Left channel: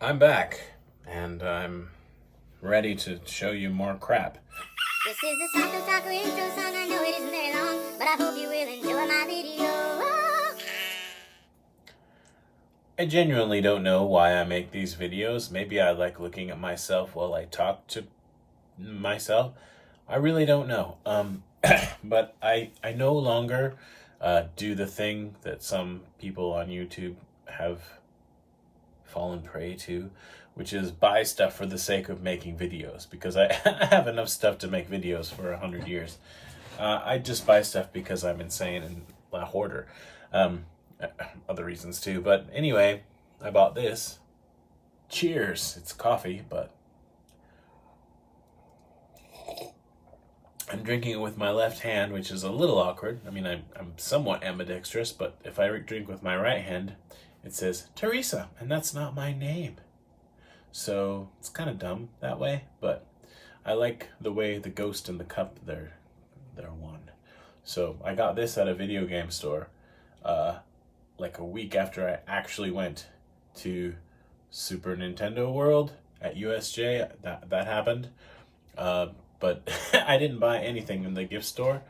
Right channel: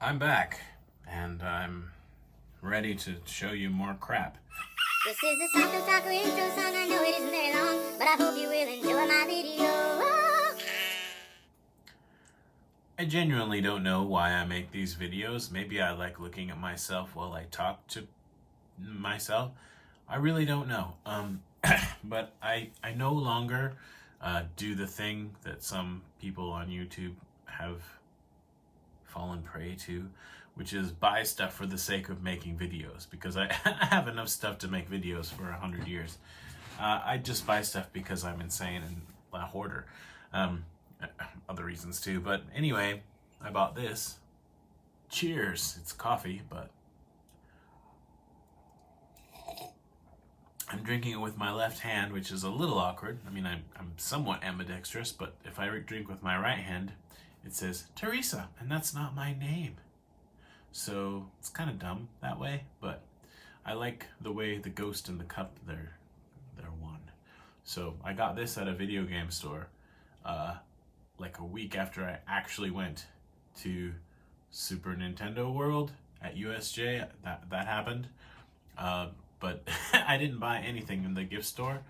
I'm back, and I'm ready to show you more crap. This is the Taco Taco intro song. I know it isn't very long, but I hope you will enjoy my video. I genuinely don't know why I make these videos. Maybe I like looking at myself while I talk to myself. I really don't know. But I no longer do the thing that some people on YouTube have fallen prey to, which is buy stuff for the sake of making videos, because I have enough stuff to make videos for 100 years. I just buy stuff because I'm insane and a hoarder. Other reasons too, but anyway, I bought this. Cheers. It's coffee, but I'm drinking it with my left hand, which is a little awkward. I mean, I'm somewhat ambidextrous, but if I drink with my right hand, it says Teresa, and that's not my name. So it's kind of dumb that way, but I like the way the ghost and the cup, they're one. So I got this at a video game store like a week after I actually went to Super Nintendo World at USJ. That happened. But I didn't buy anything in the gift store.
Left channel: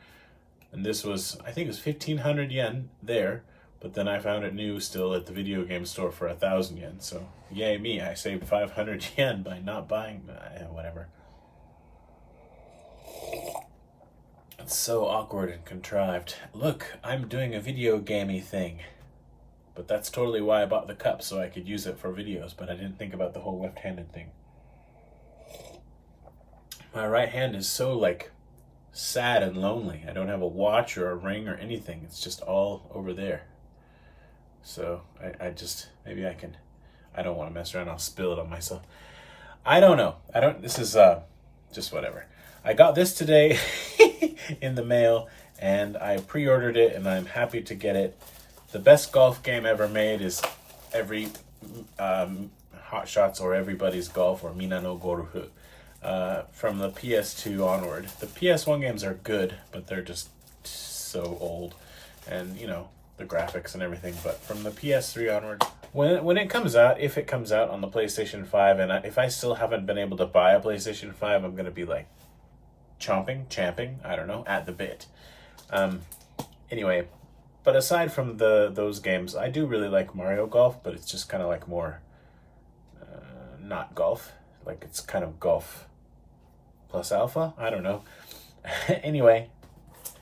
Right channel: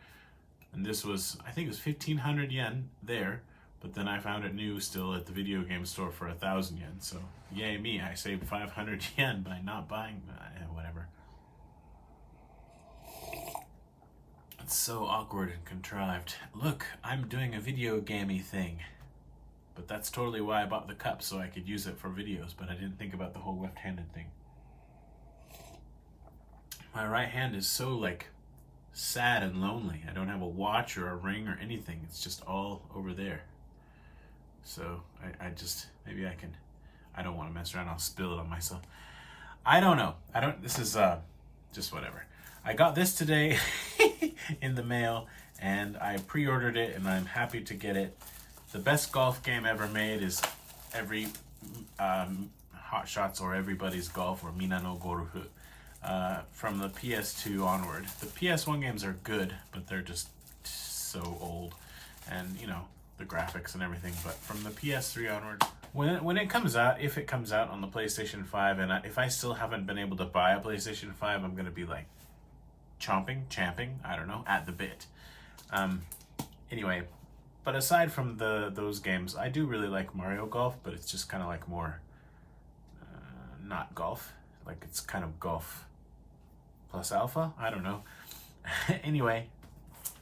And this was, I think it was 1,500 yen there. But then I found it new still at the video game store for 1,000 yen. So yay me, I saved 500 yen by not buying whatever. It's so awkward and contrived. Look, I'm doing a video gamey thing. But that's totally why I bought the cup, so I could use it for videos, but I didn't think about the whole left-handed thing. My right hand is so, like, sad and lonely. I don't have a watch or a ring or anything. It's just all over there. So I just, maybe I can, I don't want to mess around. I'll spill it on myself. I don't know. This is just whatever. I got this today in the mail, and I pre-ordered it, and I'm happy to get it. The best golf game ever made is every Hot Shots or Everybody's Golf or Mina no Gorufu from the PS2 onward. The PS1 games are good, but they're just so old, and you know, the graphics and everything. But from the PS3 onward, when it comes out, if it comes out on the PlayStation 5, and if I still haven't been able to buy a PlayStation 5, I'm gonna be like champing, I don't know, at the bit. Anyway. But aside from those games, I do really like Mario Golf, but it's just kind of like more not golf. Like it's kind of golf plus alpha. I don't know. Anyway,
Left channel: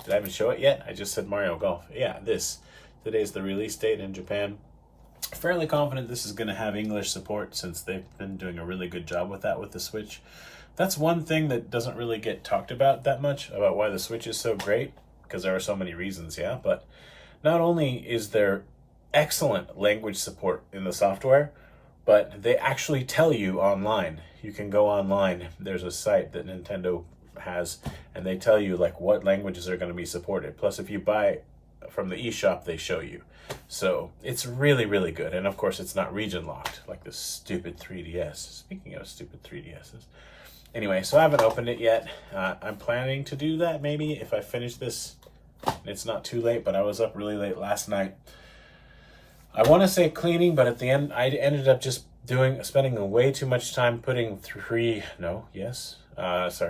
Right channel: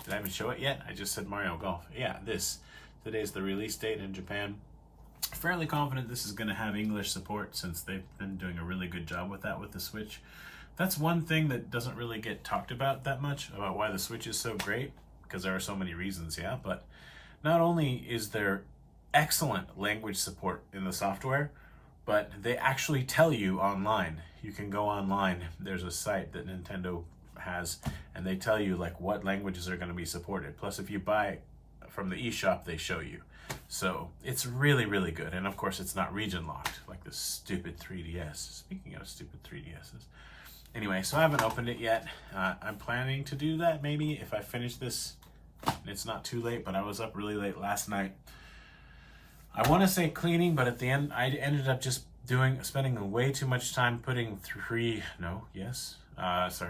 did I even show it yet? I just said Mario Golf. Yeah, today's the release date in Japan. Fairly confident this is going to have English support, since they've been doing a really good job with that with the Switch. That's one thing that doesn't really get talked about that much, about why the Switch is so great, because there are so many reasons, yeah, but not only is there excellent language support in the software, but they actually tell you online. You can go online. There's a site that Nintendo has, and they tell you like what languages are going to be supported. Plus, if you buy from the eShop, they show you. So it's really, really good. And of course, it's not region locked like this stupid 3DS. Speaking of stupid 3DSs. Anyway, so I haven't opened it yet. I'm planning to do that maybe if I finish this. It's not too late, but I was up really late last night. I want to say cleaning, but at the end, I ended up just spending way too much time putting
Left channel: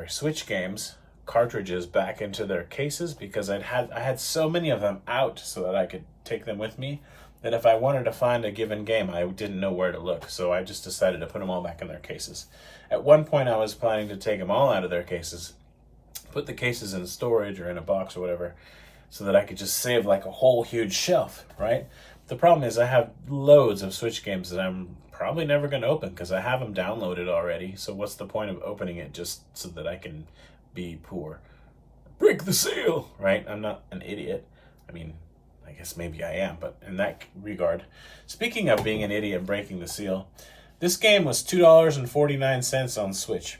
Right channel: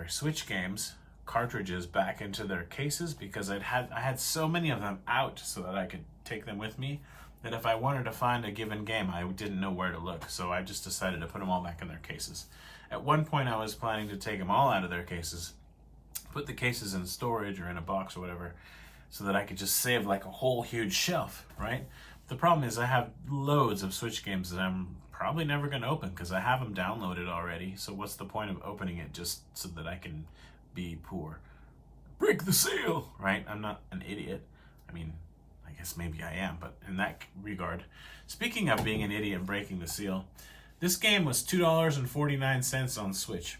Switch games cartridges back into their cases, because I had so many of them out so that I could take them with me, that if I wanted to find a given game, I didn't know where to look. So I just decided to put them all back in their cases. At one point, I was planning to take them all out of their cases, put the cases in storage or in a box or whatever, so that I could just save like a whole huge shelf, right? The problem is I have loads of Switch games that I'm probably never going to open because I have them downloaded already. So what's the point of opening it just so that I can be poor? Break the seal, right? I'm not an idiot. I mean, I guess maybe I am, but in that regard, speaking of being an idiot and breaking the seal, this game was $2.49 on Switch.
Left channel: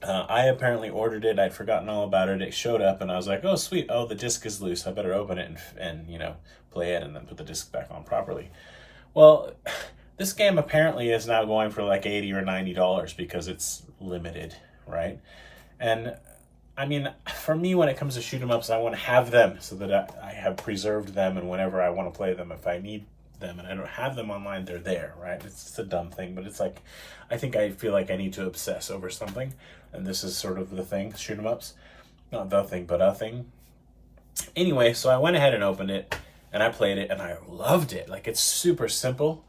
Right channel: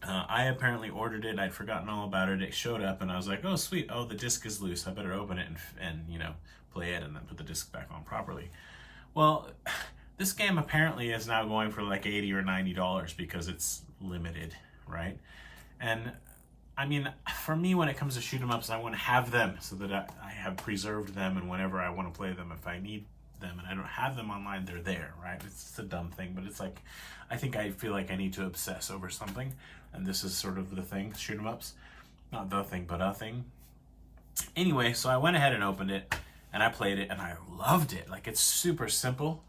I apparently ordered it. I'd forgotten all about it. It showed up, and I was like, "Oh, sweet! Oh, the disc is loose. I better open it and you know, play it, and then put the disc back on properly." Well, this game apparently is now going for like $80 or $90 because it's limited, right? And I mean, for me, when it comes to shoot 'em ups, I want to have them so that I have preserved them, and whenever I want to play them, if I need them and I don't have them online, they're there, right? It's just a dumb thing, but it's like, I feel like I need to obsess over something, and this is sort of the thing, shoot 'em ups. Not the thing, but a thing. Anyway, so I went ahead and opened it, and I played it, and I loved it. Like, it's super simple,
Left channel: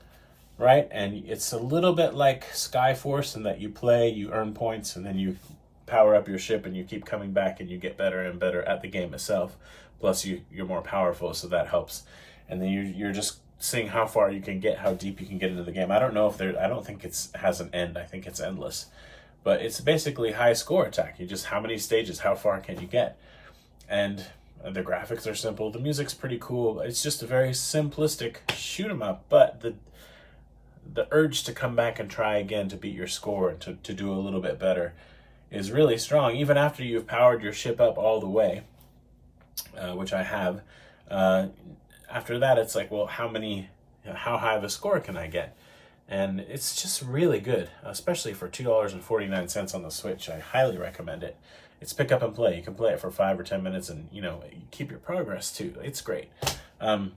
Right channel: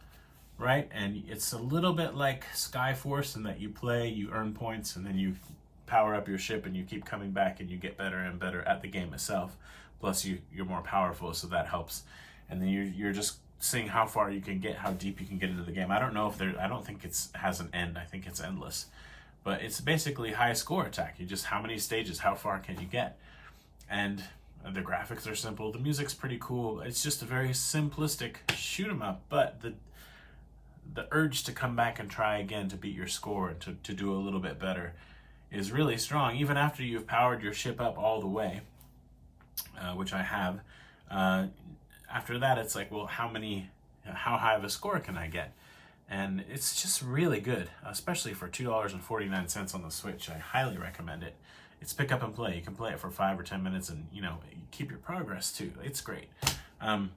right? And it's a little bit like Skyforce in that you play, you earn points, and then you power up your ship, and you keep coming back, and you get better and better at the game itself. Plus, you're more powerful, so that helps. And then you're just seeing how far you can get, how deep you can get into the game. I don't know if I don't think it has an end. I think it's endless. But it's basically high score attack. You just, how many stages, how far can you get? And the graphics are simple. The music's pretty cool. It's just a very simplistic shoot 'em up. But the urge to come back and try again to beat your score and to do a little bit better is really strong. Even after you've powered your ship up all the way, which I have, after that it's like, well, how high of a score can I get? And it's just really good, especially for $2.49 on the Switch. I highly recommend it. It's pick up and play. You can play it for 5 or 10 minutes and, you keep your progress too. It's great. It's $5,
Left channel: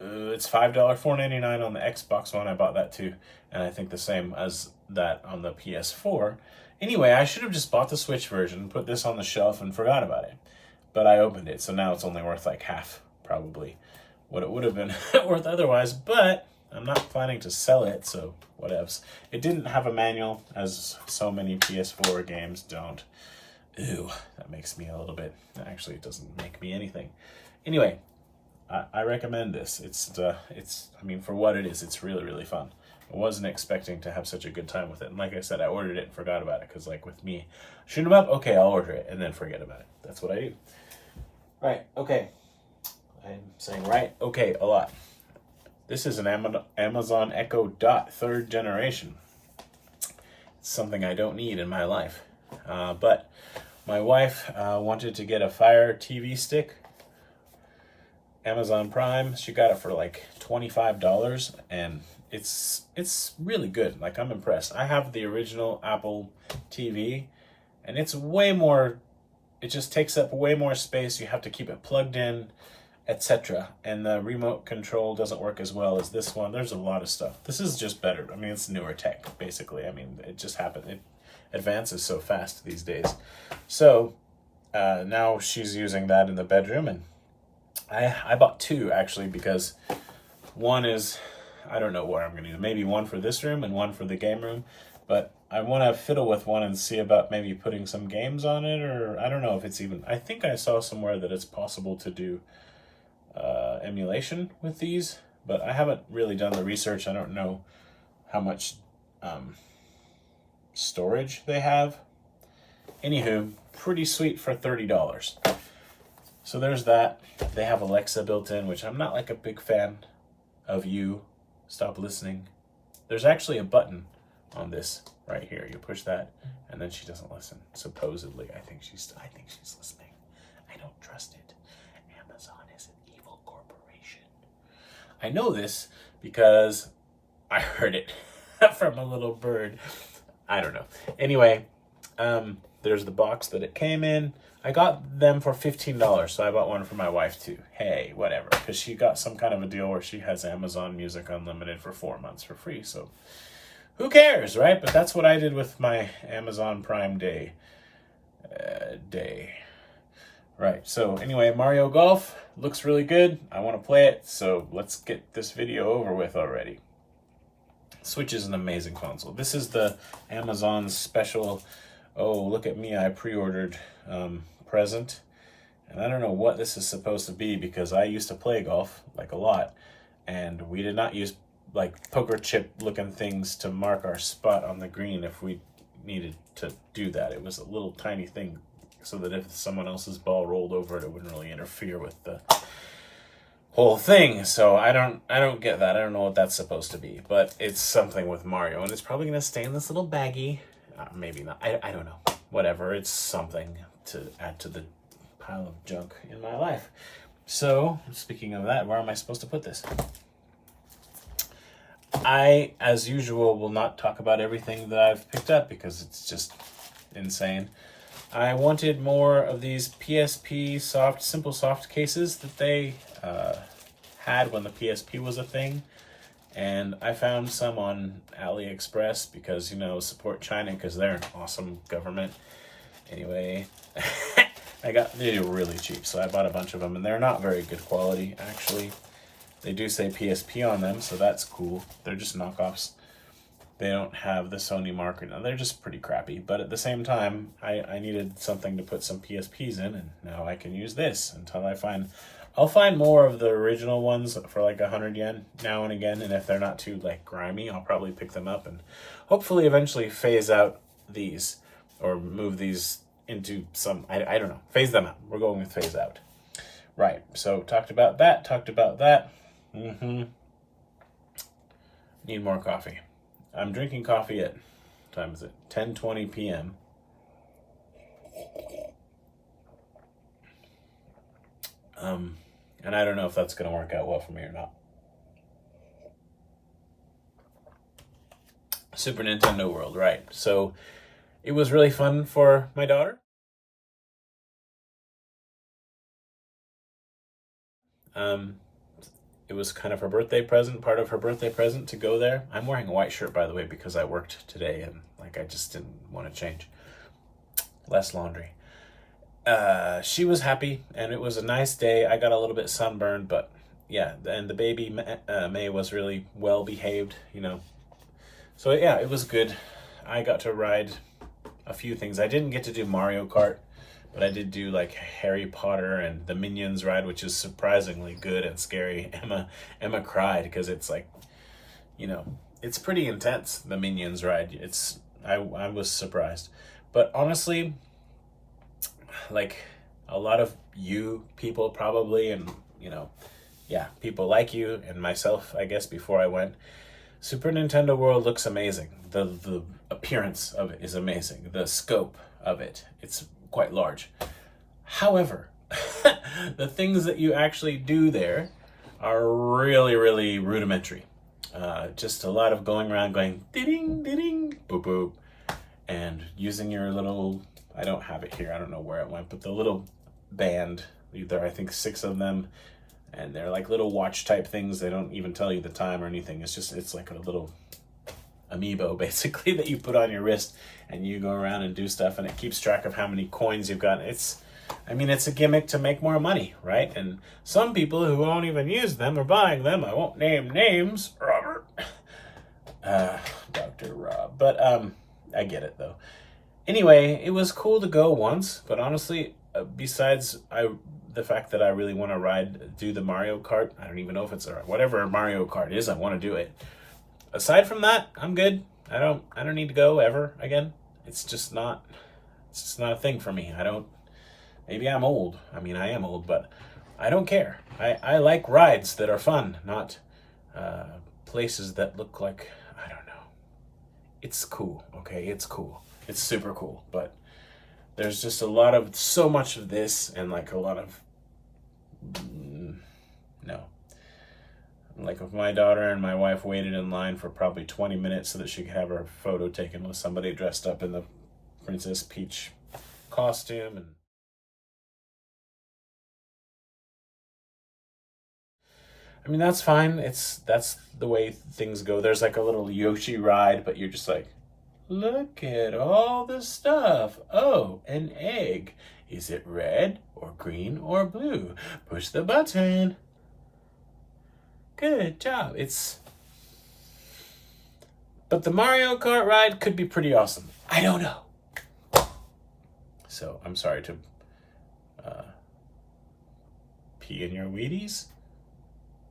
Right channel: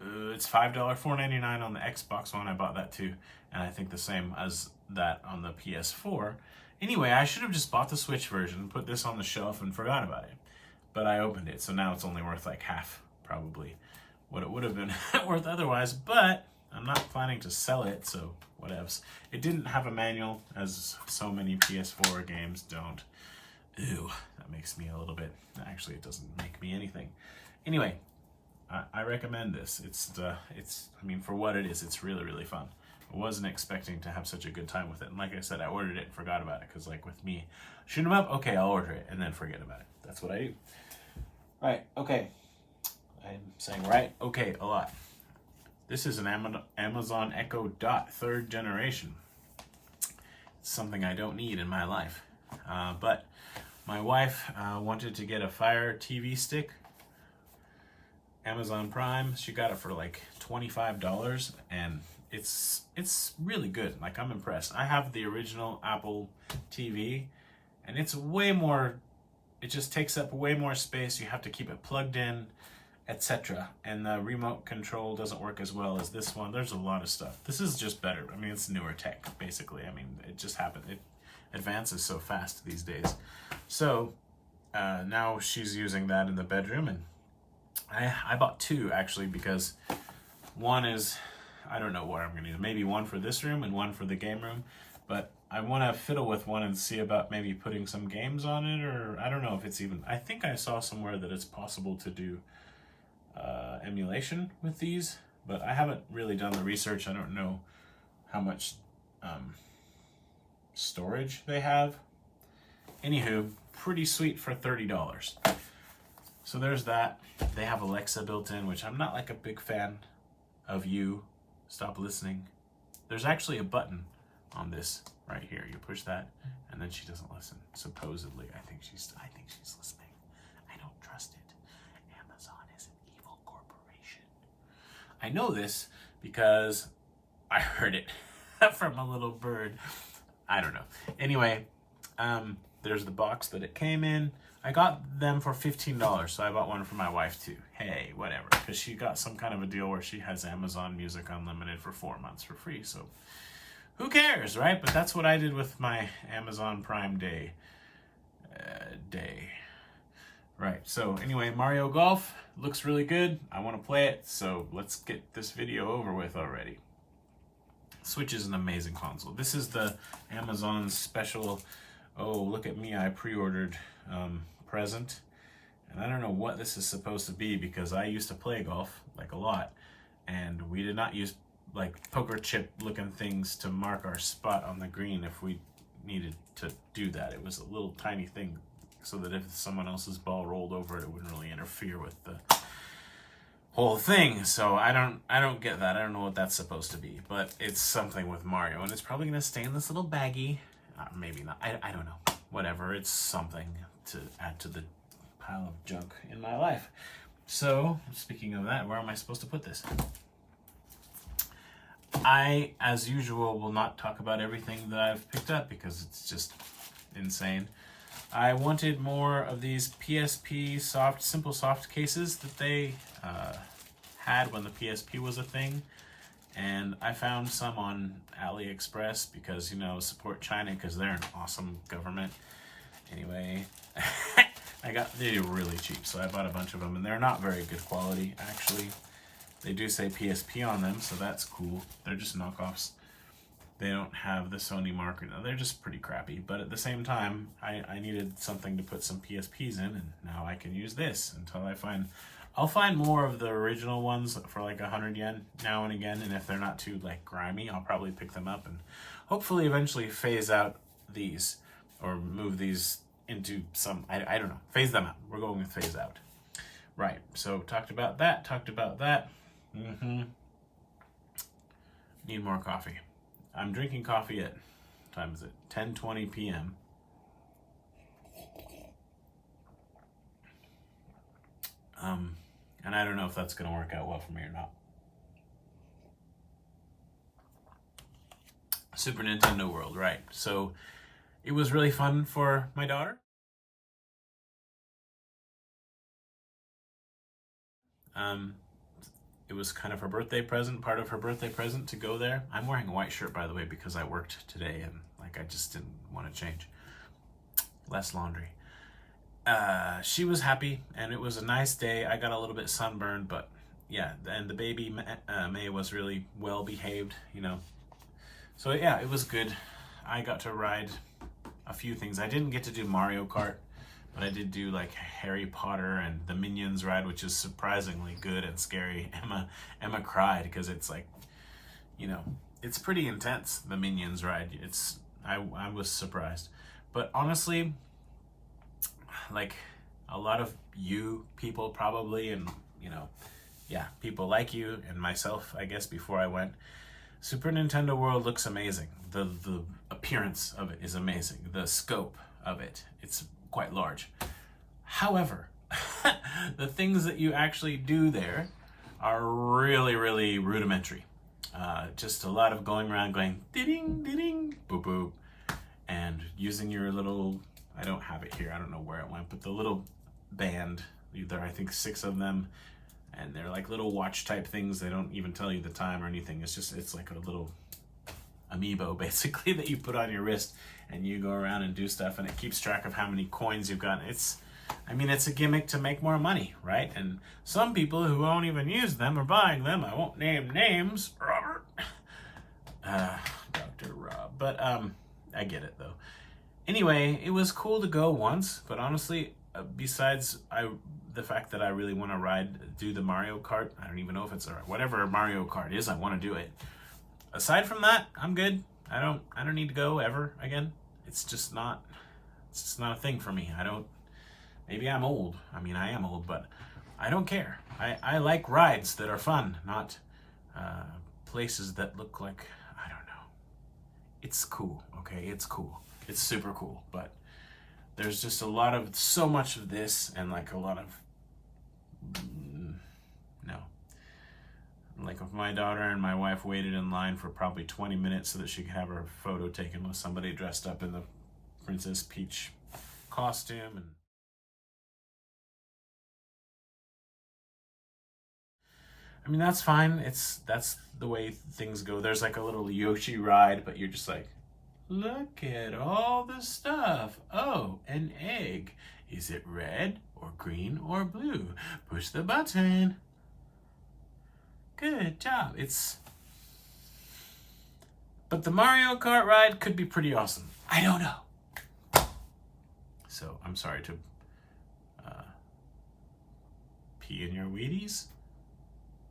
$4.99 on the Xbox One. I bought that too. And I think the same as that on the PS4. Anyway, I should have just bought the Switch version, put this on the shelf, and forgot about it. But I opened it, so now it's only worth like half, probably, what it would have been worth otherwise. But I'm not planning to sell it, so whatevs. It didn't have a manual, as so many PS4 games don't. Ew, that makes me a little bit... Actually, it doesn't make me anything. Anyway, I recommend this. It's I mean, for what it is, it's really, really fun. I wasn't expecting to have such a good time with it. And like I said, I ordered it and forgot about it, because like with me, shoot 'em up, okay, I'll order it, and then forget about it. That's what I do. Right, okay. I'm saying right, okay, a lot. This is an Amazon Echo Dot 3rd generation. It's something I don't need in my life. But my wife wanted to get a Fire TV stick. Amazon Prime, she got it for like $25, and it's really good. Like, I'm impressed. I have the original Apple TV, and it's way more, it just takes up way more space. You have to keep it plugged in, etc. And the remote control doesn't work as well as this one. There's a lot of stuff. This is just better. I mean, it's newer tech, basically. I mean, it just happened. It advances so fast these days. So now she's using that in the bedroom, and I bought two, actually, because one is, I don't know where I'm going to use. Maybe one for this room and one for the game room. But I want to fiddle with one and see about maybe putting some games on it, or I don't know if it's even... I think I saw somewhere that it's possible to do emulation with these, but I haven't really done the research. I don't know how much storage they have. Anywho, pretty sweet for $30. So there's that. They have Alexa built in, which I'm not like a big fan of. You stop listening. There's actually a button on this right here. You push that, and then she doesn't listen. Supposedly, I think she's listening. I don't trust it. Amazon is an evil corporation. I know this because I heard it from a little bird. I don't know. Anyway, there's the box that it came in. I got them for $15, so I bought one for my wife too. Hey, whatever, because she got some kind of a deal where she has Amazon Music Unlimited for 4 months for free, so who cares, right? But that's what I did with my Amazon Prime Day. Right, so anyway, Mario Golf looks really good. I want to play it, so let's get this video over with already. Switch is an amazing console. This is the Amazon special, oh, look at me, I pre-ordered present. And I don't know what this is supposed to be, because I used to play golf, like a lot, and we did not use like poker chip looking things to mark our spot on the green if we needed to do that. It was a little tiny thing so that if someone else's ball rolled over it, it wouldn't really interfere with the whole thing. So I don't get that. I don't know what that's supposed to be, but it's something with Mario, and it's probably gonna stay in this little baggie. Maybe not. I don't know. Whatever. It's something to add to the pile of junk in my life. So, speaking of that, where am I supposed to put this? I, as usual, will not talk about everything that I've picked up because it's just insane. I wanted more of these PSP simple soft cases that they had when the PSP was a thing. And I found some on AliExpress because, you know, support China because they're an awesome government. Anyway, they're really cheap, so I bought a bunch of them, and they're not very good quality, actually. They do say PSP on them, so that's cool. They're just knockoffs. They don't have the Sony marker. Now, they're just pretty crappy, but at the same time, I needed something to put some PSPs in, and now I can use this until I'll find more of the original ones for like 100 yen now and again, and if they're not too like grimy, I'll probably pick them up and hopefully eventually phase out these or move these into some, I don't know, phase them out. We're going with phase out. Right, so talked about that. Need more coffee. I'm drinking coffee at, what time is it? 10:20 p.m. And I don't know if that's going to work out well for me or not. Super Nintendo World, right. So it was really fun for my daughter. It was kind of her birthday present, part of her birthday present to go there. I'm wearing a white shirt, by the way, because I worked today and like I just didn't want to change. Less laundry. She was happy and it was a nice day. I got a little bit sunburned, but yeah, and the baby May was really well behaved, you know. So yeah, it was good. I got to ride a few things. I didn't get to do Mario Kart, but I did do like Harry Potter and the Minions ride, which is surprisingly good and scary. Emma cried because it's like, you know, it's pretty intense, the Minions ride. I was surprised. But honestly, like a lot of you people probably, and you know, yeah, people like you and myself, I guess, before I went, Super Nintendo World looks amazing. The appearance of it is amazing. The scope of it, it's quite large. However, the things that you actually do there are really, really rudimentary. Just a lot of going around going ding, ding, boop, boop, and using your little, I don't have it here, I don't know where it went, but the little band, there are I think 6 of them, and they're like little watch type things. They don't even tell you the time or anything. It's like a little amiibo basically that you put on your wrist and you go around and do stuff, and it keeps track of how many coins you've got. It's a gimmick to make more money, right? And some people who won't even use them are buying them. I won't name names, Robert. Dr. Rob. But I get it though. Anyway, it was cool to go once, but honestly, besides the fact that I really want to do the Mario Kart, I don't even know if it's whatever Mario Kart is, I want to do it. Aside from that, I'm good. I don't need to go ever again. It's just not a thing for me. Maybe I'm old. I mean, I am old, but I don't care. I like rides that are fun, not places that look like, I don't know. It's cool, okay? It's cool. It's super cool, but there's just so much of this and like a lot of, no. Like if my daughter and my wife waited in line for probably 20 minutes so that she could have her photo taken with somebody dressed up in the Princess Peach costume. And I mean, that's fine. That's the way things go. There's like a little Yoshi ride, but you're just like, look at all the stuff. Oh, an egg. Is it red or green or blue? Push the button. Good job. But the Mario Kart ride could be pretty awesome. I don't know. So I'm sorry to pee in your Wheaties,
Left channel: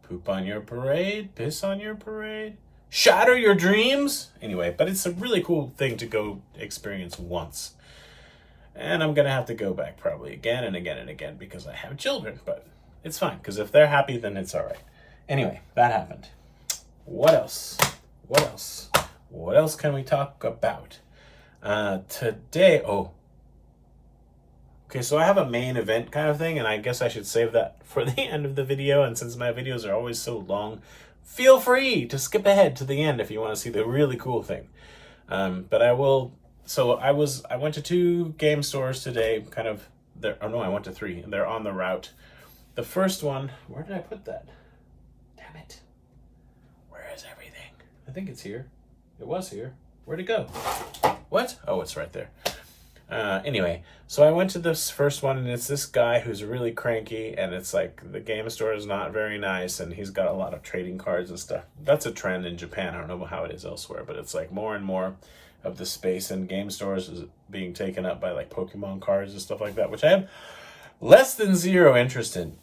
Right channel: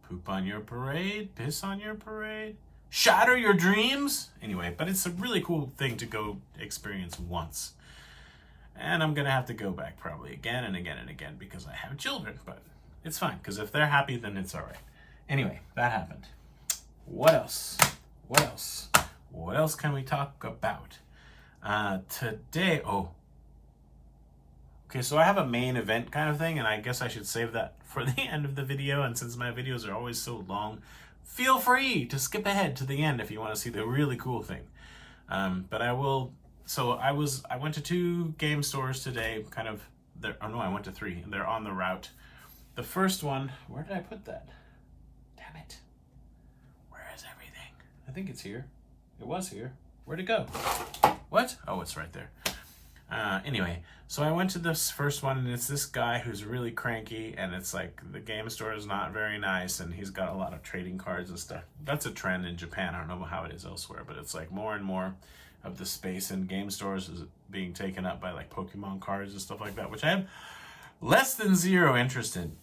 poop on your parade, piss on your parade, shatter your dreams. Anyway, but it's a really cool thing to go experience once. And I'm going to have to go back probably again and again and again because I have children, but it's fine because if they're happy, then it's all right. Anyway, that happened. What else? What else can we talk about? Today, okay, so I have a main event kind of thing, and I guess I should save that for the end of the video, and since my videos are always so long, feel free to skip ahead to the end if you want to see the really cool thing. But I will, so I went to 2 game stores today, I went to 3, and they're on the route. The first one, where did I put that? Damn it. Where is everything? I think it's here. It was here. Where'd it go? What? Oh, it's right there. Anyway, so I went to this first one, and it's this guy who's really cranky, and it's like the game store is not very nice, and he's got a lot of trading cards and stuff. That's a trend in Japan. I don't know how it is elsewhere, but it's like more and more of the space in game stores is being taken up by like Pokemon cards and stuff like that, which I have less than zero interest in.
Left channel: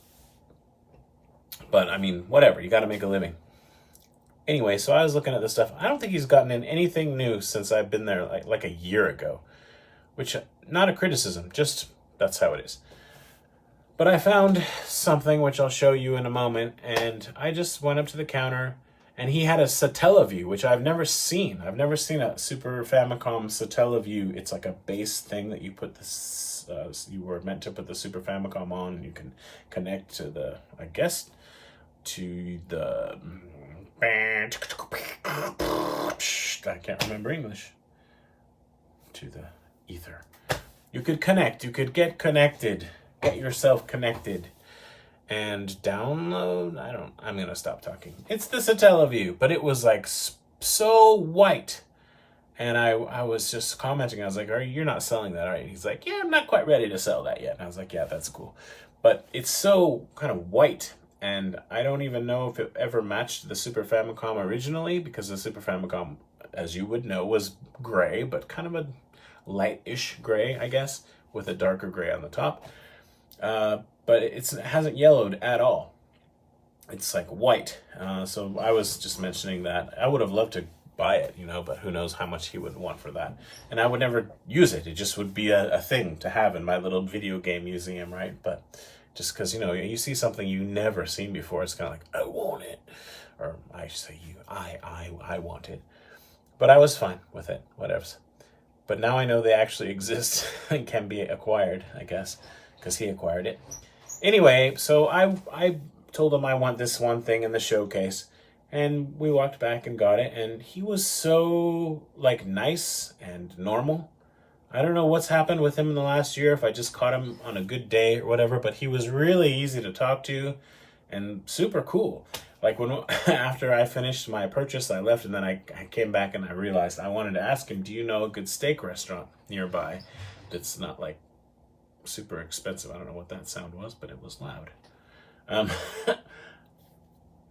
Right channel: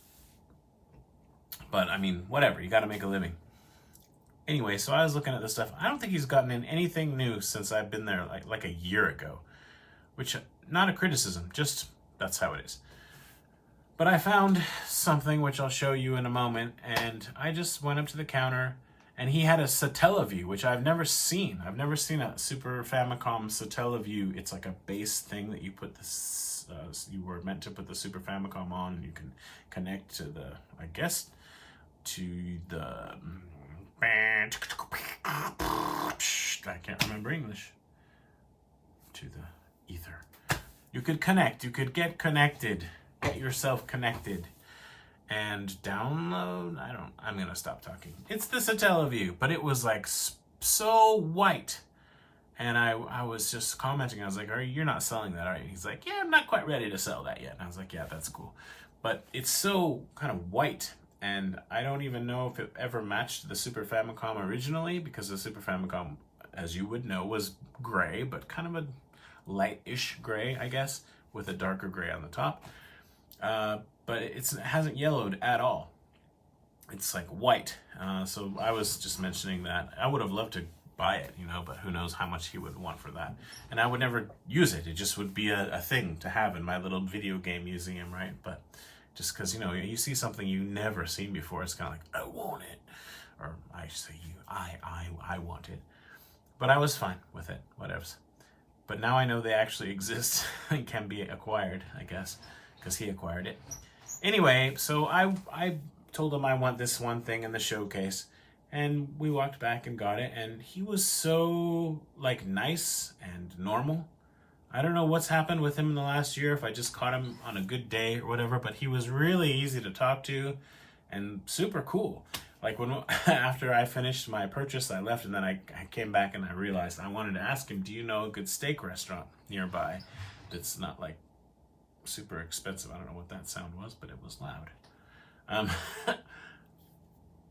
But I mean, whatever, you got to make a living. Anyway, so I was looking at this stuff. I don't think he's gotten in anything new since I've been there like a year ago. Which, not a criticism, just that's how it is. But I found something which I'll show you in a moment, and I just went up to the counter, and he had a Satellaview, which I've never seen. I've never seen a Super Famicom Satellaview. It's like a base thing that you put this, you were meant to put the Super Famicom on, and you can connect to the, I guess, to the, I can't remember English, to the ether. You could connect, you could get connected, get yourself connected and download. I'm gonna stop talking. It's the Satellaview, but it was like so white. And I was just commenting, I was like, you're not selling that, are you? He's like, yeah, I'm not quite ready to sell that yet. And I was like, yeah, that's cool. But it's so kind of white, and I don't even know if it ever matched the Super Famicom originally, because the Super Famicom, as you would know, was gray, but kind of a light-ish gray, I guess, with a darker gray on the top. But it hasn't yellowed at all. It's like white. So I was just mentioning that. I would have loved to buy it, but who knows how much he would want for that. And I would never use it. It just would be a thing to have in my little video game museum, right? But just because, you see something you never seen before, it's kind of like, I want it. Or I say I want it. But I was fine with it, whatever. But now I know they actually exist and can be acquired, I guess, because he acquired it. Anyway, so I told him I want this one thing in the showcase, and we walked back and got it, and he was so, nice and normal. I don't know what's happened with him in the last year, if I just caught him on a good day or whatever, but he was really easy to talk to and super cool. Like after I finished my purchase, I left, and then I came back and I realized I wanted to ask him, do you know a good steak restaurant nearby that's not like super expensive? I don't know what that sound was, but it was loud.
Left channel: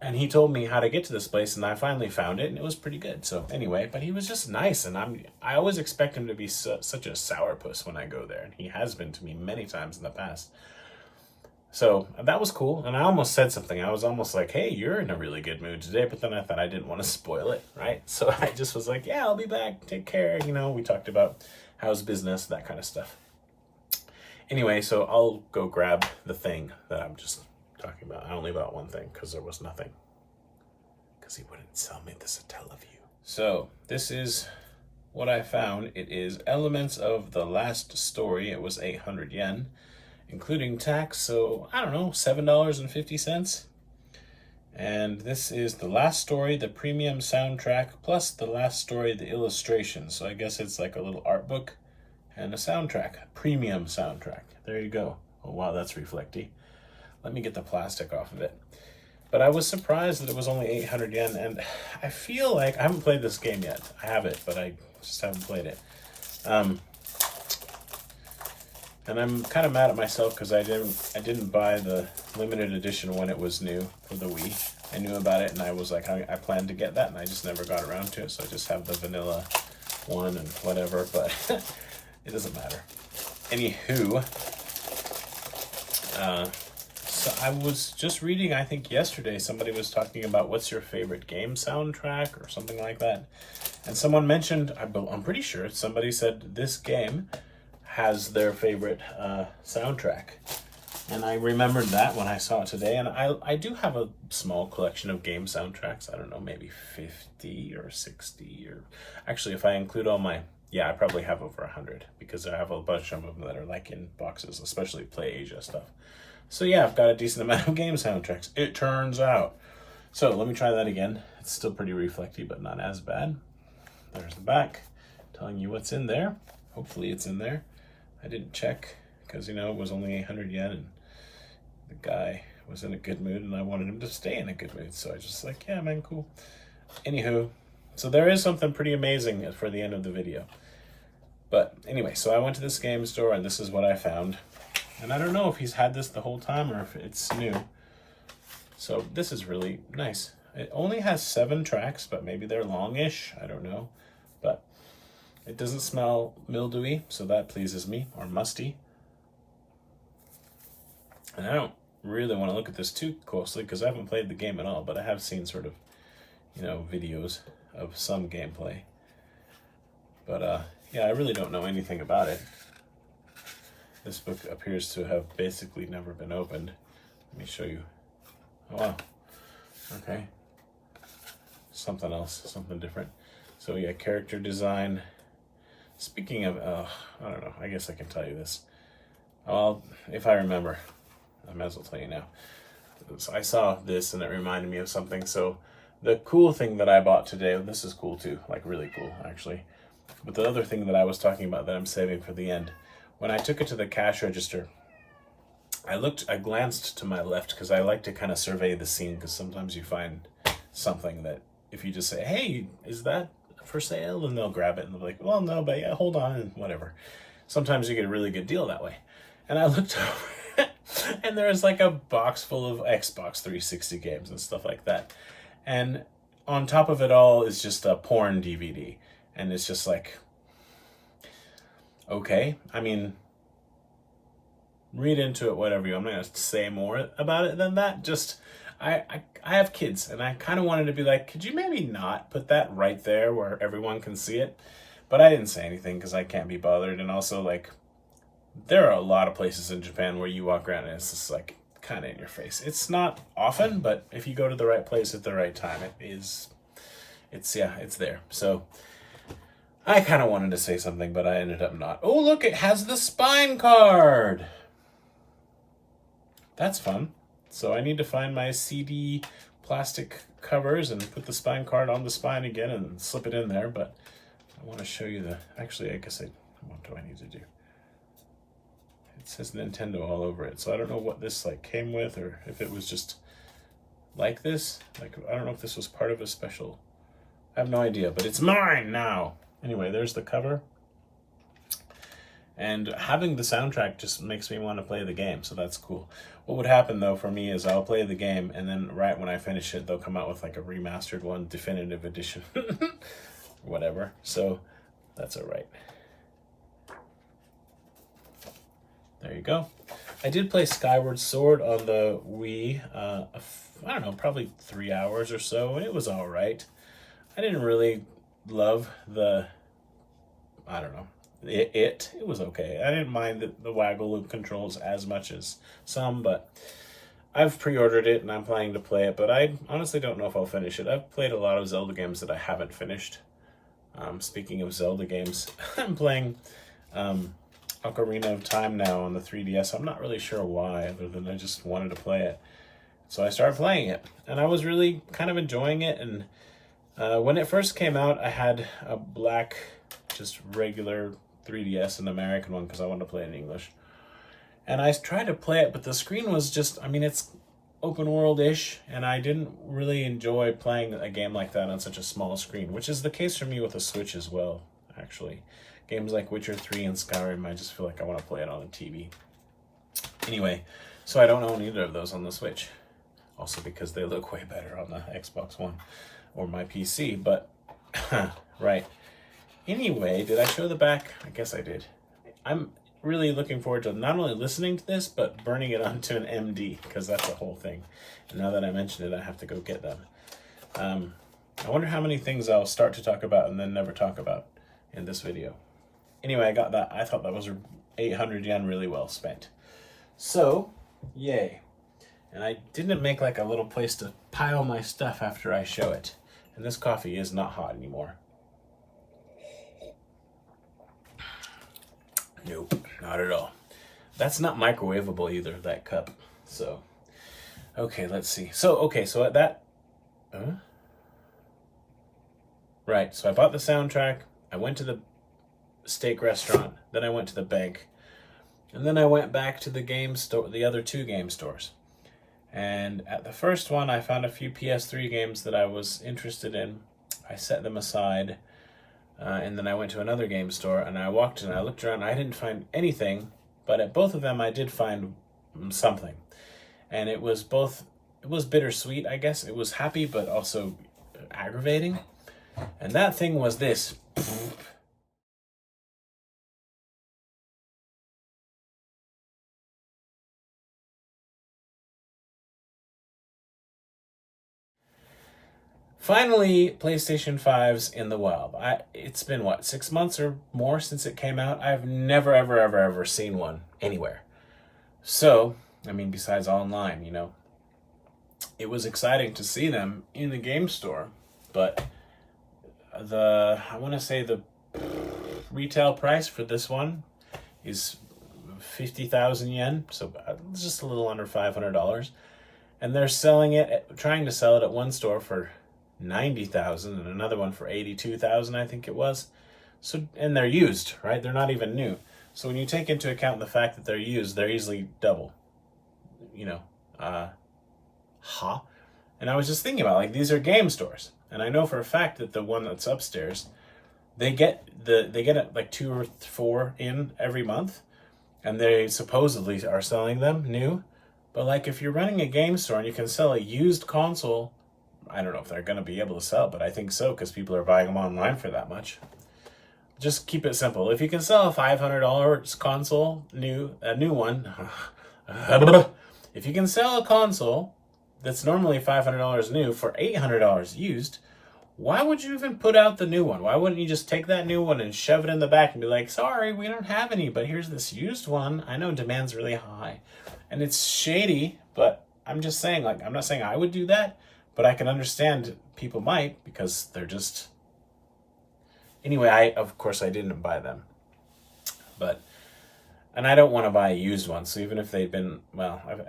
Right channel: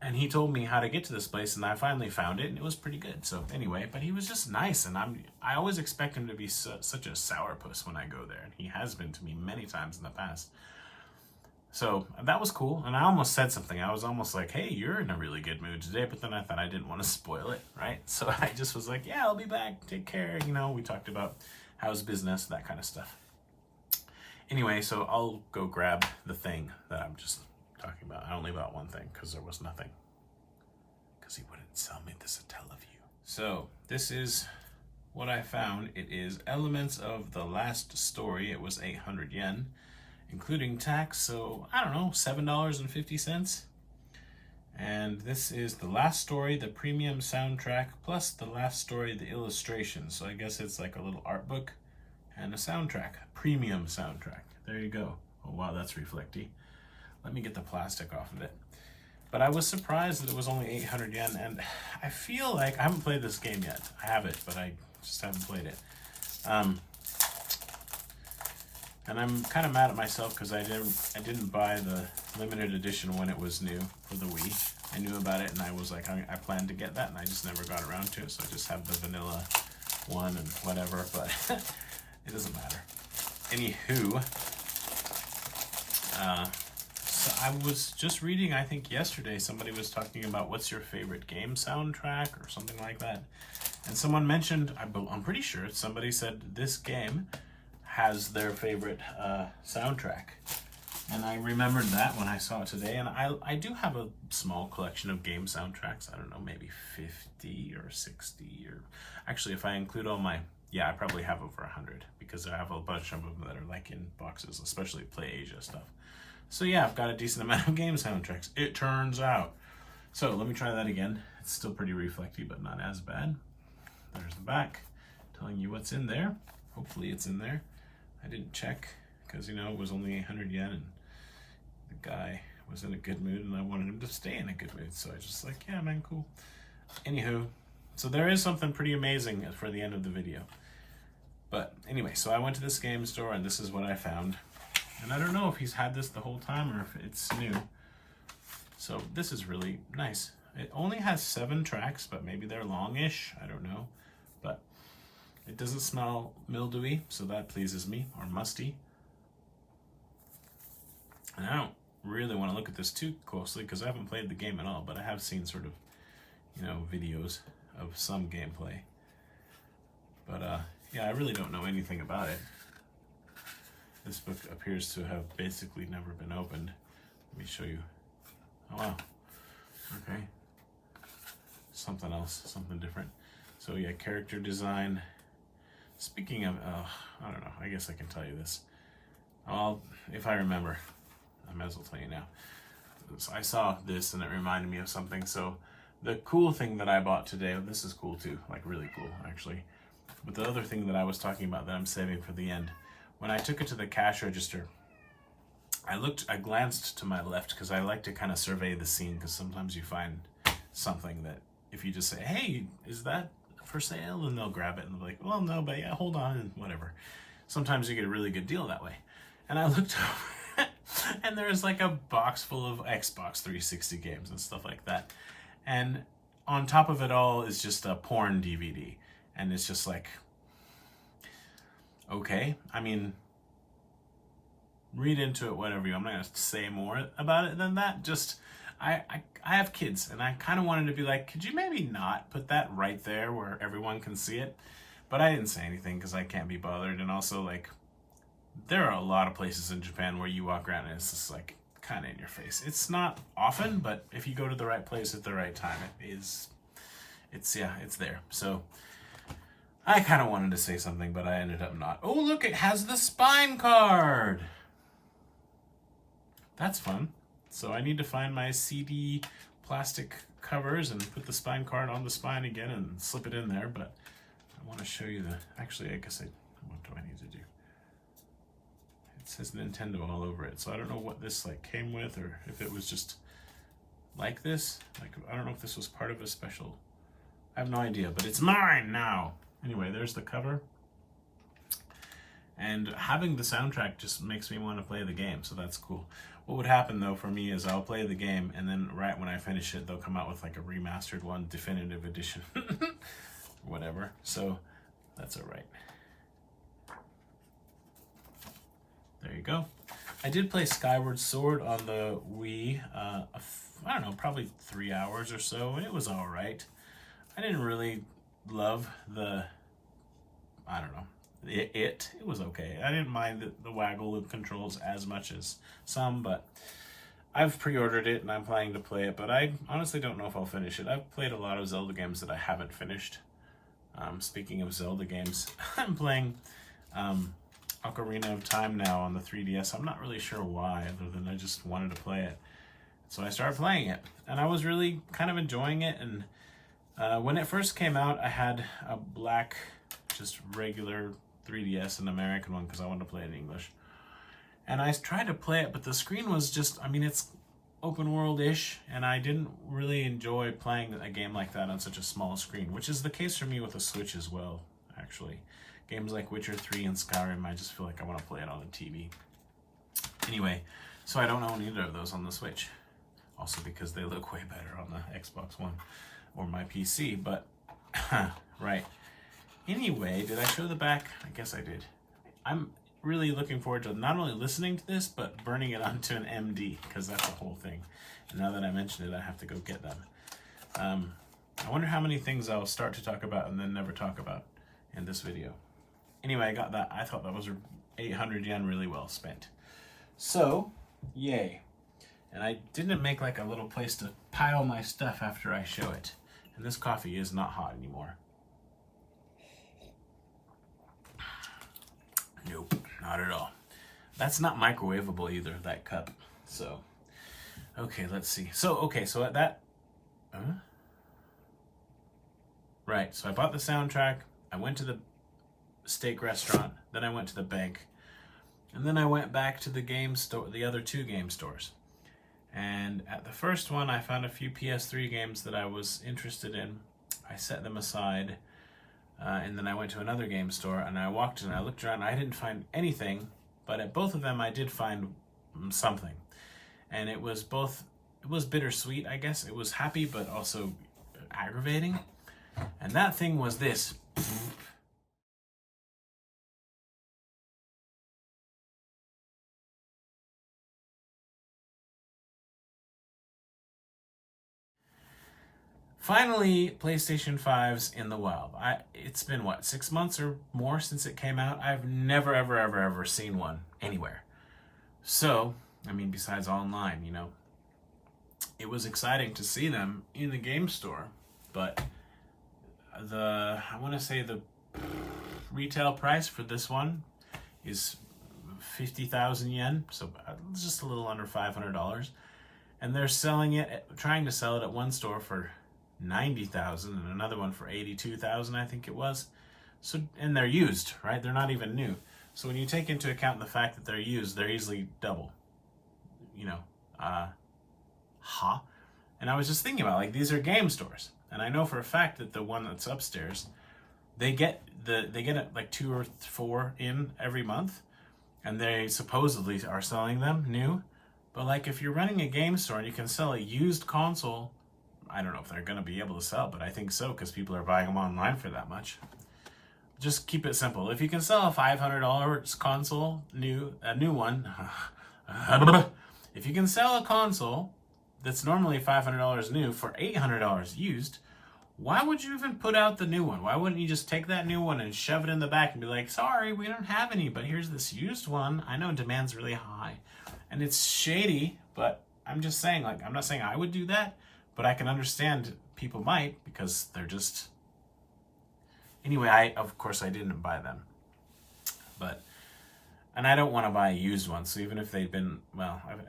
And he told me how to get to this place, and I finally found it, and it was pretty good. So anyway, but he was just nice, and I always expect him to be such a sourpuss when I go there, and he has been to me many times in the past. So that was cool, and I almost said something. I was almost like, hey, you're in a really good mood today, but then I thought I didn't want to spoil it, right? So I just was like, yeah, I'll be back, take care. We talked about how's business, that kind of stuff. Anyway, so I'll go grab the thing that I'm just talking about. I only bought one thing because there was nothing, because he wouldn't sell me the Satellaview. So this is what I found. It is Elements of the Last Story. It was 800 yen. Including tax, so I don't know, $7.50. And this is The Last Story, the premium soundtrack, plus The Last Story, the illustration. So I guess it's like a little art book and a soundtrack, premium soundtrack. There you go. Oh wow, that's reflecty. Let me get the plastic off of it. But I was surprised that it was only 800 yen, and I feel like I haven't played this game yet. I have it, but I just haven't played it. And I'm kind of mad at myself because I didn't buy the limited edition when it was new for the Wii. I knew about it, and I was like, I planned to get that, and I just never got around to it. So I just have the vanilla one and whatever, but it doesn't matter. Anywho, so I was just reading, I think yesterday, somebody was talking about what's your favorite game soundtrack or something like that. And someone mentioned, I'm pretty sure somebody said this game has their favorite soundtrack, and I remembered that when I saw it today. And I do have a small collection of game soundtracks. I don't know, maybe 50 or 60, or actually if I include all my, I probably have over 100, because I have a bunch of them that are like in boxes, especially Play Asia stuff. So yeah, I've got a decent amount of game soundtracks, it turns out. So let me try that again. It's still pretty reflecty, but not as bad. There's the back telling you what's in there. Hopefully it's in there. I didn't check because, it was only 800 yen, and the guy was in a good mood, and I wanted him to stay in a good mood. So I just like, yeah, man, cool. Anywho, so there is something pretty amazing for the end of the video. But anyway, so I went to this game store, and this is what I found. And I don't know if he's had this the whole time or if it's new. So this is really nice. It only has 7 tracks, but maybe they're longish. I don't know. But it doesn't smell mildewy, so that pleases me, or musty. And I don't really want to look at this too closely because I haven't played the game at all, but I have seen sort of, you know, videos of some gameplay. But yeah, I really don't know anything about it. This book appears to have basically never been opened. Let me show you. Oh, wow. Okay. Something else, something different. So yeah, character design. Speaking of, I don't know, I guess I can tell you this. Well, if I remember, I might as well tell you now. So I saw this and it reminded me of something. So the cool thing that I bought today, this is cool too, like really cool actually. But the other thing that I was talking about that I'm saving for the end, when I took it to the cash register, I glanced to my left because I like to kind of survey the scene, because sometimes you find something that if you just say, hey, is that for sale? And they'll grab it and they're like, well, no, but yeah, hold on, and whatever. Sometimes you get a really good deal that way. And I looked over and there's like a box full of Xbox 360 games and stuff like that. And on top of it all is just a porn DVD. And it's just like, okay, I mean, read into it whatever you want. I'm not going to say more about it than that. Just, I have kids, and I kind of wanted to be like, could you maybe not put that right there where everyone can see it? But I didn't say anything because I can't be bothered. And also, like, there are a lot of places in Japan where you walk around and it's just like kind of in your face. It's not often, but if you go to the right place at the right time, it's there. So I kind of wanted to say something, but I ended up not. Oh, look, it has the spine card. That's fun. So I need to find my CD plastic covers and put the spine card on the spine again and slip it in there. But I want to show you actually, I guess what do I need to do? It says Nintendo all over it. So I don't know what this like came with, or if it was just like this. Like, I don't know if this was part of a special. I have no idea, but it's mine now. Anyway, there's the cover. And having the soundtrack just makes me want to play the game, so that's cool. What would happen though for me is I'll play the game, and then right when I finish it, they'll come out with like a remastered one, definitive edition, whatever. So that's all right. There you go. I did play Skyward Sword on the Wii, I don't know, probably 3 hours or so, and it was all right. I didn't really love I don't know, it was okay. I didn't mind the waggle loop controls as much as some, but I've pre-ordered it and I'm planning to play it, but I honestly don't know if I'll finish it. I've played a lot of Zelda games that I haven't finished. Speaking of Zelda games, I'm playing Ocarina of Time now on the 3DS. I'm not really sure why, other than I just wanted to play it. So I started playing it, and I was really kind of enjoying it. And when it first came out, I had a black, just regular 3DS, an American one, because I wanted to play it in English. And I tried to play it, but the screen was just, I mean, it's open world-ish, and I didn't really enjoy playing a game like that on such a small screen, which is the case for me with the Switch as well, actually. Games like Witcher 3 and Skyrim, I just feel like I want to play it on a TV. Anyway, so I don't own either of those on the Switch. Also because they look way better on the Xbox One or my PC, but right. Anyway, did I show the back? I guess I did. I'm really looking forward to not only listening to this, but burning it onto an MD, because that's the whole thing. And now that I mentioned it, I have to go get them. I wonder how many things I'll start to talk about and then never talk about in this video. Anyway, I got that. I thought that was 800 yen really well spent. So, yay. And I didn't make like a little place to pile my stuff after I show it. And this coffee is not hot anymore. Nope, not at all. That's not microwavable either, that cup. So, okay, let's see. So at that, right, so I bought the soundtrack, I went to the steak restaurant, then I went to the bank, and then I went back to the game store, the other 2 game stores. And at the first one, I found a few PS3 games that I was interested in. I set them aside, and then I went to another game store, and I walked in, I looked around, I didn't find anything, but at both of them I did find something. And it was bittersweet, I guess. It was happy, but also aggravating. And that thing was this. Finally, PlayStation 5's in the wild. It's been, what, 6 months or more since it came out? I've never, ever, ever, ever seen one anywhere. So, I mean, besides online, it was exciting to see them in the game store, but I want to say the retail price for this one is 50,000 yen, so just a little under $500. And they're trying to sell it at one store for 90,000 and another one for 82,000, I think it was. So, and they're used, right? They're not even new. So when you take into account the fact that they're used, they're easily double. And I was just thinking about, like, these are game stores, and I know for a fact that the one that's upstairs, they get like 2 or 4 in every month, and they supposedly are selling them new. But like, if you're running a game store and you can sell a used console, I don't know if they're going to be able to sell, but I think so, because people are buying them online for that much. Just keep it simple. If you can sell a $500 console, a new one, if you can sell a console that's normally $500 new for $800 used, why would you even put out the new one? Why wouldn't you just take that new one and shove it in the back and be like, sorry, we don't have any, but here's this used one. I know demand's really high. And it's shady, but I'm just saying, like, I'm not saying I would do that, but I can understand people might, because they're just... Anyway, of course I didn't buy them. And I don't want to buy a used one, so even if they'd been,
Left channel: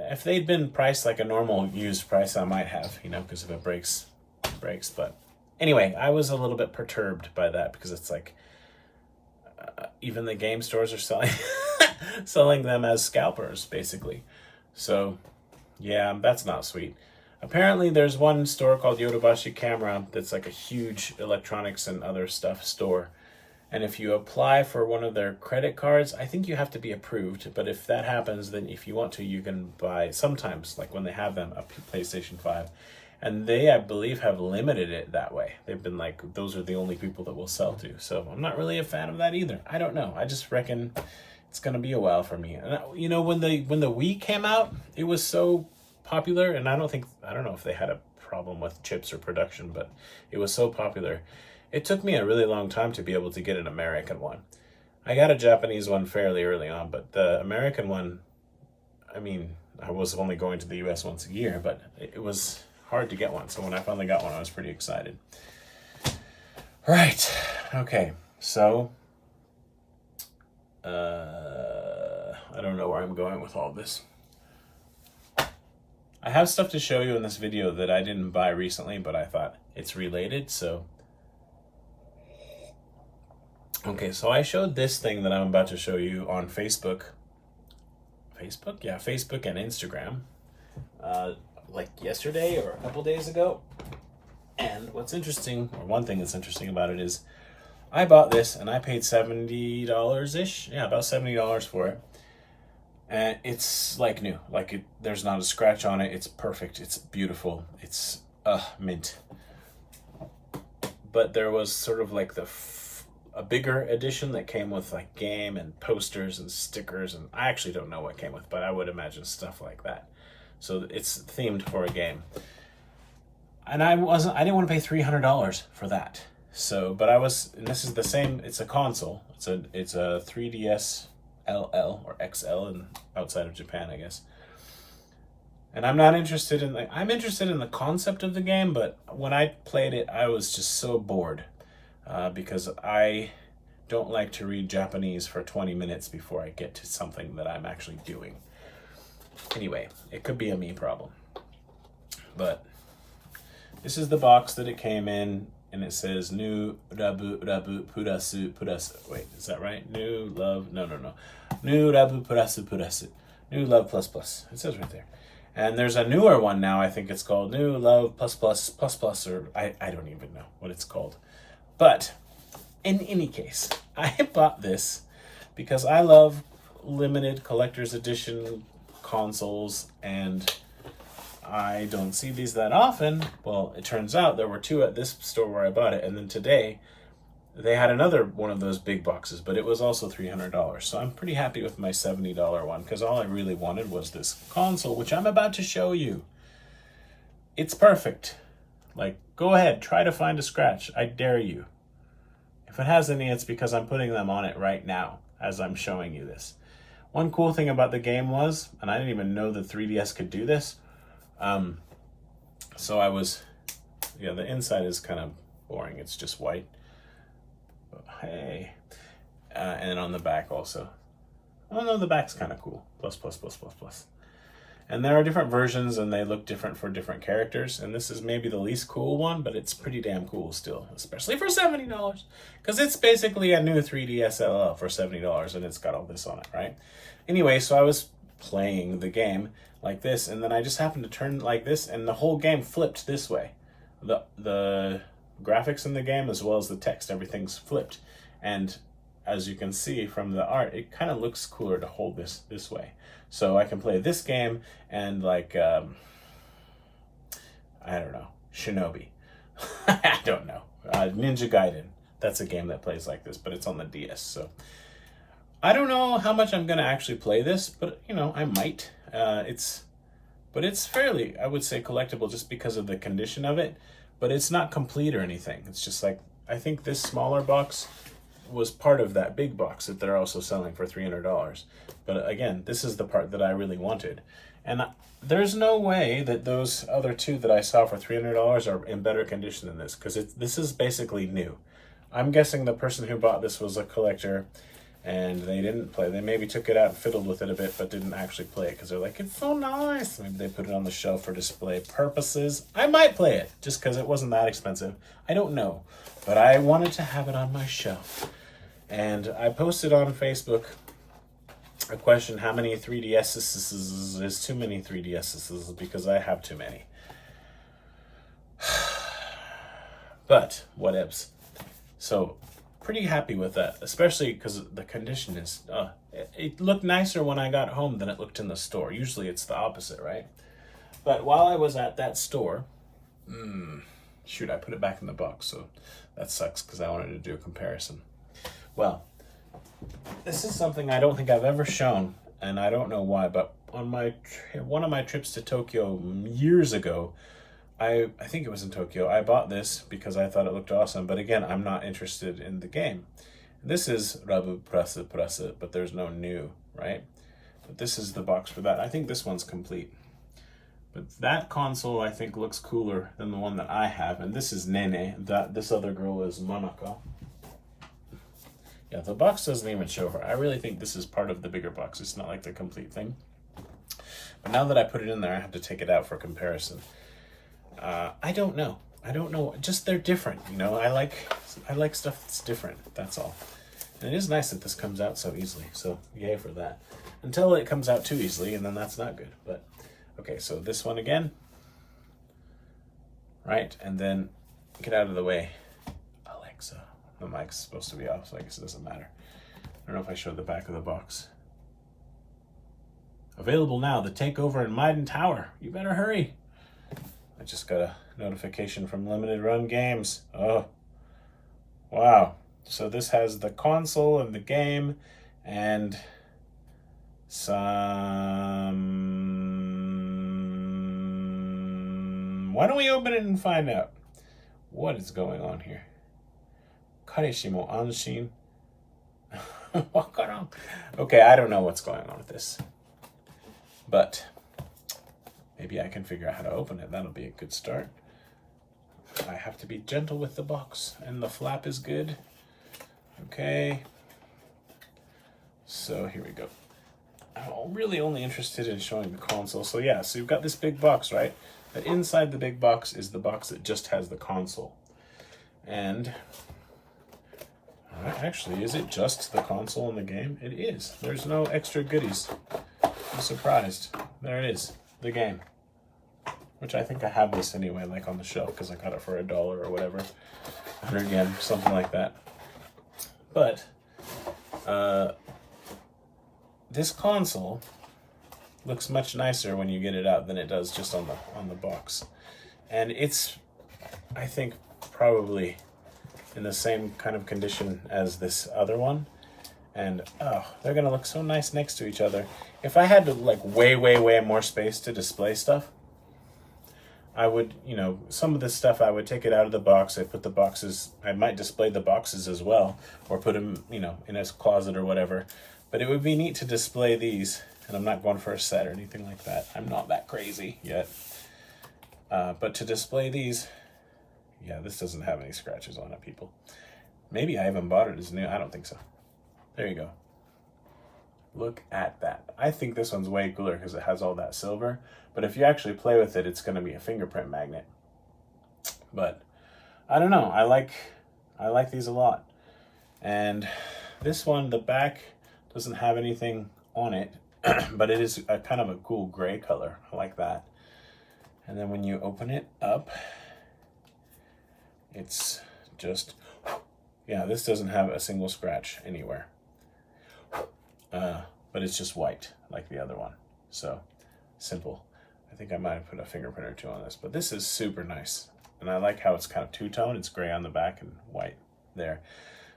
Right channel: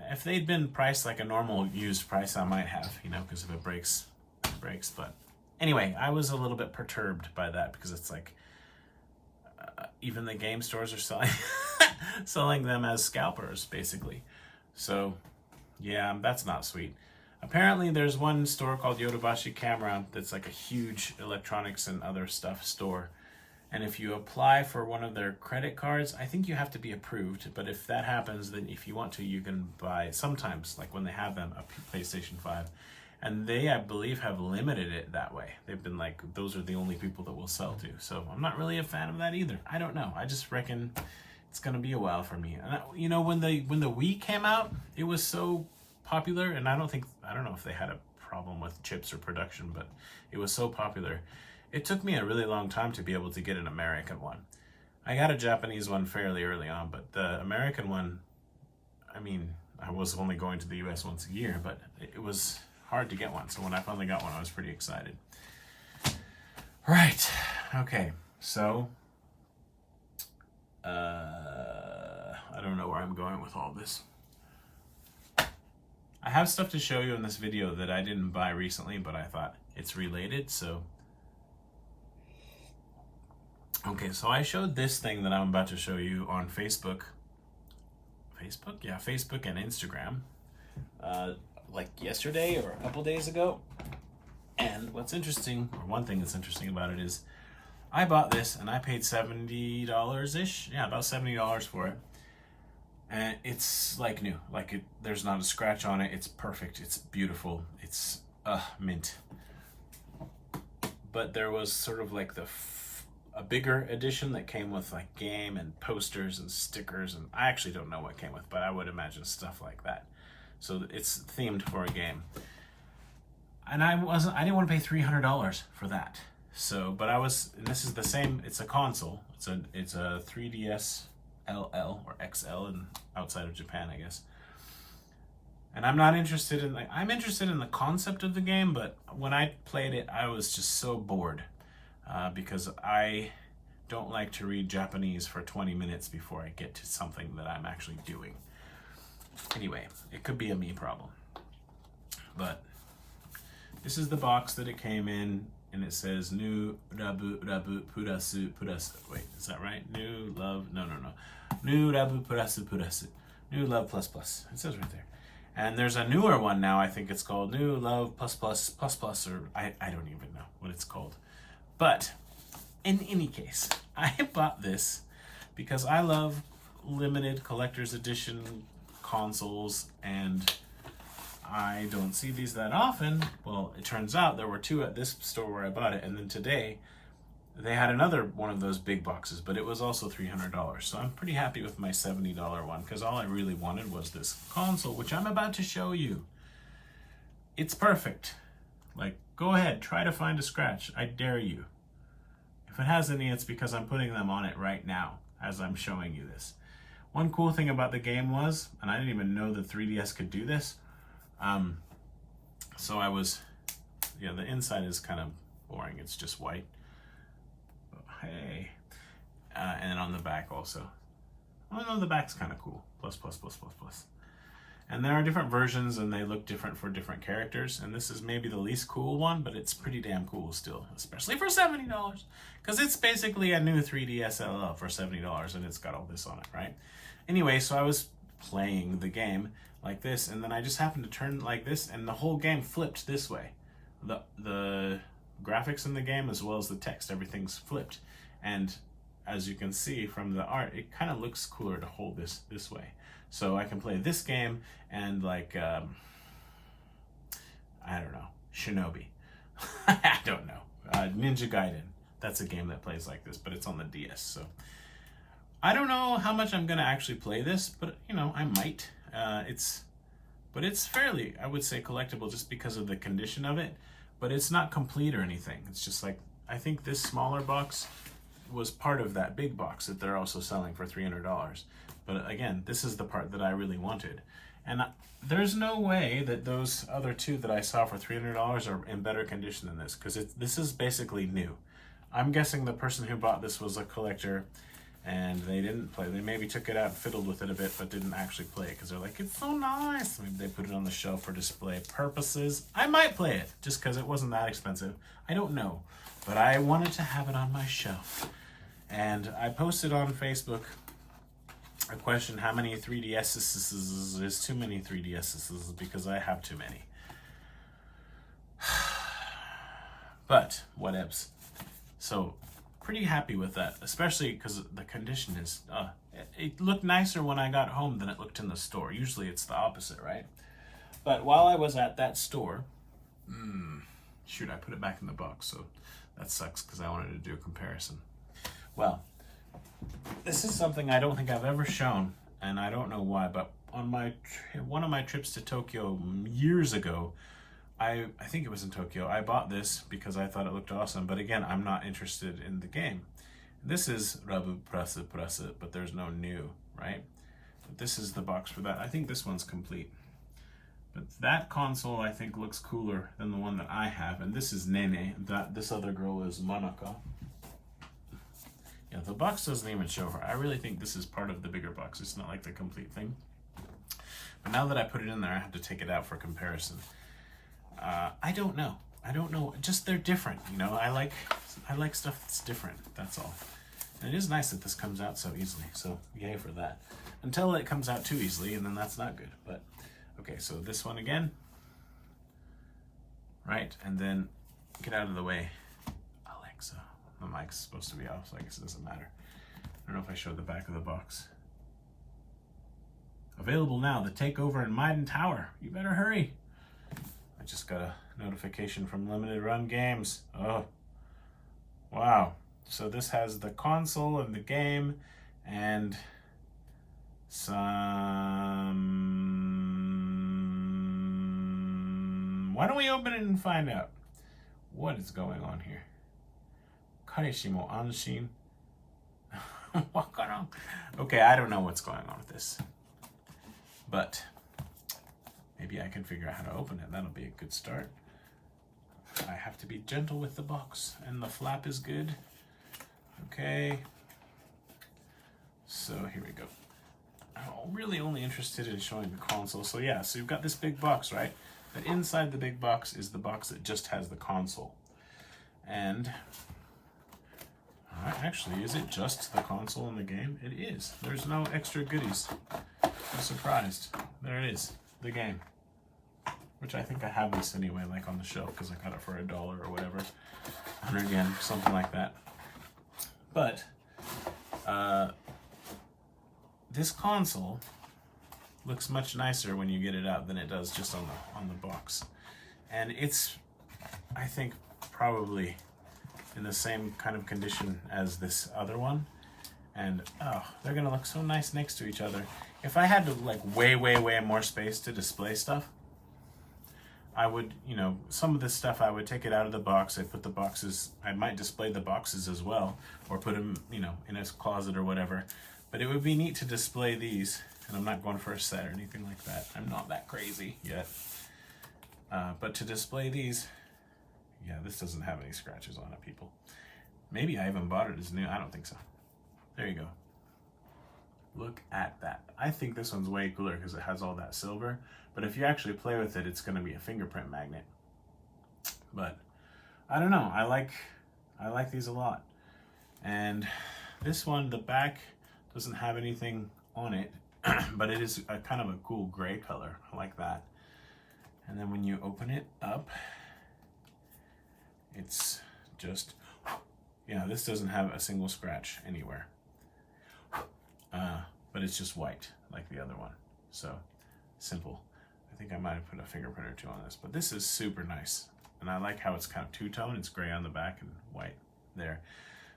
if they'd been priced like a normal used price, I might have, because if it breaks, it breaks. But anyway, I was a little bit perturbed by that, because it's like, even the game stores are selling them as scalpers, basically. So, yeah, that's not sweet. Apparently, there's one store called Yodobashi Camera that's like a huge electronics and other stuff store. And if you apply for one of their credit cards, I think you have to be approved. But if that happens, then if you want to, you can buy sometimes, like when they have them, a PlayStation 5. And they, I believe, have limited it that way. They've been like, those are the only people that will sell to. So I'm not really a fan of that either. I don't know. I just reckon it's going to be a while for me. And when the Wii came out, it was so popular, and I don't know if they had a problem with chips or production, but it was so popular. It took me a really long time to be able to get an American one. I got a Japanese one fairly early on, but the American one, I mean, I was only going to the US once a year, but it was hard to get one. So when I finally got one, I was pretty excited. Right. Okay. So, I don't know where I'm going with all this. I have stuff to show you in this video that I didn't buy recently, but I thought it's related, so. Okay, so I showed this thing that I'm about to show you on Facebook. Facebook? Yeah, Facebook and Instagram. Like yesterday or a couple days ago. And what's interesting, or one thing that's interesting about it is, I bought this and I paid $70-ish. Yeah, about $70 for it. And it's like new, there's not a scratch on it. It's perfect. It's beautiful. It's mint. But there was sort of like a bigger edition that came with like game and posters and stickers, and I actually don't know what came with, but I would imagine stuff like that. So it's themed for a game. And I didn't want to pay $300 for that. So, and this is the same. It's a console. It's a 3DS. LL or XL and outside of Japan, I guess. And I'm interested in the concept of the game, but when I played it, I was just so bored because I don't like to read Japanese for 20 minutes before I get to something that I'm actually doing. Anyway, it could be a me problem. But this is the box that it came in, and it says new rabu purasu. Wait, is that right? New love, no. New rabu purasu. New love plus plus. It says right there. And there's a newer one now, I think it's called New Love Plus Plus Plus Plus, or I don't even know what it's called. But in any case, I bought this because I love limited collector's edition consoles, and I don't see these that often. Well, it turns out there were two at this store where I bought it, and then today they had another one of those big boxes, but it was also $300. So I'm pretty happy with my $70 one, because all I really wanted was this console, which I'm about to show you. It's perfect. Like, go ahead, try to find a scratch. I dare you. If it has any, it's because I'm putting them on it right now as I'm showing you this. One cool thing about the game was, and I didn't even know the 3DS could do this, so I was, yeah, the inside is kind of boring. It's just white. Hey, and then on the back also. Oh no, the back's kind of cool. Plus, plus, plus, plus, plus. And there are different versions, and they look different for different characters. And this is maybe the least cool one, but it's pretty damn cool still, especially for $70. Because it's basically a new 3DS LL for $70, and it's got all this on it, right? Anyway, so I was playing the game like this, and then I just happened to turn like this, and the whole game flipped this way. The graphics in the game, as well as the text, everything's flipped. And as you can see from the art, it kind of looks cooler to hold this way. So I can play this game and like, I don't know, Shinobi. I don't know. Ninja Gaiden. That's a game that plays like this, but it's on the DS. So I don't know how much I'm going to actually play this, but you know, I might. But it's fairly, I would say, collectible just because of the condition of it. But it's not complete or anything. It's just like, I think this smaller box was part of that big box that they're also selling for $300. But again, this is the part that I really wanted. And there's no way that those other two that I saw for $300 are in better condition than this, because this is basically new. I'm guessing the person who bought this was a collector, and they didn't play. They maybe took it out and fiddled with it a bit, but didn't actually play it because they're like, it's so nice. Maybe they put it on the shelf for display purposes. I might play it just because it wasn't that expensive. I don't know, but I wanted to have it on my shelf. And I posted on Facebook a question, how many 3DSs is too many 3DSs, because I have too many. But whatevs. So pretty happy with that, especially because the condition is, it looked nicer when I got home than it looked in the store. Usually it's the opposite, right? But while I was at that store, shoot, I put it back in the box, so that sucks because I wanted to do a comparison. Well, this is something I don't think I've ever shown, and I don't know why, but on one of my trips to Tokyo years ago, I think it was in Tokyo, I bought this because I thought it looked awesome, but again, I'm not interested in the game. This is Rabu Prasa Prasa, but there's no new, right? But this is the box for that. I think this one's complete. But that console, I think, looks cooler than the one that I have, and this is Nene. This other girl is Manaka. Yeah, the box doesn't even show her. I really think this is part of the bigger box. It's not like the complete thing. But now that I put it in there, I have to take it out for comparison. I don't know. Just they're different, you know. I like stuff that's different. That's all. And it is nice that this comes out so easily. So yay for that. Until it comes out too easily, and then that's not good. But okay, so this one again, right? And then get out of the way, Alexa. The mic's supposed to be off, so I guess it doesn't matter. I don't know if I showed the back of the box. Available now, the takeover in Maiden Tower. You better hurry. I just got a notification from Limited Run Games. Oh, wow. So this has the console and the game and some... Why don't we open it and find out what is going on here? Kareshi mo anshin. Wakaran. Okay, I don't know what's going on with this. But maybe I can figure out how to open it. That'll be a good start. I have to be gentle with the box, and the flap is good. Okay. So here we go. I'm really only interested in showing the console. So yeah, so you've got this big box, right? But inside the big box is the box that just has the console. And actually, is it just the console in the game? It is. There's no extra goodies. I'm surprised. There it is. the game. Which I think I have this anyway, like on the shelf, because I got it for $1 or whatever. 100 yen, something like that. But this console looks much nicer when you get it out than it does just on the box. And it's, I think, probably in the same kind of condition as this other one. And oh, they're gonna look so nice next to each other. If I had to like way more space to display stuff, I would, you know, some of this stuff I would take it out of the box. I put the boxes, I might display the boxes as well, or put them, you know, in a closet or whatever. But it would be neat to display these, and I'm not going for a set or anything like that. I'm not that crazy yet. But to display these, yeah, this doesn't have any scratches on it, people. Maybe I even bought it as new. I don't think so. There you go. Look at that. I think this one's way cooler because it has all that silver. But if you actually play with it, it's going to be a fingerprint magnet. But I don't know. I like these a lot. And this one, the back doesn't have anything on it, but it is a kind of a cool gray color. I like that. And then when you open it up, it's just, yeah, this doesn't have a single scratch anywhere. But it's just white like the other one. So simple. I think I might have put a fingerprint or two on this, but this is super nice. And I like how it's kind of two-tone. It's gray on the back and white there.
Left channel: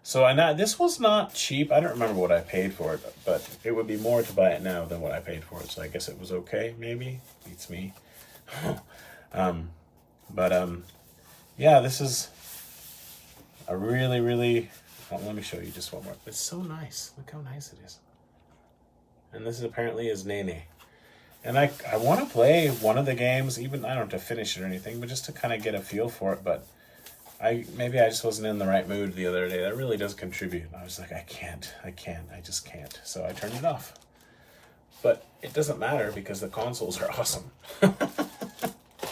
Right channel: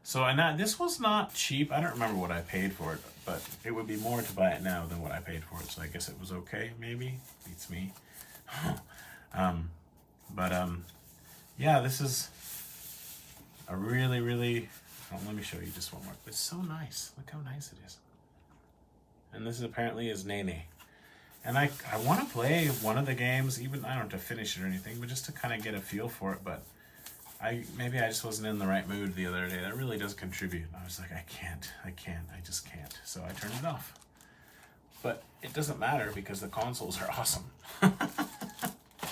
So this was not cheap. I don't remember what I paid for it, but it would be more to buy it now than what I paid for it. So I guess it was okay, maybe. Beats me. Yeah, this is a really, oh, let me show you just one more. It's so nice. Look how nice it is. And this apparently is Nene. And I want to play one of the games, even, I don't have to finish it or anything, but just to kind of get a feel for it. But maybe I just wasn't in the right mood the other day. That really does contribute. I was like, I just can't. So I turned it off. But it doesn't matter because the consoles are awesome.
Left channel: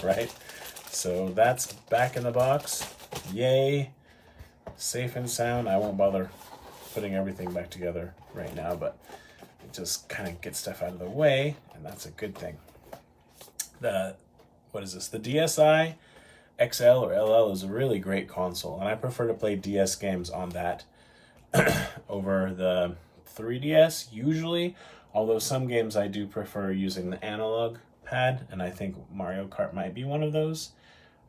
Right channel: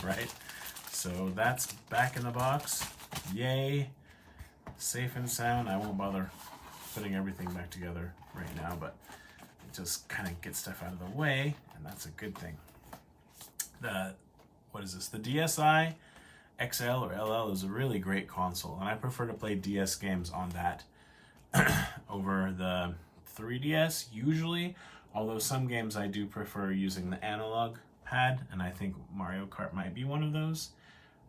Right? So that's back in the box. Yay. Safe and sound. I won't bother putting everything back together right now, but it just kind of gets stuff out of the way, and that's a good thing. What is this? The DSi XL or LL is a really great console, and I prefer to play DS games on that over the 3DS usually, although some games I do prefer using the analog pad, and I think Mario Kart might be one of those.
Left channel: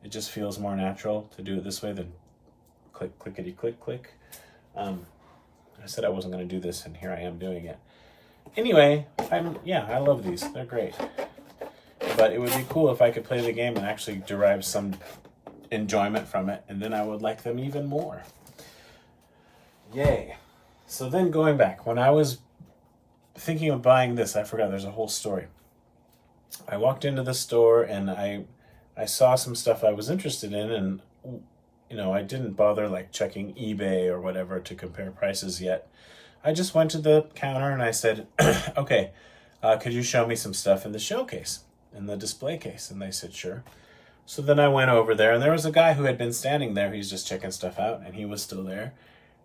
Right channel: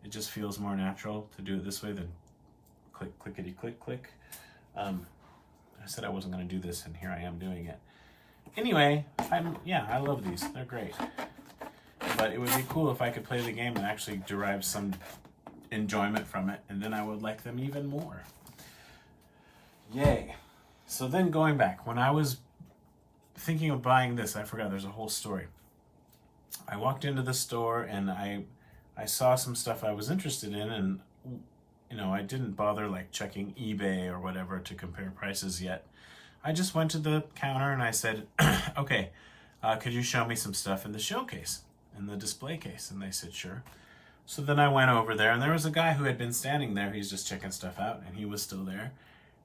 It just feels more natural to do it this way than click, clickety, click, click. I said I wasn't going to do this, and here I am doing it. Anyway, I love these. They're great. But it would be cool if I could play the game and actually derive some enjoyment from it, and then I would like them even more. Yay. So then going back, when I was thinking of buying this, I forgot there's a whole story. I walked into the store and I saw some stuff I was interested in, and you know, I didn't bother like checking eBay or whatever to compare prices yet. I just went to the counter and I said, okay, could you show me some stuff in the showcase, in the display case? And they said, sure. So then I went over there, and there was a guy who had been standing there. He's just checking stuff out, and he was still there.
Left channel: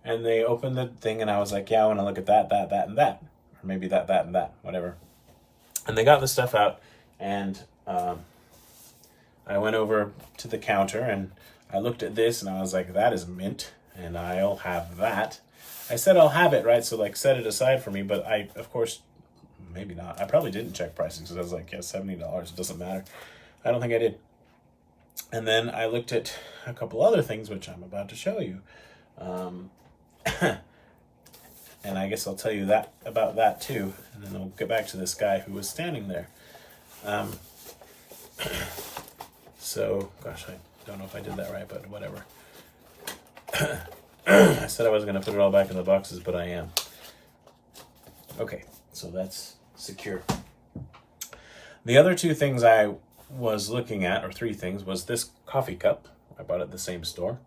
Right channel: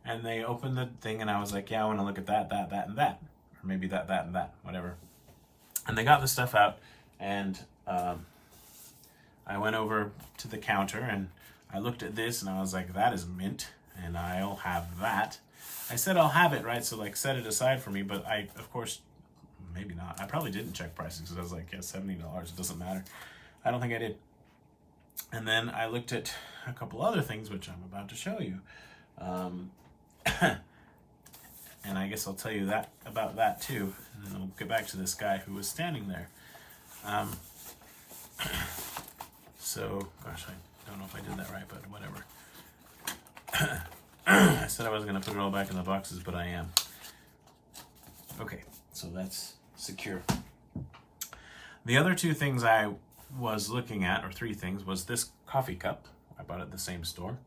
And they opened the thing, and I was like, yeah, I want to look at that, and that. Or maybe that, and that, whatever. And they got the stuff out, and I went over to the counter, and I looked at this, and I was like, that is mint, and I'll have that. I said I'll have it, right? So, like, set it aside for me, but I, of course, maybe not. I probably didn't check prices, because I was like, yeah, $70, it doesn't matter. I don't think I did. And then I looked at a couple other things, which I'm about to show you. And I guess I'll tell you about that too. And then I'll get back to this guy who was standing there. So, gosh, I don't know if I did that right, but whatever. I said I wasn't going to put it all back in the boxes, but I am. Okay, so that's secure. The other two things I was looking at, or three things, was this coffee cup. I bought it at the same store.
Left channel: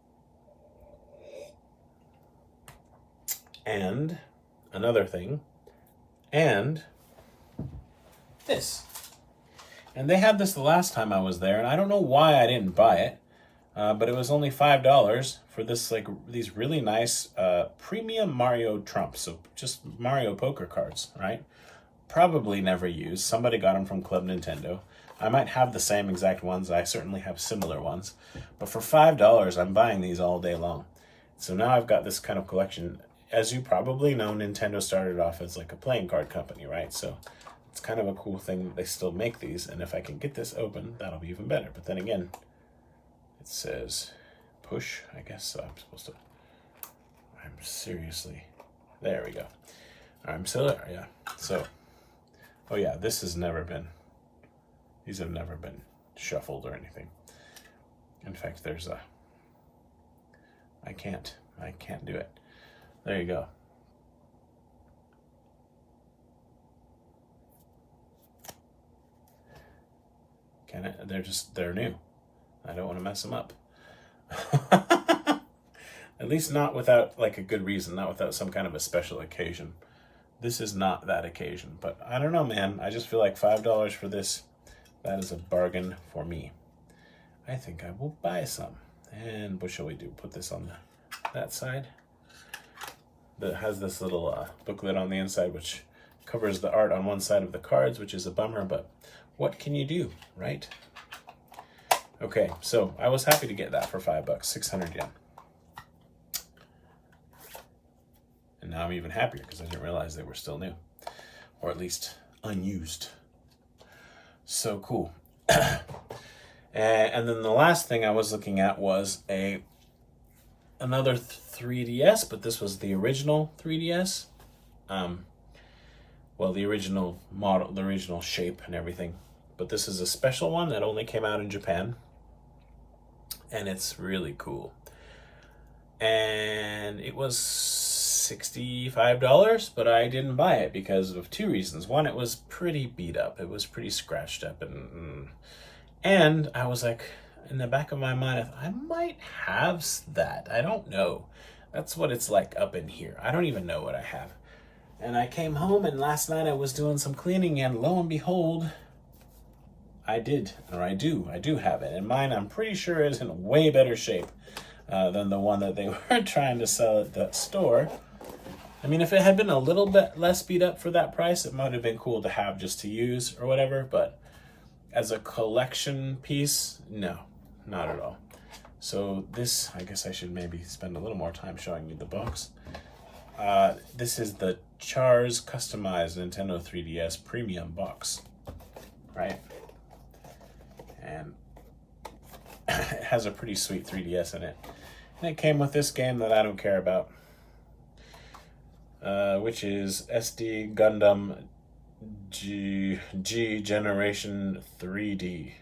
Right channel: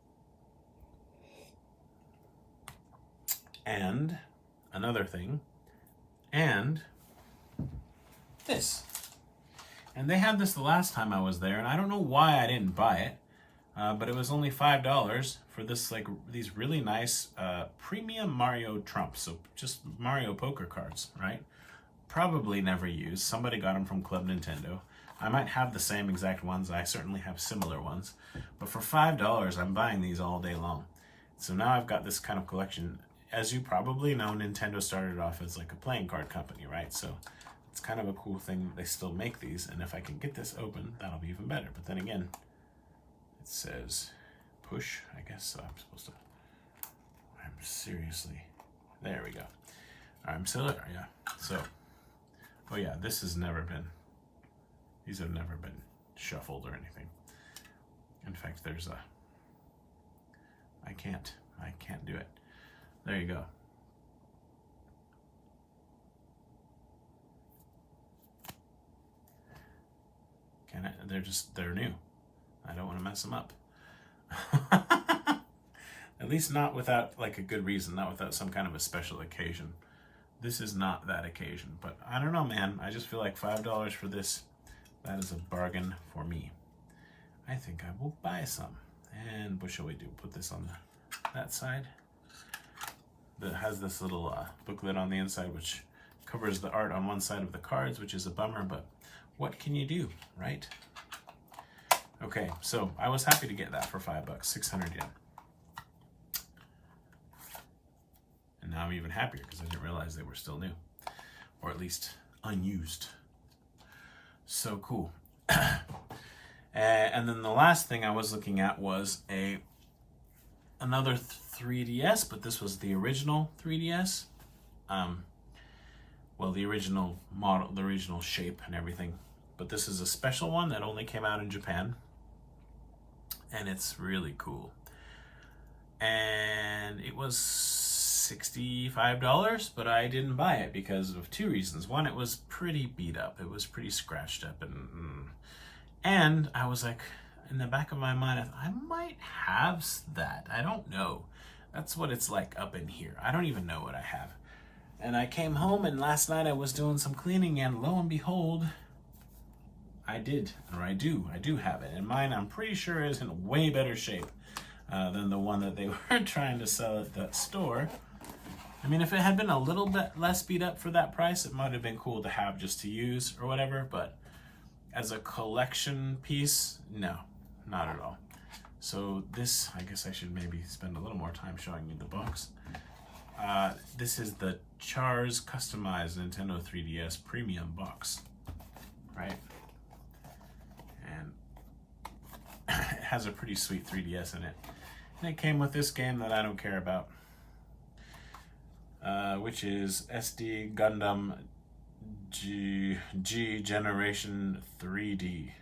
And another thing, and this. And they had this the last time I was there, and I don't know why I didn't buy it, but it was only $5 for this, like, these really nice premium Mario trumps, so just Mario poker cards, right? Probably never used. Somebody got them from Club Nintendo. I might have the same exact ones. I certainly have similar ones. But for $5, I'm buying these all day long. So now I've got this kind of collection. As you probably know, Nintendo started off as like a playing card company, right? So it's kind of a cool thing that they still make these. And if I can get this open, that'll be even better. But then again, it says push, I guess. So I'm supposed to, I'm seriously, there we go. I'm still there, yeah. So, oh yeah, this has never been, these have never been shuffled or anything. In fact, there's a, I can't do it. There you go. Can it? They're new. I don't want to mess them up. At least not without like a good reason, not without some kind of a special occasion. This is not that occasion, but I don't know, man. I just feel like $5 for this, that is a bargain for me. I think I will buy some. And what shall we do? Put this on that side. That has this little booklet on the inside, which covers the art on one side of the cards, which is a bummer, but what can you do, right? Okay, so I was happy to get that for $5, 600 yen. And now I'm even happier because I didn't realize they were still new, or at least unused. So cool. And then the last thing I was looking at was another 3DS, but this was the original 3DS. Well, the original model, the original shape and everything. But this is a special one that only came out in Japan. And it's really cool. And it was $65, but I didn't buy it because of two reasons. One, it was pretty beat up. It was pretty scratched up. And I was like, in the back of my mind, I thought, I might have that. I don't know. That's what it's like up in here. I don't even know what I have. And I came home, and last night I was doing some cleaning, and lo and behold, I do have it. And mine, I'm pretty sure, is in way better shape than the one that they were trying to sell at that store. I mean, if it had been a little bit less beat up for that price, it might have been cool to have just to use or whatever, but as a collection piece, no, not at all. So this, I guess I should maybe spend a little more time showing you the box. This is the Char's customized Nintendo 3DS premium box, right? And it has a pretty sweet 3DS in it. And it came with this game that I don't care about, which is SD Gundam G Generation 3D.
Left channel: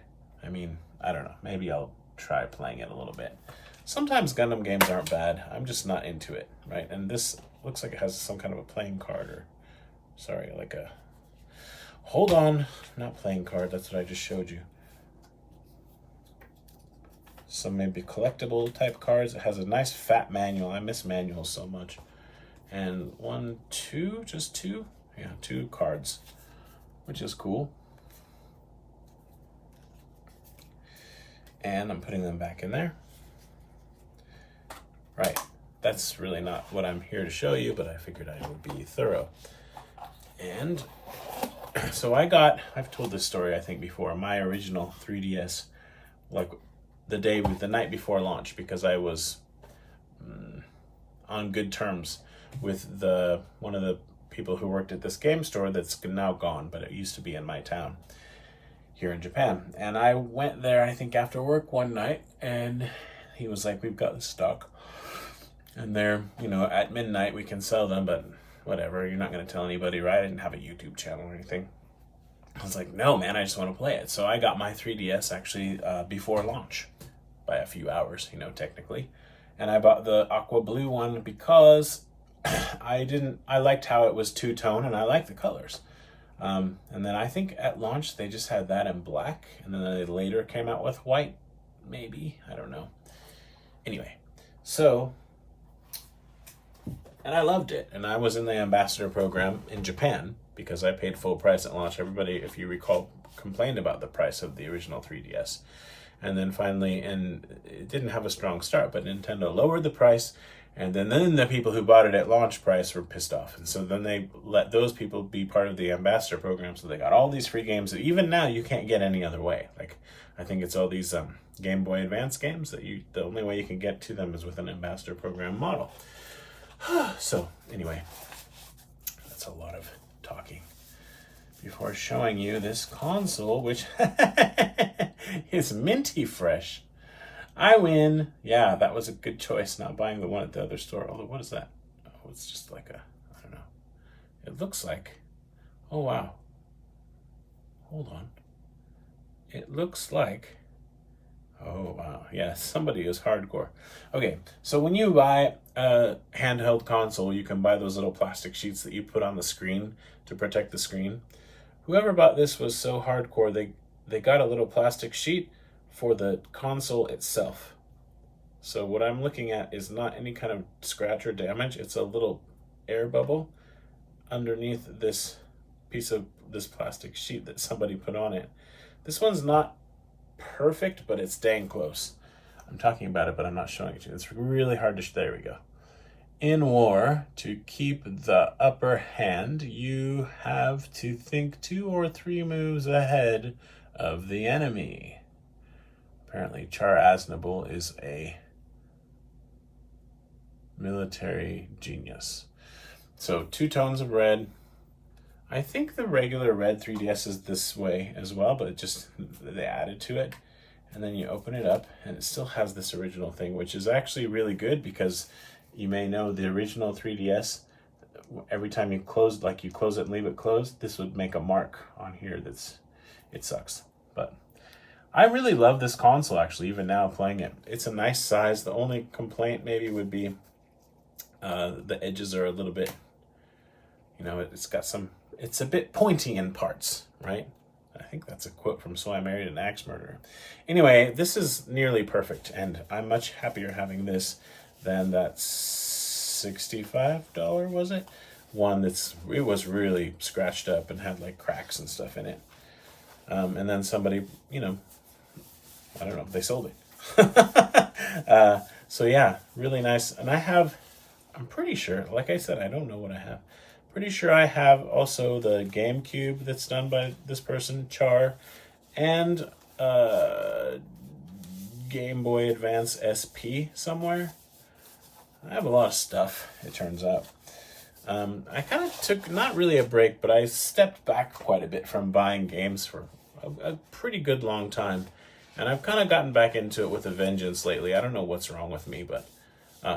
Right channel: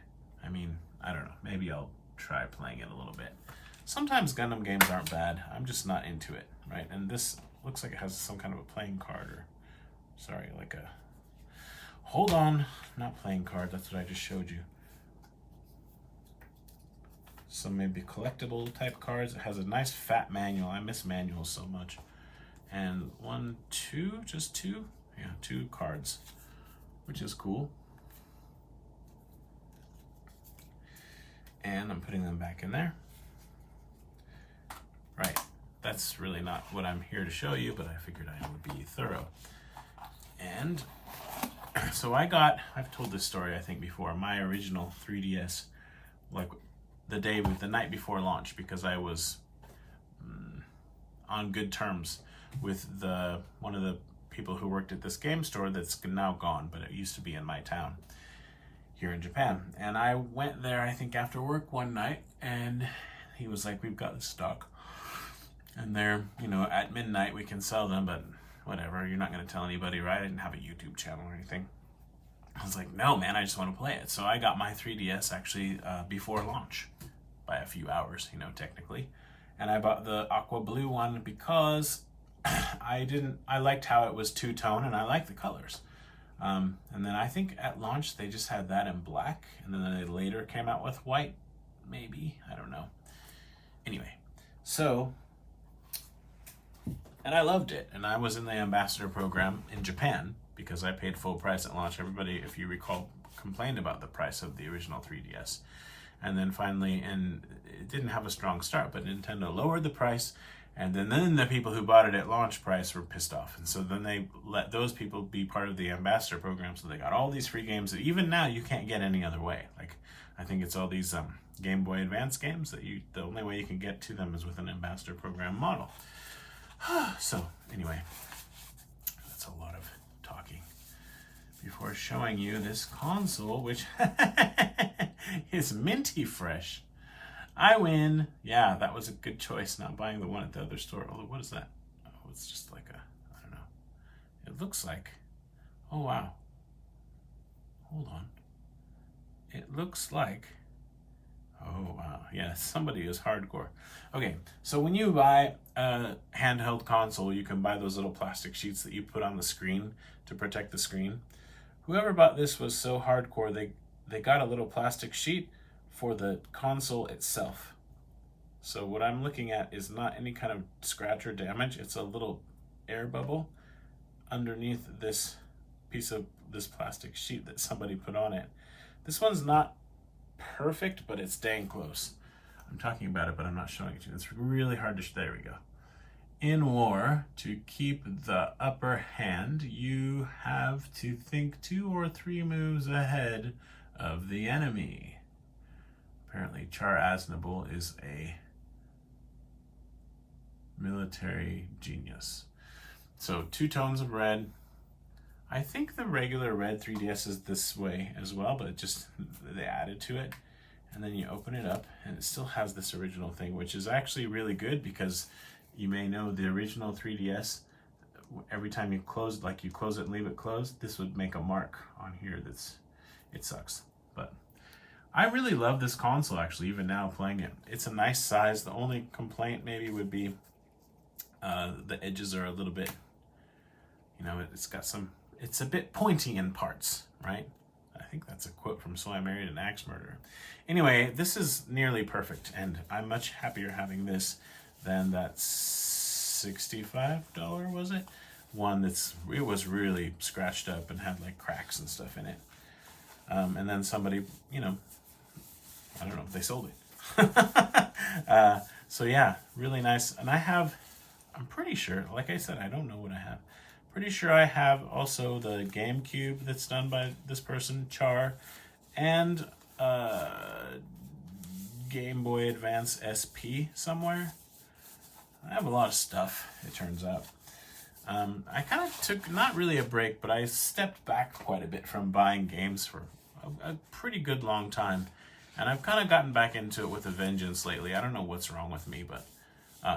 I mean, I don't know. Maybe I'll try playing it a little bit. Sometimes Gundam games aren't bad. I'm just not into it, right? And this looks like it has some kind of a playing card, or sorry, like a, hold on, not playing card, that's what I just showed you. Some maybe collectible type cards. It has a nice fat manual. I miss manuals so much. And just two? Yeah, 2 cards, which is cool. And I'm putting them back in there. Right, that's really not what I'm here to show you, but I figured I would be thorough. And so I've told this story I think before, my original 3DS, like the night before launch, because I was on good terms with one of the people who worked at this game store that's now gone, but it used to be in my town here in Japan. And I went there, I think after work one night, and he was like, we've got the stock, and they're, at midnight we can sell them, but whatever, you're not going to tell anybody, right? I didn't have a YouTube channel or anything. I was like, no, man, I just want to play it. So I got my 3DS actually before launch by a few hours, technically. And I bought the aqua blue one because I liked how it was two-tone, and I liked the colors. And then I think at launch they just had that in black, and then they later came out with white, maybe, I don't know. Anyway, so, and I loved it, and I was in the ambassador program in Japan because I paid full price at launch. Everybody, if you recall, complained about the price of the original 3DS. And then finally, and it didn't have a strong start, but Nintendo lowered the price, And then the people who bought it at launch price were pissed off. And so then they let those people be part of the ambassador program. So they got all these free games that even now you can't get any other way. Like, I think it's all these Game Boy Advance games that the only way you can get to them is with an ambassador program model. So anyway, that's a lot of talking before showing you this console, which is minty fresh. I win. Yeah, that was a good choice, not buying the one at the other store. Although, what is that? Oh, it's just like I don't know. It looks like, oh wow. Hold on. It looks like, oh wow. Yeah, somebody is hardcore. Okay, so when you buy a handheld console, you can buy those little plastic sheets that you put on the screen to protect the screen. Whoever bought this was so hardcore, they got a little plastic sheet for the console itself. So what I'm looking at is not any kind of scratch or damage. It's a little air bubble underneath this piece of this plastic sheet that somebody put on it. This one's not perfect, but it's dang close. I'm talking about it, but I'm not showing it to you. It's really hard to there we go. In war, to keep the upper hand, you have to think 2 or 3 moves ahead of the enemy. Apparently, Char Aznable is a military genius. So 2 tones of red. I think the regular red 3DS is this way as well, but they added to it. And then you open it up, and it still has this original thing, which is actually really good because you may know the original 3DS, every time you close it and leave it closed, this would make a mark on here it sucks. But I really love this console, actually, even now playing it. It's a nice size. The only complaint maybe would be the edges are a little bit, it's a bit pointy in parts, right? I think that's a quote from So I Married an Axe Murderer. Anyway, this is nearly perfect, and I'm much happier having this than that $65, was it? One it was really scratched up and had like cracks and stuff in it. And then somebody, I don't know, they sold it. So yeah, really nice. And I'm pretty sure, like I said, I don't know what I have. Pretty sure I have also the GameCube that's done by this person, Char, and Game Boy Advance SP somewhere. I have a lot of stuff, it turns out. I kind of took, not really a break, but I stepped back quite a bit from buying games for a pretty good long time. And I've kind of gotten back into it with a vengeance lately. I don't know what's wrong with me, but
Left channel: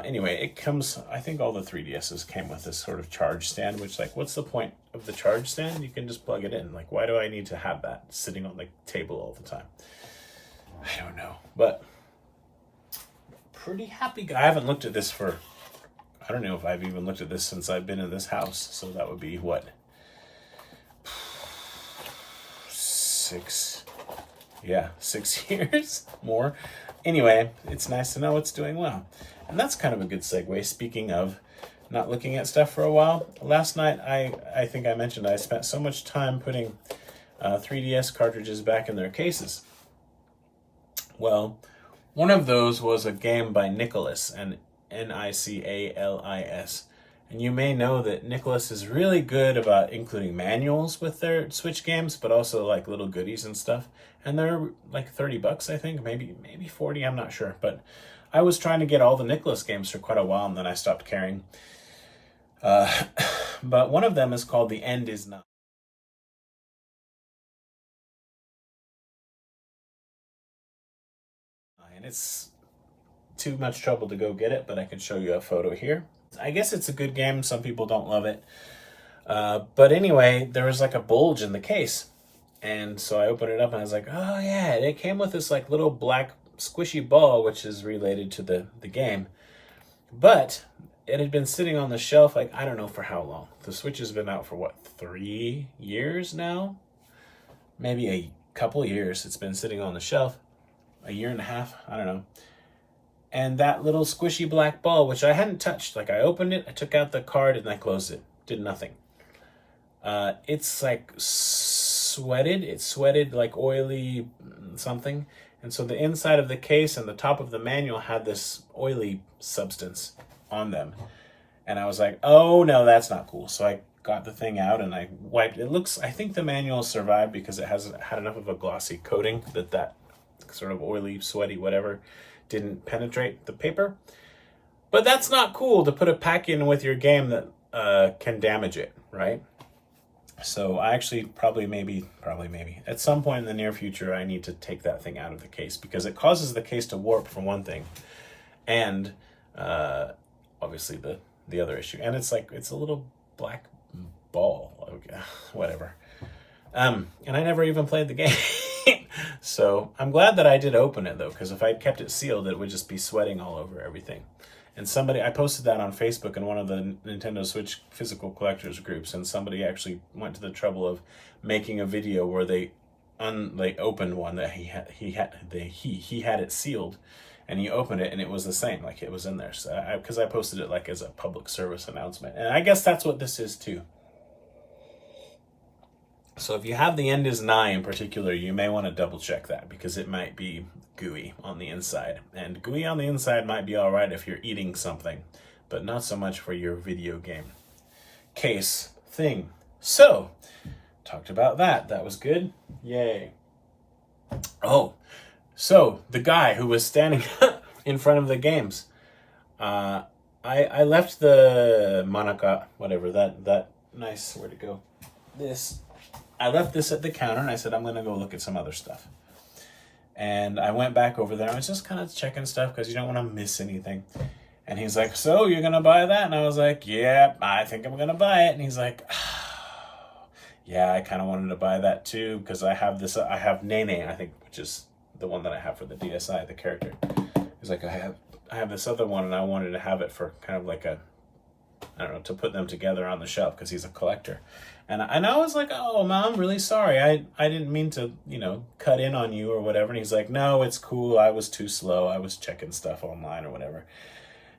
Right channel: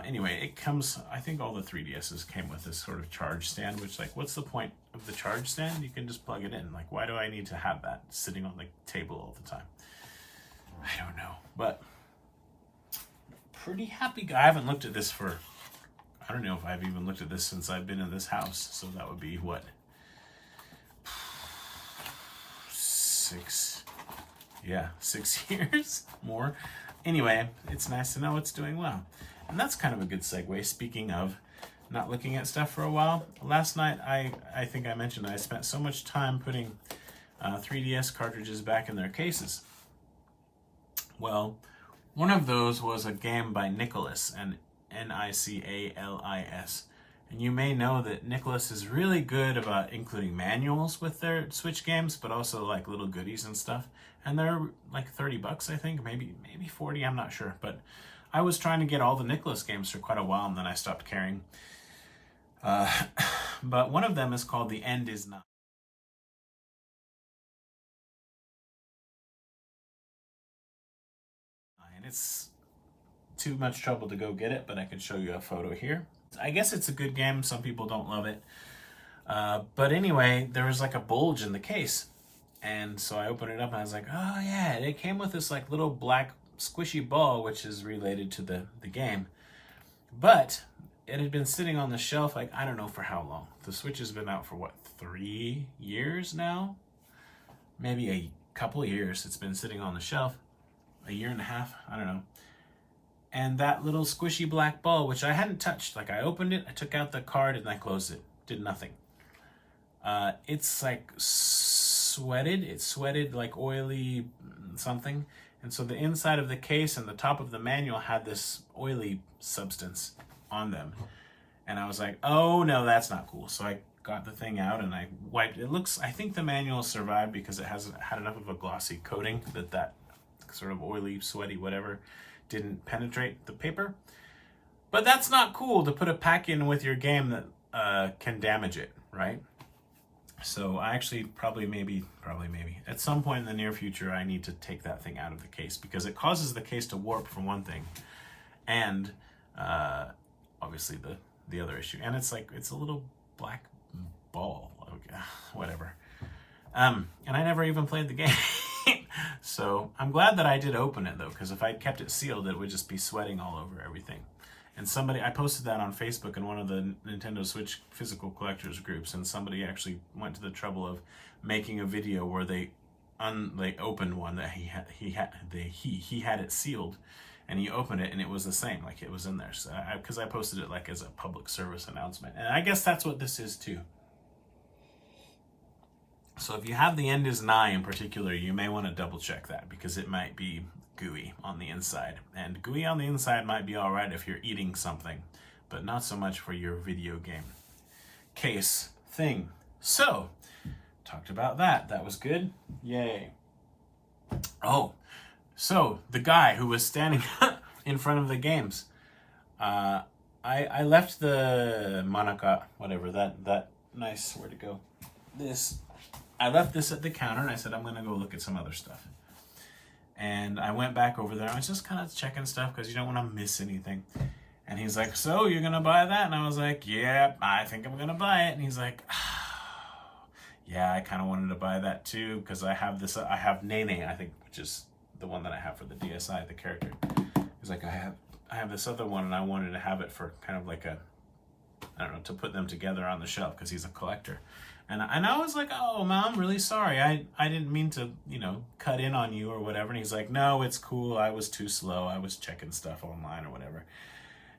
anyway, it comes, I think all the 3DSs came with this sort of charge stand, which, like, what's the point of the charge stand? You can just plug it in. Like, why do I need to have that sitting on the table all the time? I don't know, but pretty happy guy. I haven't looked at this I don't know if I've even looked at this since I've been in this house. So that would be what? 6 years more. Anyway, it's nice to know it's doing well. And that's kind of a good segue. Speaking of not looking at stuff for a while, last night I think I mentioned I spent so much time putting 3DS cartridges back in their cases. Well, one of those was a game by Nicholas, and Nicalis. And you may know that Nicholas is really good about including manuals with their Switch games, but also like little goodies and stuff. And they're like $30, I think, maybe 40, I'm not sure. But I was trying to get all the Nicholas games for quite a while, and then I stopped caring. But one of them is called The End Is Nigh. And it's too much trouble to go get it, but I can show you a photo here. I guess it's a good game. Some people don't love it. But anyway, there was like a bulge in the case. And so I opened it up and I was like, oh yeah, it came with this like little black squishy ball, which is related to the game. But it had been sitting on the shelf, like, I don't know for how long. The Switch has been out for what, 3 years now? Maybe a couple years it's been sitting on the shelf. A year and a half, I don't know. And that little squishy black ball, which I hadn't touched, like I opened it, I took out the card and I closed it. Did nothing. It's like sweated. It sweated like oily something. And so the inside of the case and the top of the manual had this oily substance on them. And I was like, oh no, that's not cool. So I got the thing out and I wiped. It looks, I think the manual survived because it hasn't had enough of a glossy coating that sort of oily, sweaty, whatever, didn't penetrate the paper. But that's not cool to put a pack in with your game that can damage it, right? So I actually probably maybe, at some point in the near future, I need to take that thing out of the case because it causes the case to warp for one thing. And obviously the other issue. And it's like, it's a little black ball, whatever. And I never even played the game. So I'm glad that I did open it though, because if I'd kept it sealed, it would just be sweating all over everything. And I posted that on Facebook in one of the Nintendo Switch physical collectors groups, and somebody actually went to the trouble of making a video where they opened one that he had it sealed, and he opened it and it was the same, like it was in there. So because I posted it like as a public service announcement, and I guess that's what this is too. So if you have the end is nigh in particular, you may want to double check that because it might be gooey on the inside. And gooey on the inside might be all right if you're eating something, but not so much for your video game case thing. So, talked about that. That was good. Yay. Oh, so the guy who was standing in front of the games, I left the Manaka, whatever, that nice, where'd it go? I left this at the counter and I said, I'm going to go look at some other stuff. And I went back over there. I was just kind of checking stuff because you don't want to miss anything. And he's like, so you're going to buy that? And I was like, yeah, I think I'm going to buy it. And he's like, yeah, I kind of wanted to buy that too because I have Nene, I think, which is the one that I have for the DSi, the character. He's like, I have this other one and I wanted to have it for kind of like to put them together on the shelf because he's a collector. And I was like, oh, Mom, I'm really sorry. I didn't mean to, cut in on you or whatever. And he's like, no, it's cool. I was too slow. I was checking stuff online or whatever.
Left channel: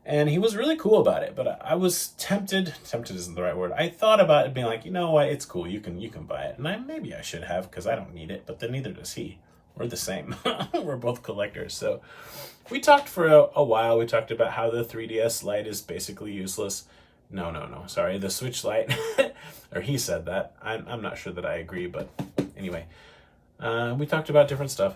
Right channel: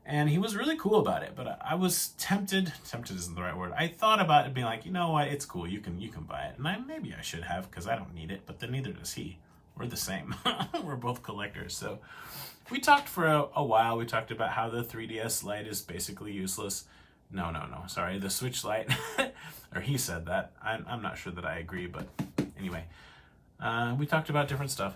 And he was really cool about it. But I was tempted isn't the right word. I thought about it being like, you know what? It's cool. You can buy it. And maybe I should have because I don't need it. But then neither does he. We're the same. We're both collectors. So we talked for a while. We talked about how the 3DS Lite is basically useless. No. Sorry, the Switch Lite. Or he said that. I'm not sure that I agree, but anyway. We talked about different stuff.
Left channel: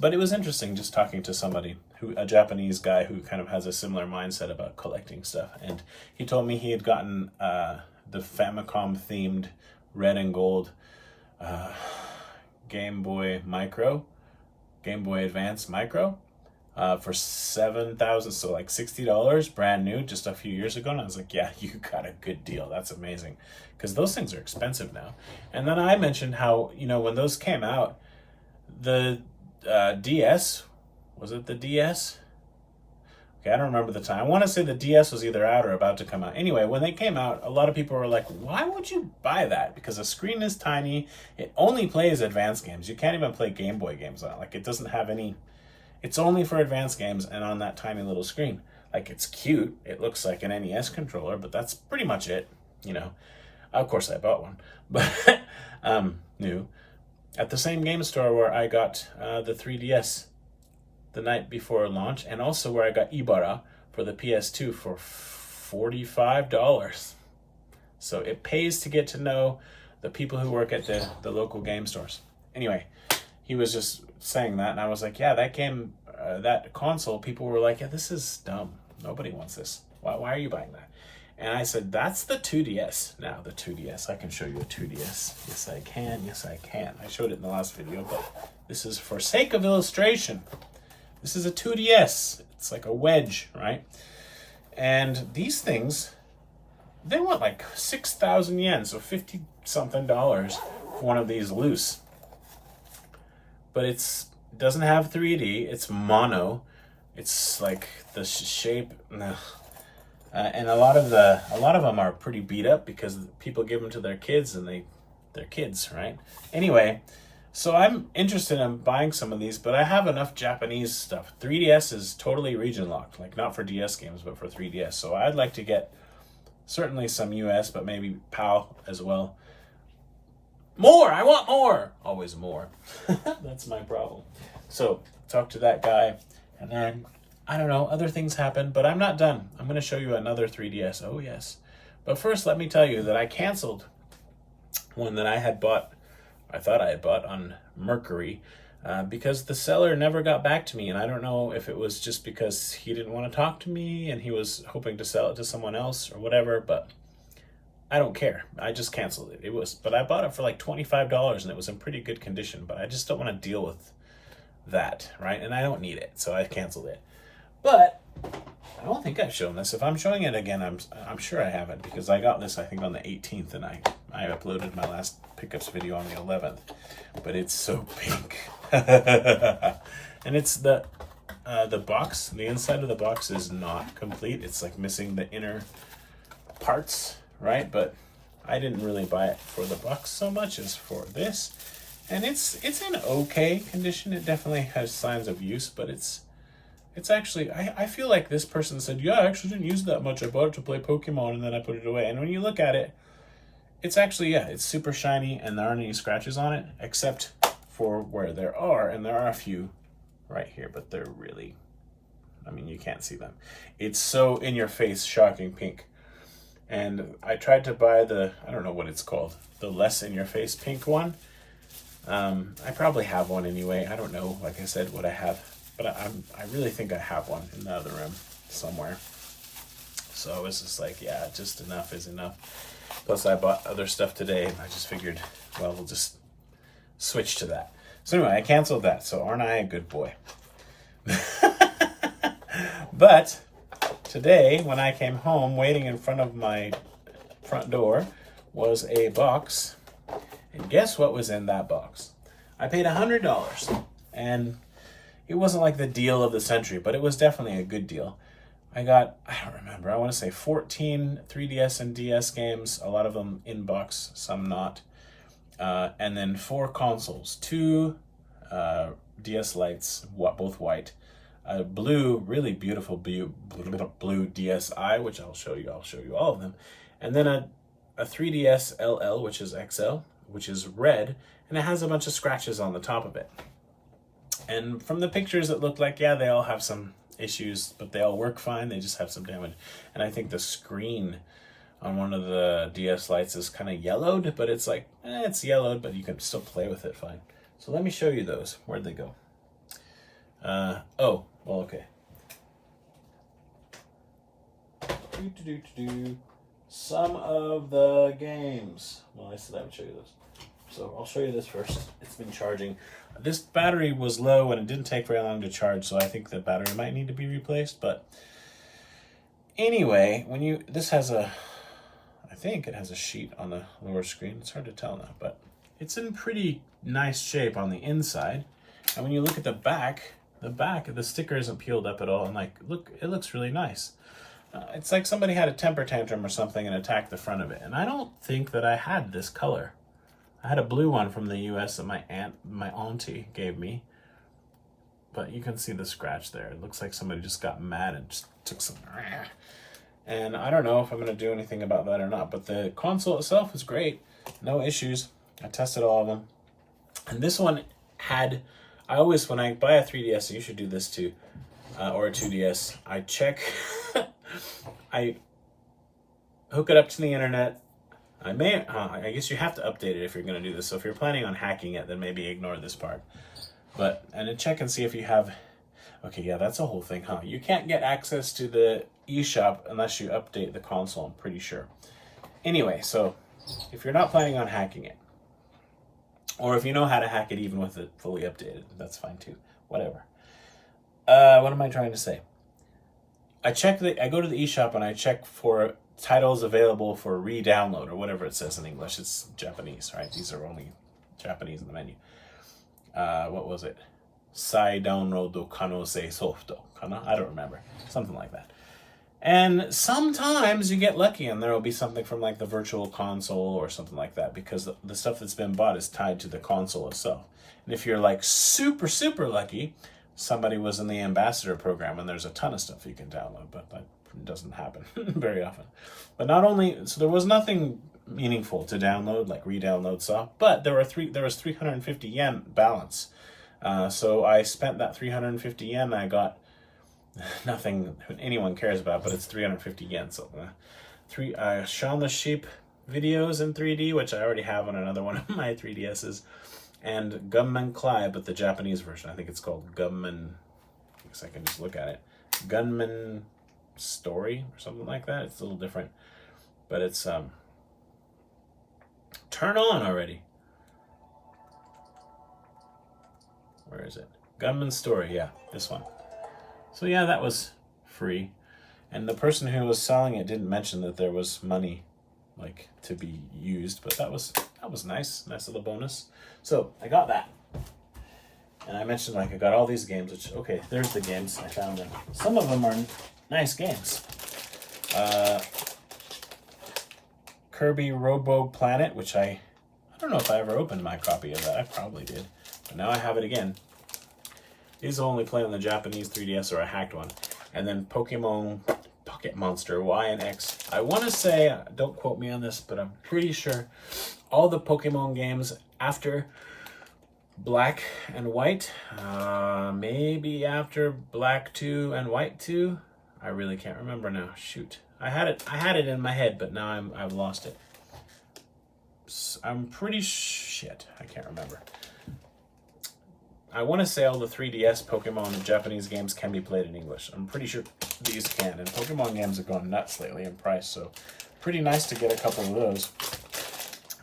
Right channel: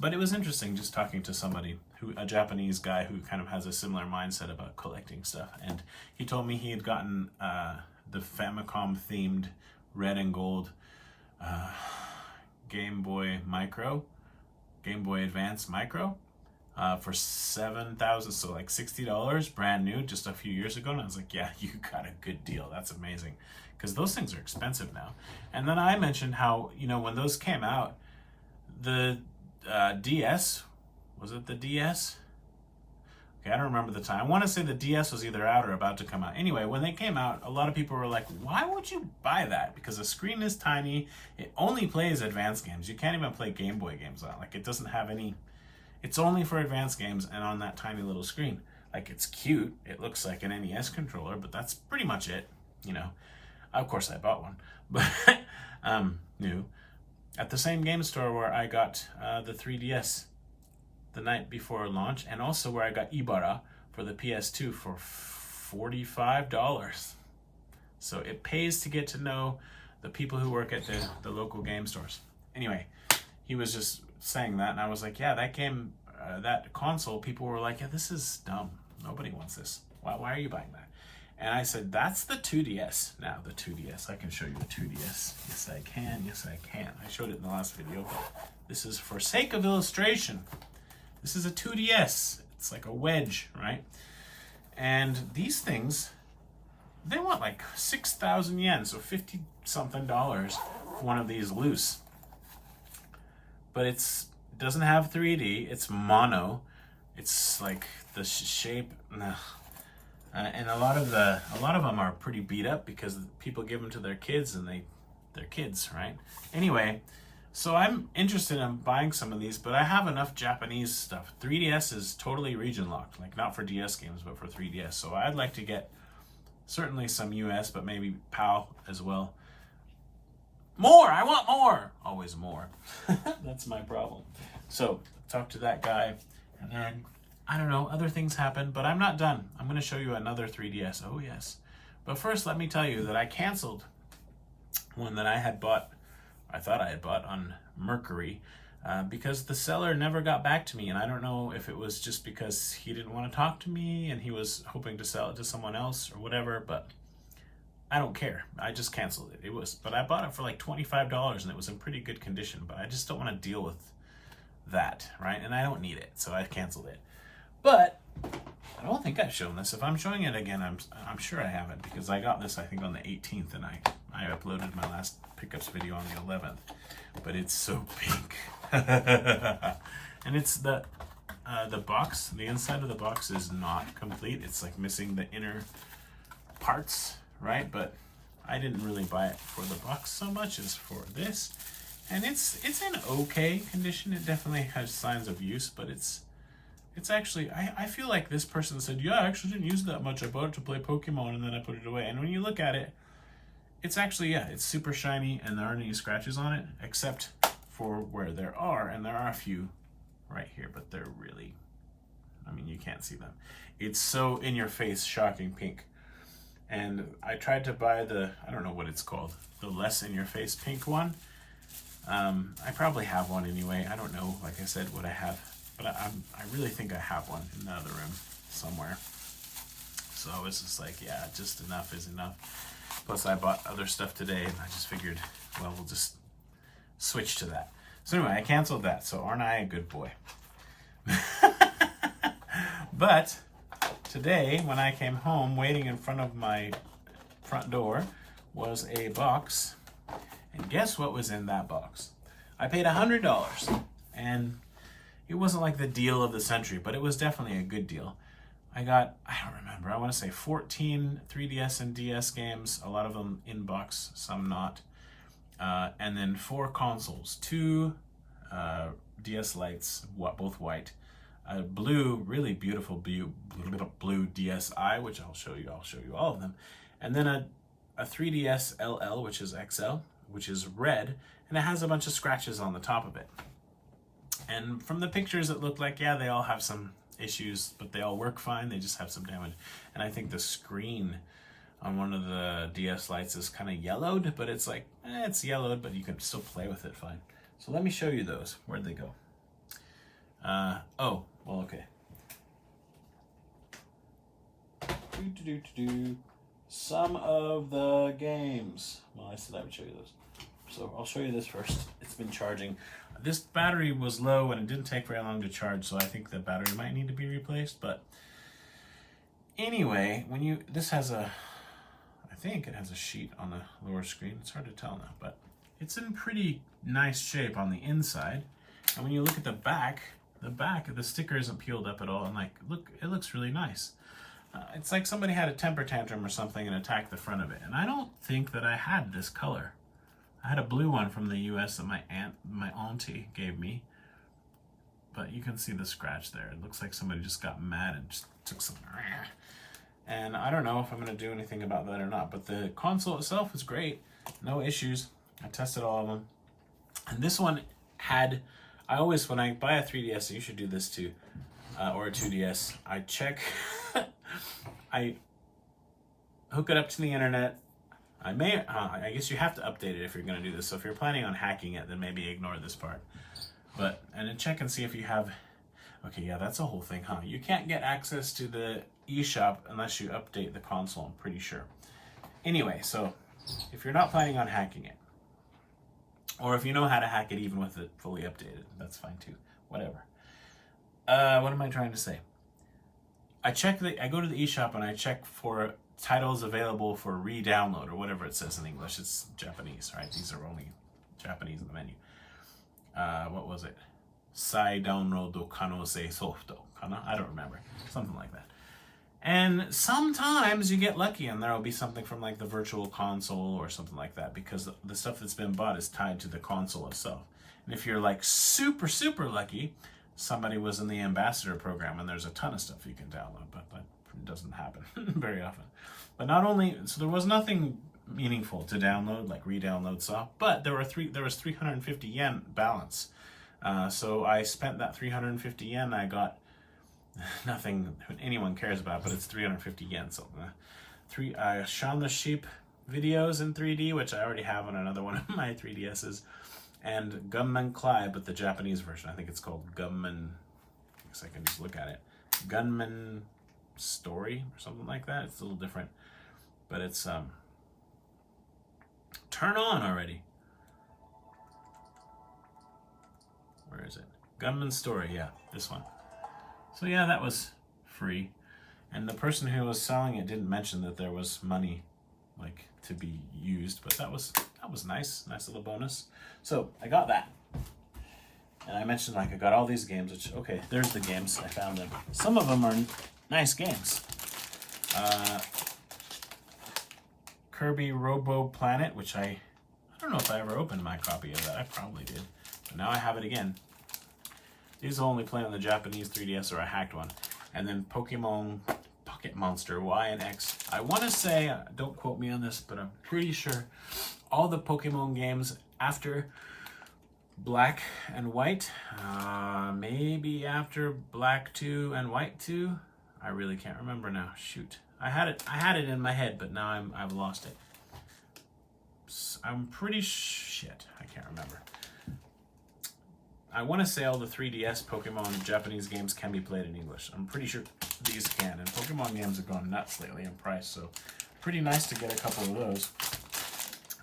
But it was interesting just talking to somebody, a Japanese guy who kind of has a similar mindset about collecting stuff. And he told me he had gotten the Famicom-themed red and gold Game Boy Advance Micro. For $7,000, so like $60, brand new, just a few years ago. And I was like, yeah, you got a good deal. That's amazing. Because those things are expensive now. And then I mentioned how, when those came out, the DS, was it the DS? Okay, I don't remember the time. I want to say the DS was either out or about to come out. Anyway, when they came out, a lot of people were like, why would you buy that? Because the screen is tiny. It only plays advanced games. You can't even play Game Boy games on it. Like, it doesn't have any... It's only for advanced games and on that tiny little screen. Like, it's cute. It looks like an NES controller, but that's pretty much it, Of course, I bought one, but new. At the same game store where I got the 3DS the night before launch, and also where I got Ibarra for the PS2 for $45. So it pays to get to know the people who work at the local game stores. Anyway, he was just saying that, and I was like, yeah, that game, that console, people were like, yeah, this is dumb. Nobody wants this. Why are you buying that? And I said, that's the 2DS. Now, the 2DS. I can show you a 2DS. Yes, I can. I showed it in the last video, but this is for sake of illustration. This is a 2DS. It's like a wedge, right? And these things, they want like 6,000 yen, so 50-something dollars for one of these loose. But it doesn't have 3D. It's mono. It's like the shape, and a lot of them are pretty beat up because people give them to their kids and they're kids, right? Anyway, so I'm interested in buying some of these, but I have enough Japanese stuff. 3DS is totally region locked, like not for DS games, but for 3DS. So I'd like to get certainly some US, but maybe PAL as well. More! I want more! Always more. That's my problem. So, talk to that guy. And then I don't know, other things happen, but I'm not done. I'm going to show you another 3DS. Oh, yes. But first, let me tell you that I canceled one that I had bought, I thought I had bought on Mercury, because the seller never got back to me. And I don't know if it was just because he didn't want to talk to me and he was hoping to sell it to someone else or whatever, but I don't care. I just canceled it. But I bought it for like $25 and it was in pretty good condition, but I just don't want to deal with that, right? And I don't need it, so I canceled it. But I don't think I've shown this. If I'm showing it again, I'm sure I haven't, because I got this, I think, on the 18th, and I uploaded my last pickups video on the 11th. But it's so pink. And it's the box, the inside of the box is not complete. It's like missing the inner parts, right? But I didn't really buy it for the box so much as for this. And it's in okay condition. It definitely has signs of use, but it's actually, I feel like this person said, yeah, I actually didn't use it that much. I bought it to play Pokemon and then I put it away. And when you look at it, it's actually, yeah, it's super shiny and there aren't any scratches on it, except for where there are. And there are a few right here, but they're really, I mean, you can't see them. It's so in your face, shocking pink. And I tried to buy I don't know what it's called, the less in your face pink one. I probably have one anyway. I don't know, like I said, what I have. But I really think I have one in the other room somewhere. So I was just like, yeah, just enough is enough. Plus I bought other stuff today and I just figured, well, we'll just switch to that. So anyway, I canceled that. So aren't I a good boy? But today, when I came home, waiting in front of my front door was a box. And guess what was in that box? I paid $100. And it wasn't like the deal of the century, but it was definitely a good deal. I got, I don't remember, I want to say 14 3DS and DS games, a lot of them in box, some not. And then 4 consoles, 2 DS Lites, both white, a blue, really beautiful blue DSi, which I'll show you all of them. And then a 3DS LL, which is XL, which is red, and it has a bunch of scratches on the top of it. And from the pictures, it looked like, yeah, they all have some issues, but they all work fine. They just have some damage. And I think the screen on one of the DS Lites is kind of yellowed, but it's like, it's yellowed, but you can still play with it fine. So let me show you those. Where'd they go? Oh, well, okay. Some of the games. Well, I said I would show you those. So I'll show you this first. It's been charging. This battery was low and it didn't take very long to charge, so I think the battery might need to be replaced. But anyway, this has I think it has a sheet on the lower screen. It's hard to tell now, but it's in pretty nice shape on the inside. And when you look at the back, the sticker isn't peeled up at all. And like, look, it looks really nice. It's like somebody had a temper tantrum or something and attacked the front of it. And I don't think that I had this color. I had a blue one from the US that my auntie gave me. But you can see the scratch there. It looks like somebody just got mad and just took some. And I don't know if I'm going to do anything about that or not. But the console itself is great. No issues. I tested all of them. And this one had, when I buy a 3DS, you should do this too, or a 2DS, I check, I hook it up to the internet. I guess you have to update it if you're going to do this. So if you're planning on hacking it, then maybe ignore this part. And then check and see if you have, okay, yeah, that's a whole thing, huh? You can't get access to the eShop unless you update the console, I'm pretty sure. Anyway, so if you're not planning on hacking it, or if you know how to hack it even with it fully updated, that's fine too. Whatever. What am I trying to say? I go to the eShop and I check for titles available for re-download or whatever it says in English. It's Japanese, right? These are only Japanese in the menu. What was it? Sai download kanose softo kana? I don't remember. Something like that. And sometimes you get lucky and there will be something from like the virtual console or something like that, because the stuff that's been bought is tied to the console itself. And if you're like super, super lucky, somebody was in the ambassador program and there's a ton of stuff you can download, but that doesn't happen very often. But not only, so there was nothing meaningful to download, like re-download stuff, but there was 350 yen balance. So I spent that 350 yen. I got nothing anyone cares about, but it's 350 yen. So Shaun the Sheep videos in 3D, which I already have on another one of my 3DSs, and Gunman Clyde, but the Japanese version. I think it's called Gunman. I guess I can just look at it. Gunman Story or something like that. It's a little different, but it's turn on already. Where is it? Gunman Story. Yeah, this one. So yeah, that was free, and the person who was selling it didn't mention that there was money like to be used, but that was nice little bonus. So I got that, and I mentioned like I got all these games, which okay, there's the games. I found them. Some of them are nice games. Kirby Robo Planet, which I don't know if I ever opened my copy of that. I probably did, but now I have it again. These will only play on the Japanese 3DS, or I hacked one. And then Pokemon Pocket Monster Y and X. I want to say, don't quote me on this, but I'm pretty sure all the Pokemon games after Black and White, maybe after Black 2 and White 2. I really can't remember now. Shoot, I had it in my head, but now I've lost it. I'm pretty shit. I can't remember. I want to say all the 3DS Pokemon and Japanese games can be played in English. I'm pretty sure these can. And Pokemon games have gone nuts lately in price, so pretty nice to get a couple of those.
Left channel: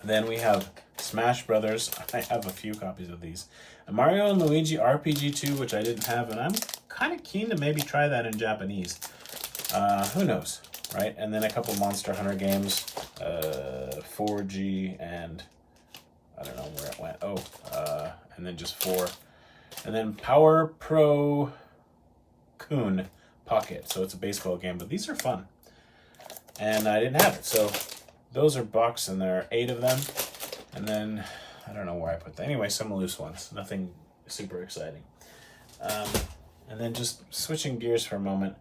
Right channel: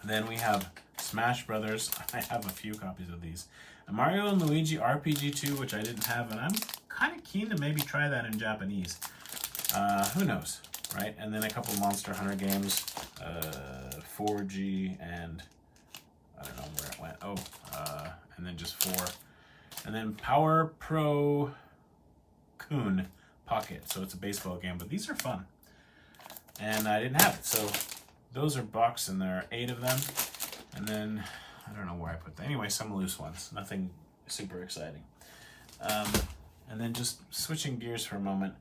Then we have Smash Brothers. I have a few copies of these. And Mario and Luigi RPG 2, which I didn't have, and I'm kind of keen to maybe try that in Japanese. Who knows, right? And then a couple Monster Hunter games, 4G, and I don't know where it went. And then just 4. And then Power Pro Kun Pocket. So it's a baseball game, but these are fun. And I didn't have it. So those are boxed, and there are 8 of them. And then, I don't know where I put them. Anyway, some loose ones. Nothing super exciting. And then just switching gears for a moment.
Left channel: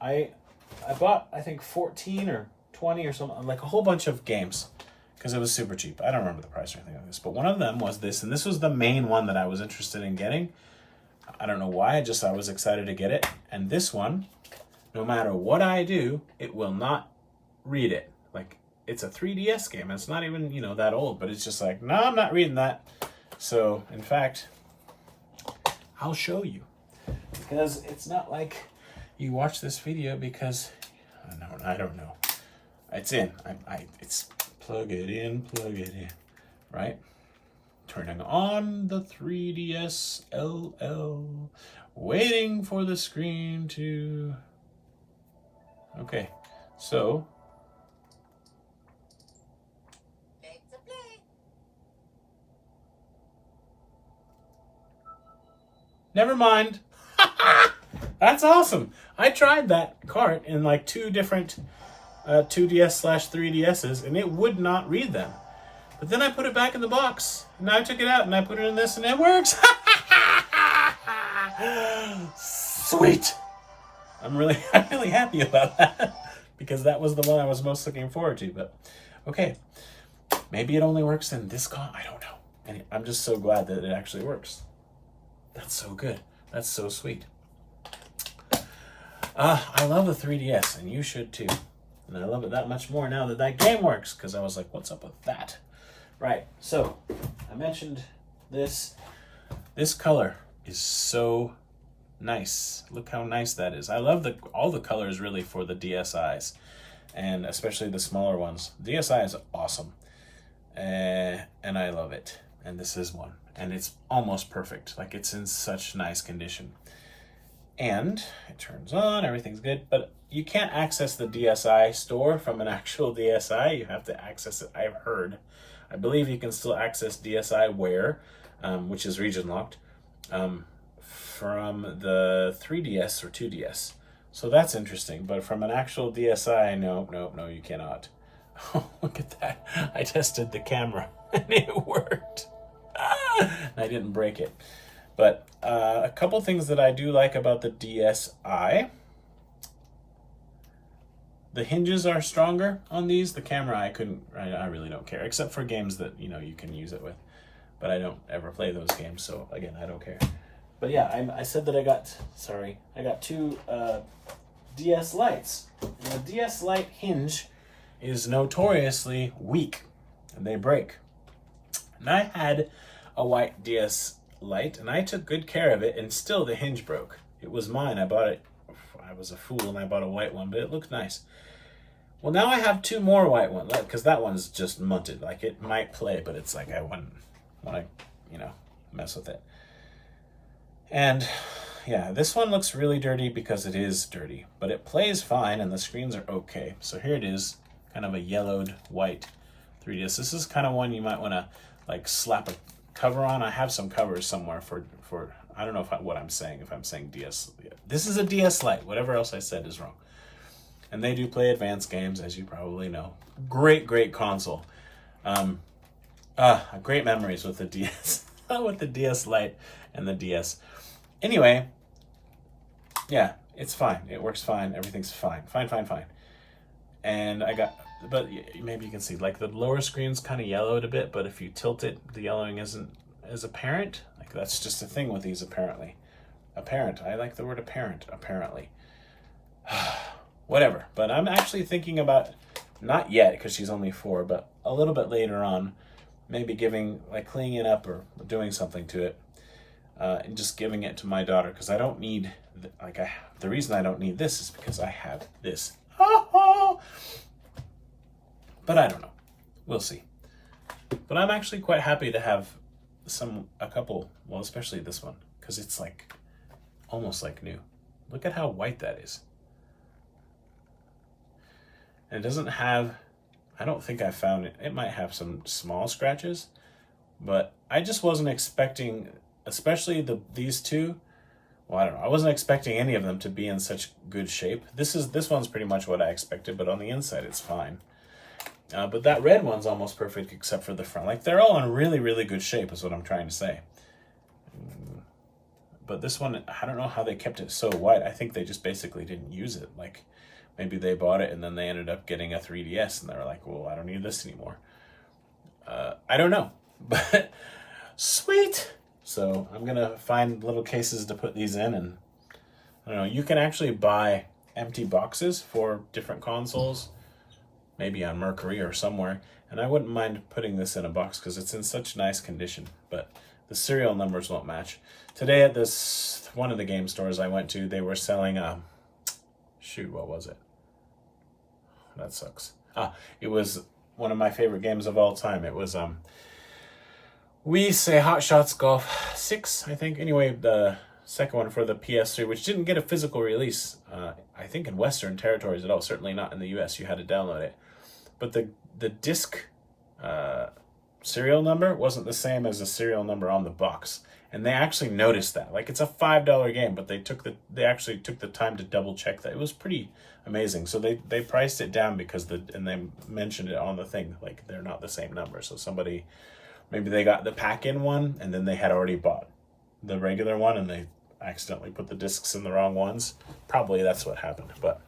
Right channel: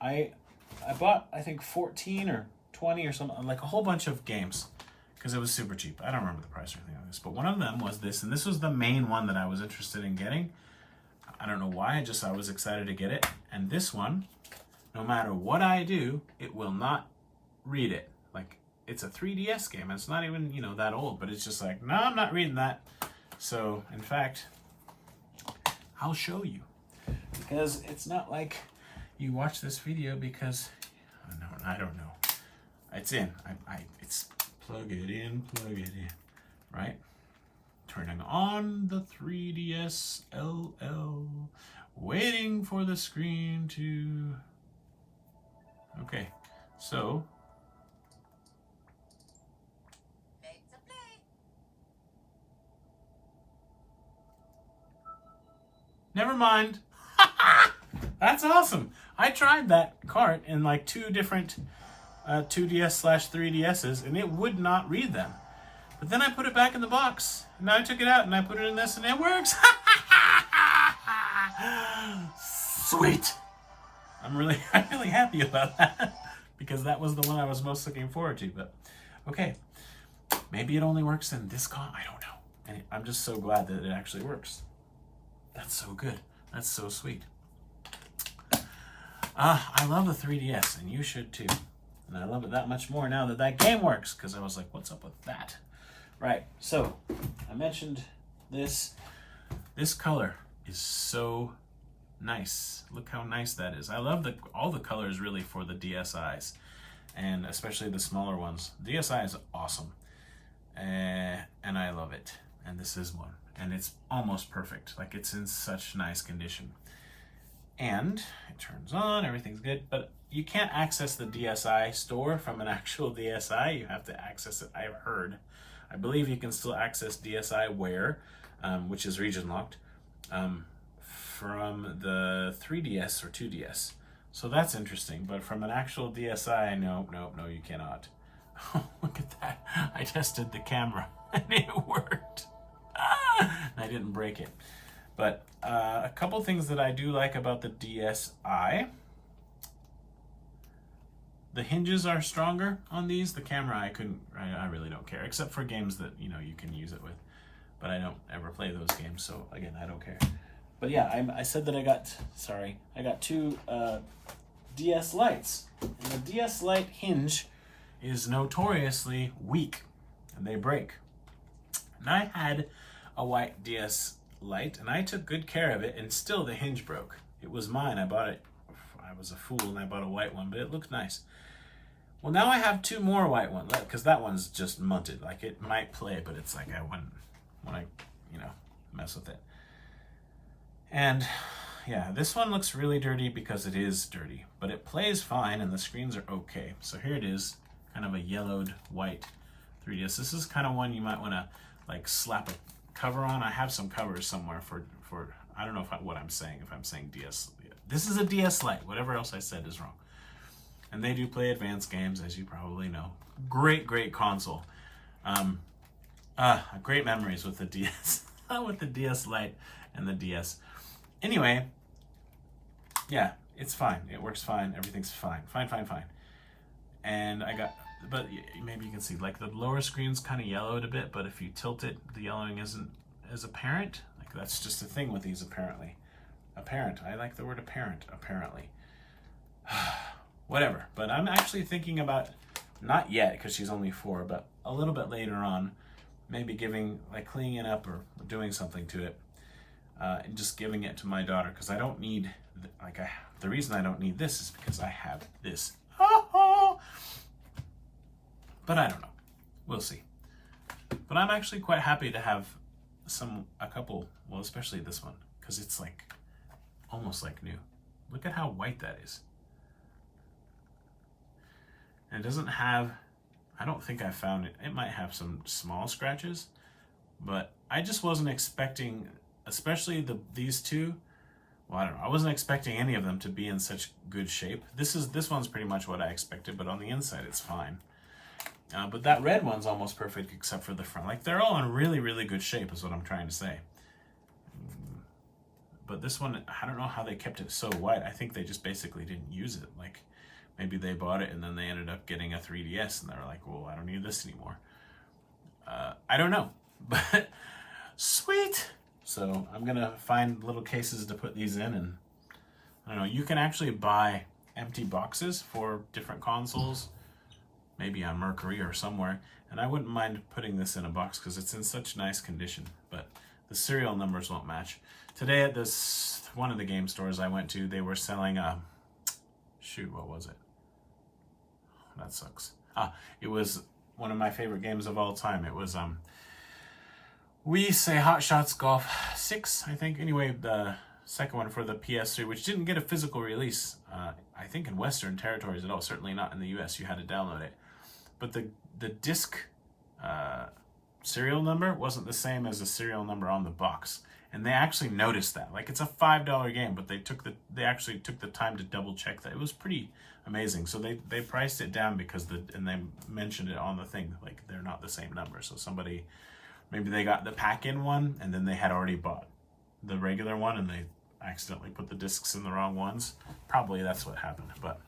I bought, I think, 14 or 20 or something, like a whole bunch of games, because it was super cheap. I don't remember the price or anything like this, but one of them was this, and this was the main one that I was interested in getting. I don't know why, I was excited to get it. And this one, no matter what I do, it will not read it. Like, it's a 3DS game. It's not even, that old, but it's just like, no, I'm not reading that. So, in fact, I'll show you. Because it's not like you watch this video because, I don't know. It's in. It's plug it in, right? Turning on the 3DS LL, waiting for the screen to... Okay, so... Never mind. That's awesome. I tried that cart in like 2 different 2DS/3DSs, and it would not read them. But then I put it back in the box, and now I took it out and I put it in this, and it works. Sweet. I'm really happy about that, because that was the one I was most looking forward to. But okay, maybe it only works in this I don't know. And I'm just so glad that it actually works. That's so good. That's so sweet. I love the 3DS, and you should too. And I love it that much more now that that game works, because I was like, what's up with that? Right, so I mentioned this. This color is so nice. Look how nice that is. I love all the colors really for the DSIs, and especially the smaller ones. DSi is awesome, and I love it. And this is one, and it's almost perfect. Like, it's in such nice condition. And it turns on, everything's good, but you can't access the DSi store from an actual DSi. You have to access it, I've heard. I believe you can still access DSiWare, which is region locked, from the 3DS or 2DS. So that's interesting, but from an actual DSi, no, you cannot. Oh, look at that. I tested the camera and it worked. I didn't break it. But a couple things that I do like about the DSi. The hinges are stronger on these. The camera, I really don't care, except for games that, you can use it with. But I don't ever play those games, so again, I don't care. But yeah, I said that I got two DS Lites. And the DS Lite hinge is notoriously weak, and they break. And I had a white DS Lite, and I took good care of it, and still the hinge broke. It was mine. I bought it. I was a fool, and I bought a white one, but it looked nice. Well, now I have two more white ones, because that one's just munted. Like, it might play, but it's like I wouldn't want to, mess with it. And yeah, this one looks really dirty because it is dirty, but it plays fine and the screens are okay. So here it is, kind of a yellowed white 3DS. This is kind of one you might want to like slap a cover on. I have some covers somewhere for I don't know what I'm saying, if I'm saying DS. This is a DS Lite. Whatever else I said is wrong. And they do play advanced games, as you probably know. Great console. Great memories with the DS, with the DS Lite and the DS. Anyway, yeah, it's fine. It works fine. Everything's fine. Fine. And but maybe you can see, like, the lower screen's kind of yellowed a bit, but if you tilt it, the yellowing isn't as apparent. Like, that's just a thing with these, apparently. Apparent. I like the word apparent, apparently. Whatever. But I'm actually thinking about, not yet, because she's only 4, but a little bit later on, maybe cleaning it up or doing something to it. And just giving it to my daughter, because I don't need, the reason I don't need this is because I have this. But I don't know. We'll see. But I'm actually quite happy to have a couple, well, especially this one, because it's like almost like new. Look at how white that is. And it doesn't have, I don't think I found it. It might have some small scratches, but I just wasn't expecting, especially these two. Well, I don't know. I wasn't expecting any of them to be in such good shape. This one's pretty much what I expected, but on the inside it's fine. But that red one's almost perfect except for the front. Like, they're all in really good shape is what I'm trying to say. But this one, I don't know how they kept it so white. I think they just basically didn't use it. Like, maybe they bought it and then they ended up getting a 3DS and they were like, well, I don't need this anymore. I don't know, but sweet. So I'm going to find little cases to put these in, and I don't know, you can actually buy empty boxes for different consoles, maybe on Mercury or somewhere, and I wouldn't mind putting this in a box because it's in such nice condition, but the serial numbers won't match. Today at one of the game stores I went to, they were selling what was it? That sucks. It was one of my favorite games of all time. It was we say Hot Shots Golf 6, I think. Anyway, the second one for the PS3, which didn't get a physical release, I think, in Western territories at all. Certainly not in the US. You had to download it. But the disc serial number wasn't the same as the serial number on the box. And they actually noticed that. Like, it's a $5 game, but they actually took the time to double check that. It was pretty amazing. So they priced it down and they mentioned it on the thing, like, they're not the same number. So maybe they got the pack-in one, and then they had already bought the regular one, and they accidentally put the discs in the wrong ones. Probably that's what happened. But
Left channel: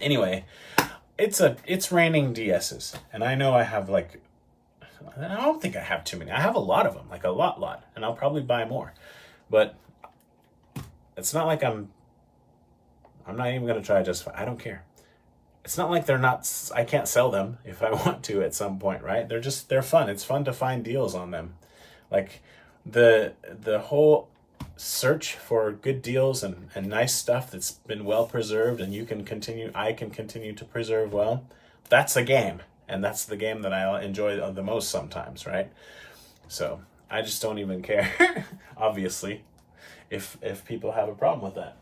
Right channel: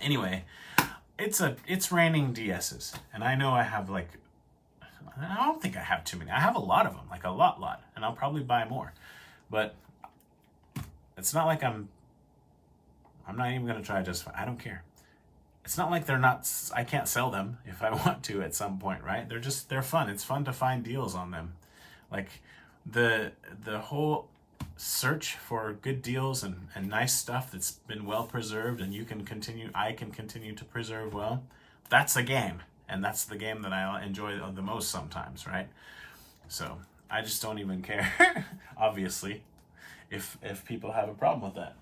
anyway, it's raining DSs, and I know I have, like, I don't think I have too many. I have a lot of them, like a lot, and I'll probably buy more. But it's not like I'm not even going to try to justify. I don't care. It's not like I can't sell them if I want to at some point, right? They're fun. It's fun to find deals on them. Like, the whole search for good deals and nice stuff that's been well preserved and I can continue to preserve well. That's a game. And that's the game that I enjoy the most sometimes, right? So I just don't even care, obviously, if people have a problem with that.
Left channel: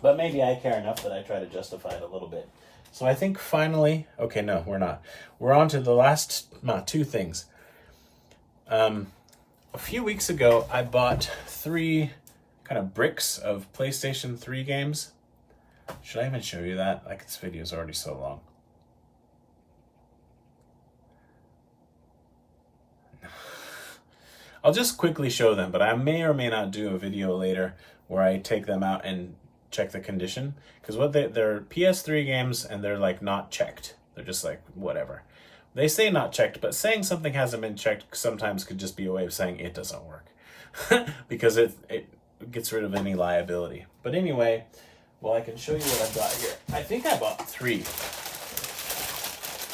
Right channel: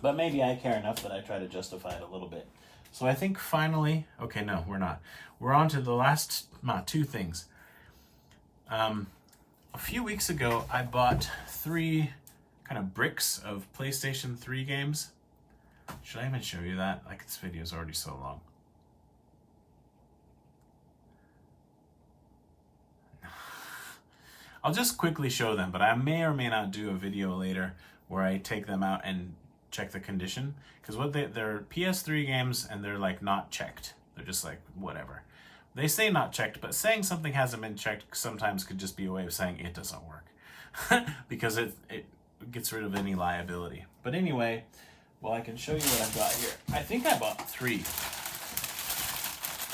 But maybe I care enough that I try to justify it a little bit. So I think finally, okay, no, we're not. We're on to the last two things. A few weeks ago, I bought 3 kind of bricks of PlayStation 3 games. Should I even show you that? Like, this video is already so long. I'll just quickly show them, but I may or may not do a video later where I take them out and check the condition, because they're PS3 games and they're like not checked. They're just like whatever. They say not checked, but saying something hasn't been checked sometimes could just be a way of saying it doesn't work. Because gets rid of any liability. But anyway, well, I can show you what I've got here. I think I bought 3.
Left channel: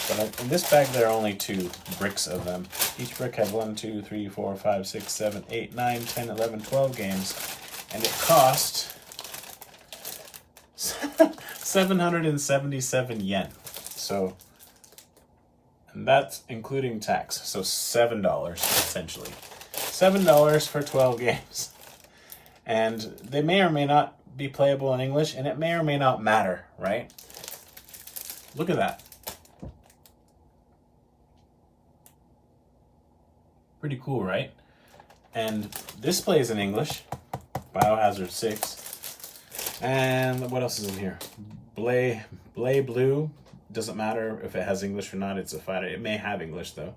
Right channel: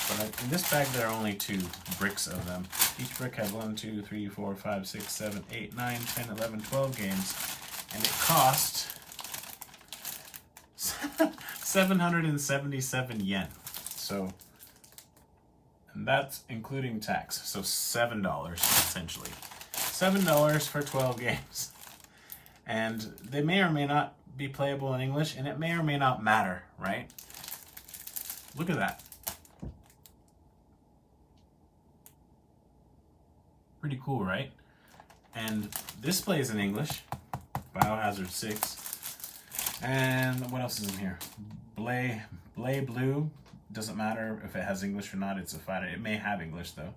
But in this bag, there are only 2 bricks of them. Each brick has 1, 2, 3, 4, 5, 6, 7, 8, 9, 10, 11, 12 games. And it cost 777 yen. So, and that's including tax. So $7 essentially. $7 for 12 games. And they may or may not be playable in English, and it may or may not matter, right? Look at that. Pretty cool, right? And this plays in English, Biohazard 6. And what else is in here? Blay Blue. Doesn't matter if it has English or not. It's a fighter. It may have English though.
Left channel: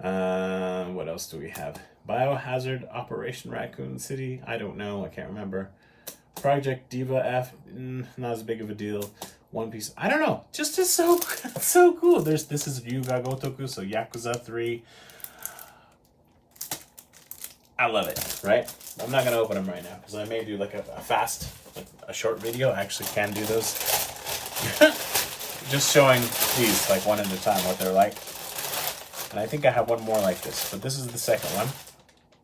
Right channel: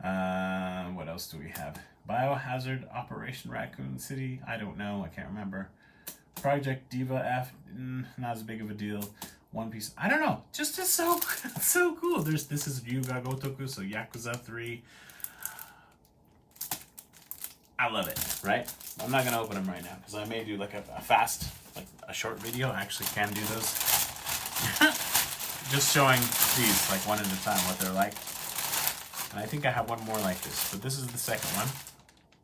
What else do we have? Biohazard Operation Raccoon City. I don't know. I can't remember. Project Diva F. Not as big of a deal. One Piece. I don't know. Just is so so cool. This is Yuga Gotoku. So Yakuza 3. I love it, right? I'm not gonna open them right now because I may do like a fast, like a short video. I actually can do those. Just showing these like one at a time what they're like. And I think I have one more like this, but this is the second one.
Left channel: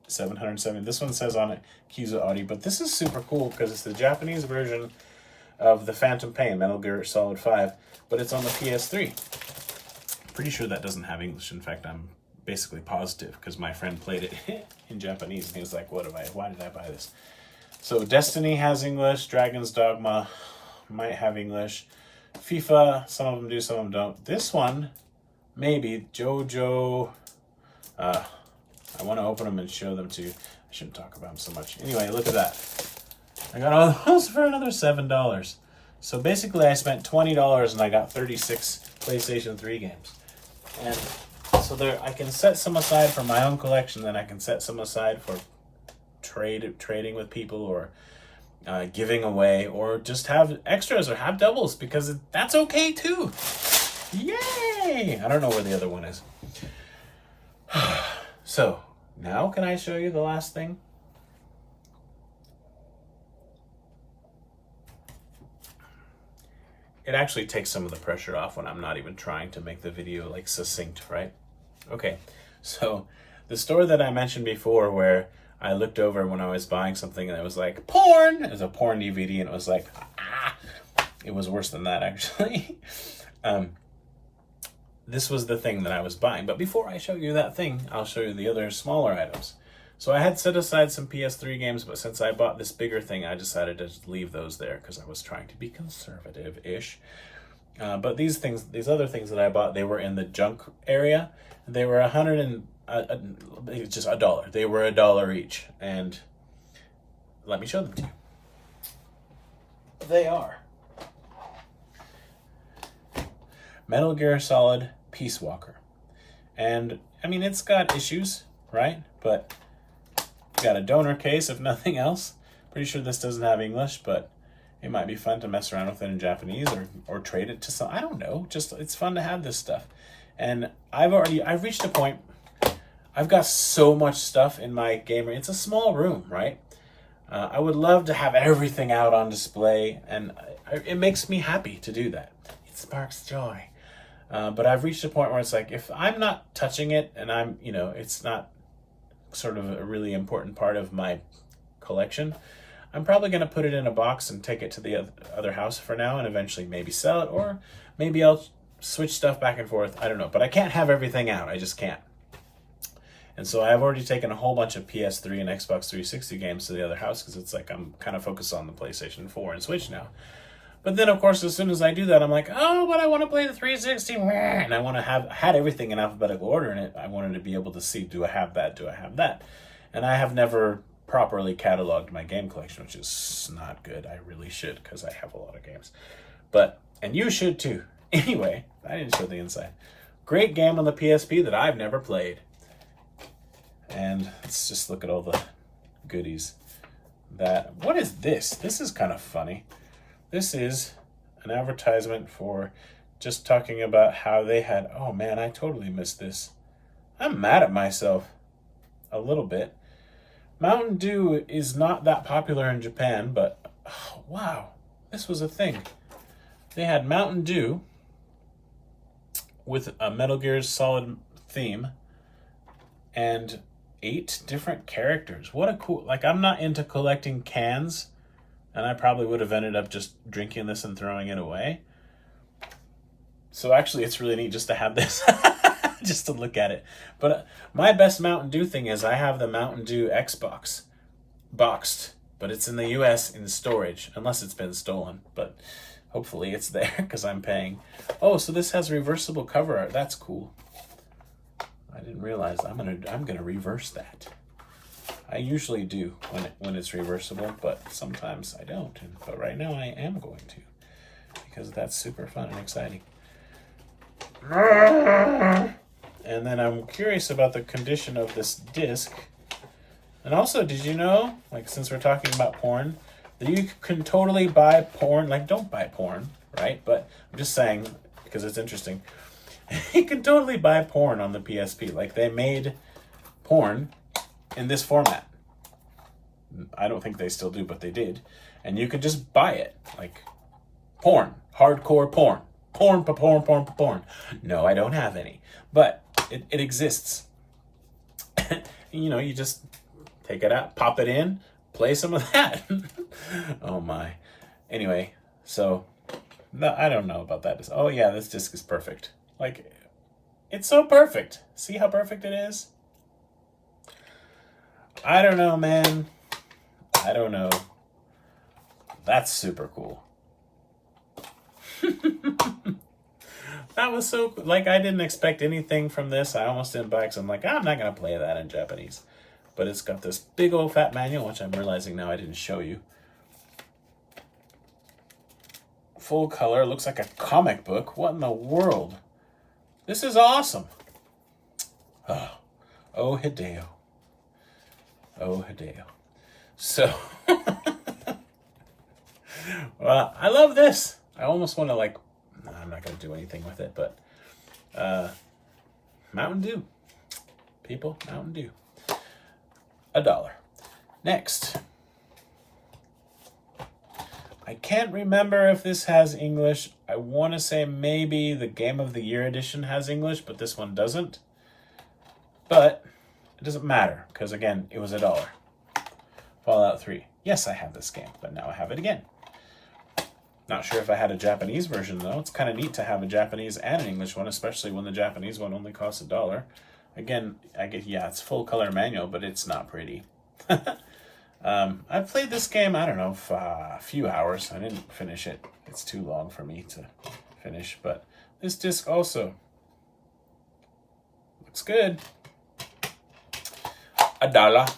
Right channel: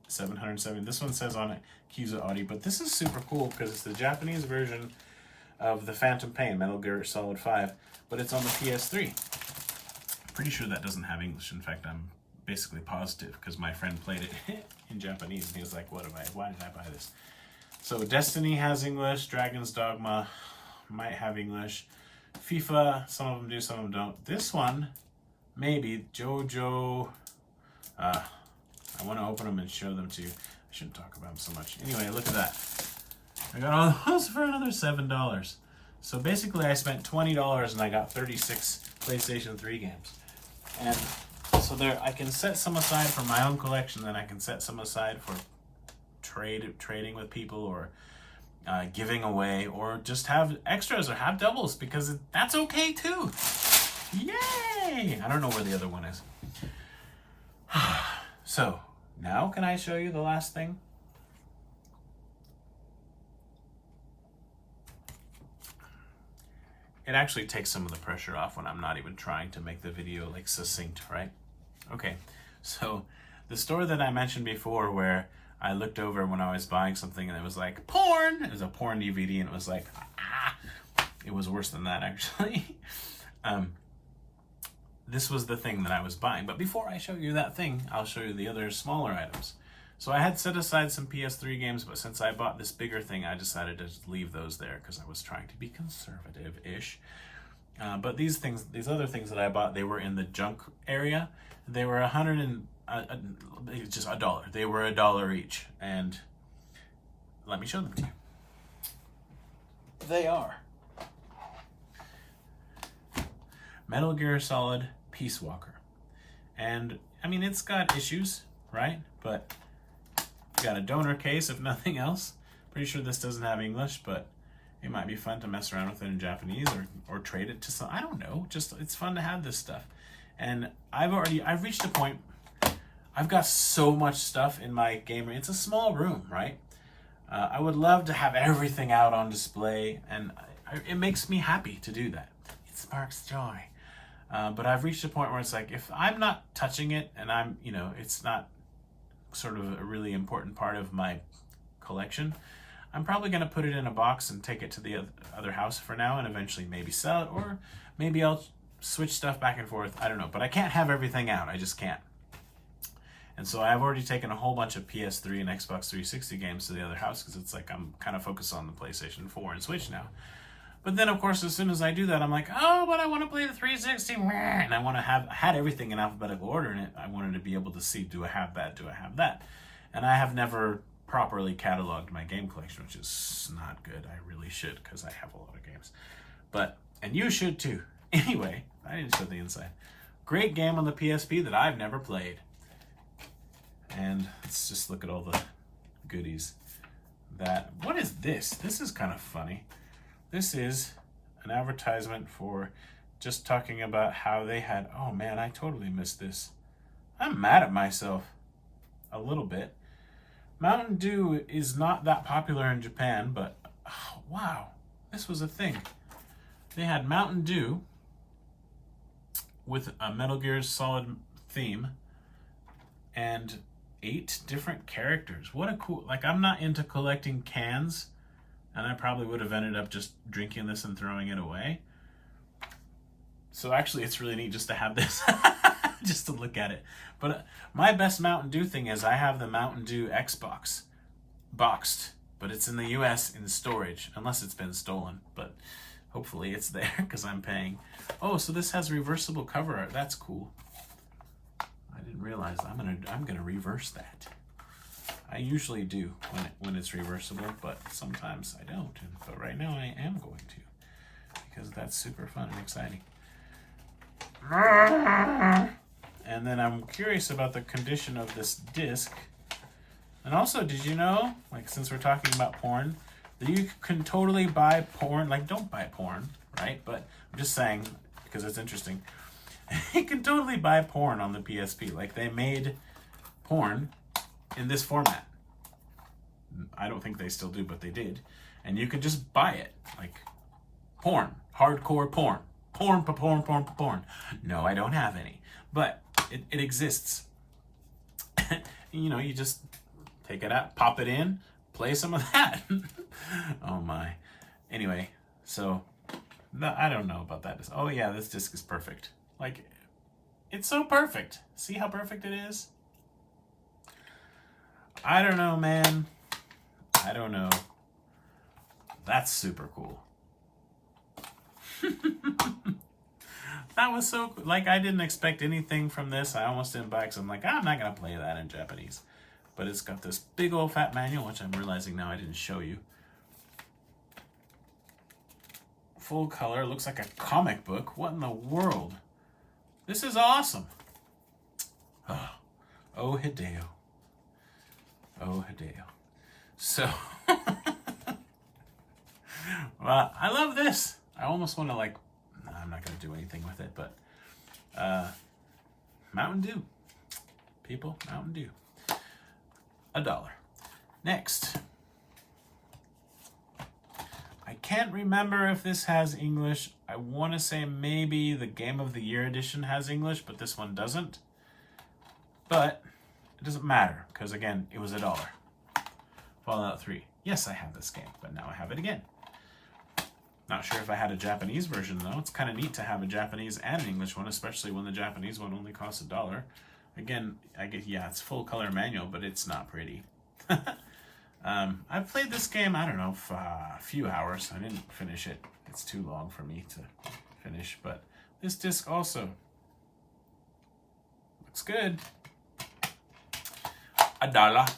707. This one says on it Kizu Audi, but this is super cool because it's the Japanese version of the Phantom Pain, Metal Gear Solid 5, but it's on the PS3. Pretty sure that doesn't have English. In fact, I'm basically positive because my friend played it in Japanese and he was like, why did I buy this? So Destiny has English, Dragon's Dogma might have English, FIFA, some of them do, some of them don't. This one, maybe, JoJo, I want to open them and show them to you. I shouldn't talk about them so much. Anyway, look at that. I got all those for another $7. So basically I spent $20 and I got 36 PlayStation 3 games. And so there, I can set some aside for my own collection, then I can set some aside for trading with people, or giving away, or just have extras or have doubles, because that's okay too. Yay! I don't know where the other one is. So now can I show you the last thing? It actually takes some of the pressure off when I'm not even trying to make the video like succinct, right? Okay, so the store that I mentioned before where I looked over when I was buying something and it was like, porn! It was a porn DVD and it was like, ah! It was worse than that actually. This was the thing that I was buying. But before I show you that thing, I'll show you the other smaller items. So I had set aside some PS3 games, but since I bought this bigger thing, I decided to just leave those there because I was trying to be conservative-ish. But these other things that I bought, they were in the junk area. They were just $1. They were $1 each, and let me show them to you. They are Metal Gear Solid Peace Walker, and I mean it's got issues, right? But got a donor case if nothing else. Pretty sure this doesn't have English, but it might be fun to mess around with it in Japanese or trade it to some. I don't know. Just it's fun to have this stuff. And I've reached a point. I've got so much stuff in my game room. It's a small room, right? I would love to have everything out on display, and it makes me happy to do that. It sparks joy. But I've reached a point where it's like, if I'm not touching it and I'm, it's not sort of a really important part of my collection, I'm probably going to put it in a box and take it to the other house for now and eventually maybe sell it, or maybe I'll switch stuff back and forth. I don't know, but I can't have everything out. I just can't. And so I've already taken a whole bunch of PS3 and Xbox 360 games to the other house because it's like I'm kind of focused on the PlayStation 4 and Switch now. But then, of course, as soon as I do that, I'm like, oh, but I want to play the 360, and I want to had everything in alphabetical order in it. I wanted to be able to see, do I have that? Do I have that? And I have never properly cataloged my game collection, which is not good. I really should, because I have a lot of games. And you should too. Anyway, I didn't show the inside. Great game on the PSP that I've never played. And let's just look at all the goodies. What is this? This is kind of funny. This is an advertisement for just talking about how they had, oh man, I totally missed this. I'm mad at myself a little bit. Mountain Dew is not that popular in Japan, but oh, wow, this was a thing. They had Mountain Dew with a Metal Gear Solid theme and 8 different characters. What a cool, like, I'm not into collecting cans, and I probably would have ended up just drinking this and throwing it away. So actually, it's really neat just to have this, just to look at it. But my best Mountain Dew thing is I have the Mountain Dew Xbox boxed, but it's in the US in storage, unless it's been stolen. But hopefully it's there because I'm paying. Oh, so this has reversible cover art. That's cool. I didn't realize. I'm gonna reverse that. I usually do when it's reversible, but sometimes I don't. But right now I am going to, because that's super fun and exciting. And then I'm curious about the condition of this disc. And also, did you know, like, since we're talking about porn, that you can totally buy porn? Like, don't buy porn, right? But I'm just saying, because it's interesting. You can totally buy porn on the PSP. Like, they made porn in this format. I don't think they still do, but they did. And you can just buy it. Like, porn. Hardcore porn. Porn. No, I don't have any. But it exists. You know, you just take it out, pop it in, play some of that. Oh my. Anyway, so no, I don't know about that. Oh yeah, this disc is perfect. Like, it's so perfect. See how perfect it is? I don't know, man. I don't know. That's super cool. That was so, like, I didn't expect anything from this. I almost didn't buy it because I'm like, I'm not going to play that in Japanese. But it's got this big old fat manual, which I'm realizing now I didn't show you. Full color, looks like a comic book. What in the world? This is awesome. Oh, Hideo. Oh, Hideo. So, well, I love this. I almost want to, like, I'm not going to do anything with it, but Mountain Dew. People, Mountain Dew. $1. Next. I can't remember if this has English. I want to say maybe the Game of the Year edition has English, but this one doesn't. But it doesn't matter, because again, it was $1. Fallout 3. Yes, I have this game, but now I have it again. Not sure if I had a Japanese version, though. It's kind of neat to have a Japanese and an English one, especially when the Japanese one only costs $1. Again, yeah, it's full color manual, but it's not pretty. I've played this game, I don't know, for a few hours. I didn't finish it. It's too long for me to finish, but this disc also looks good. $1.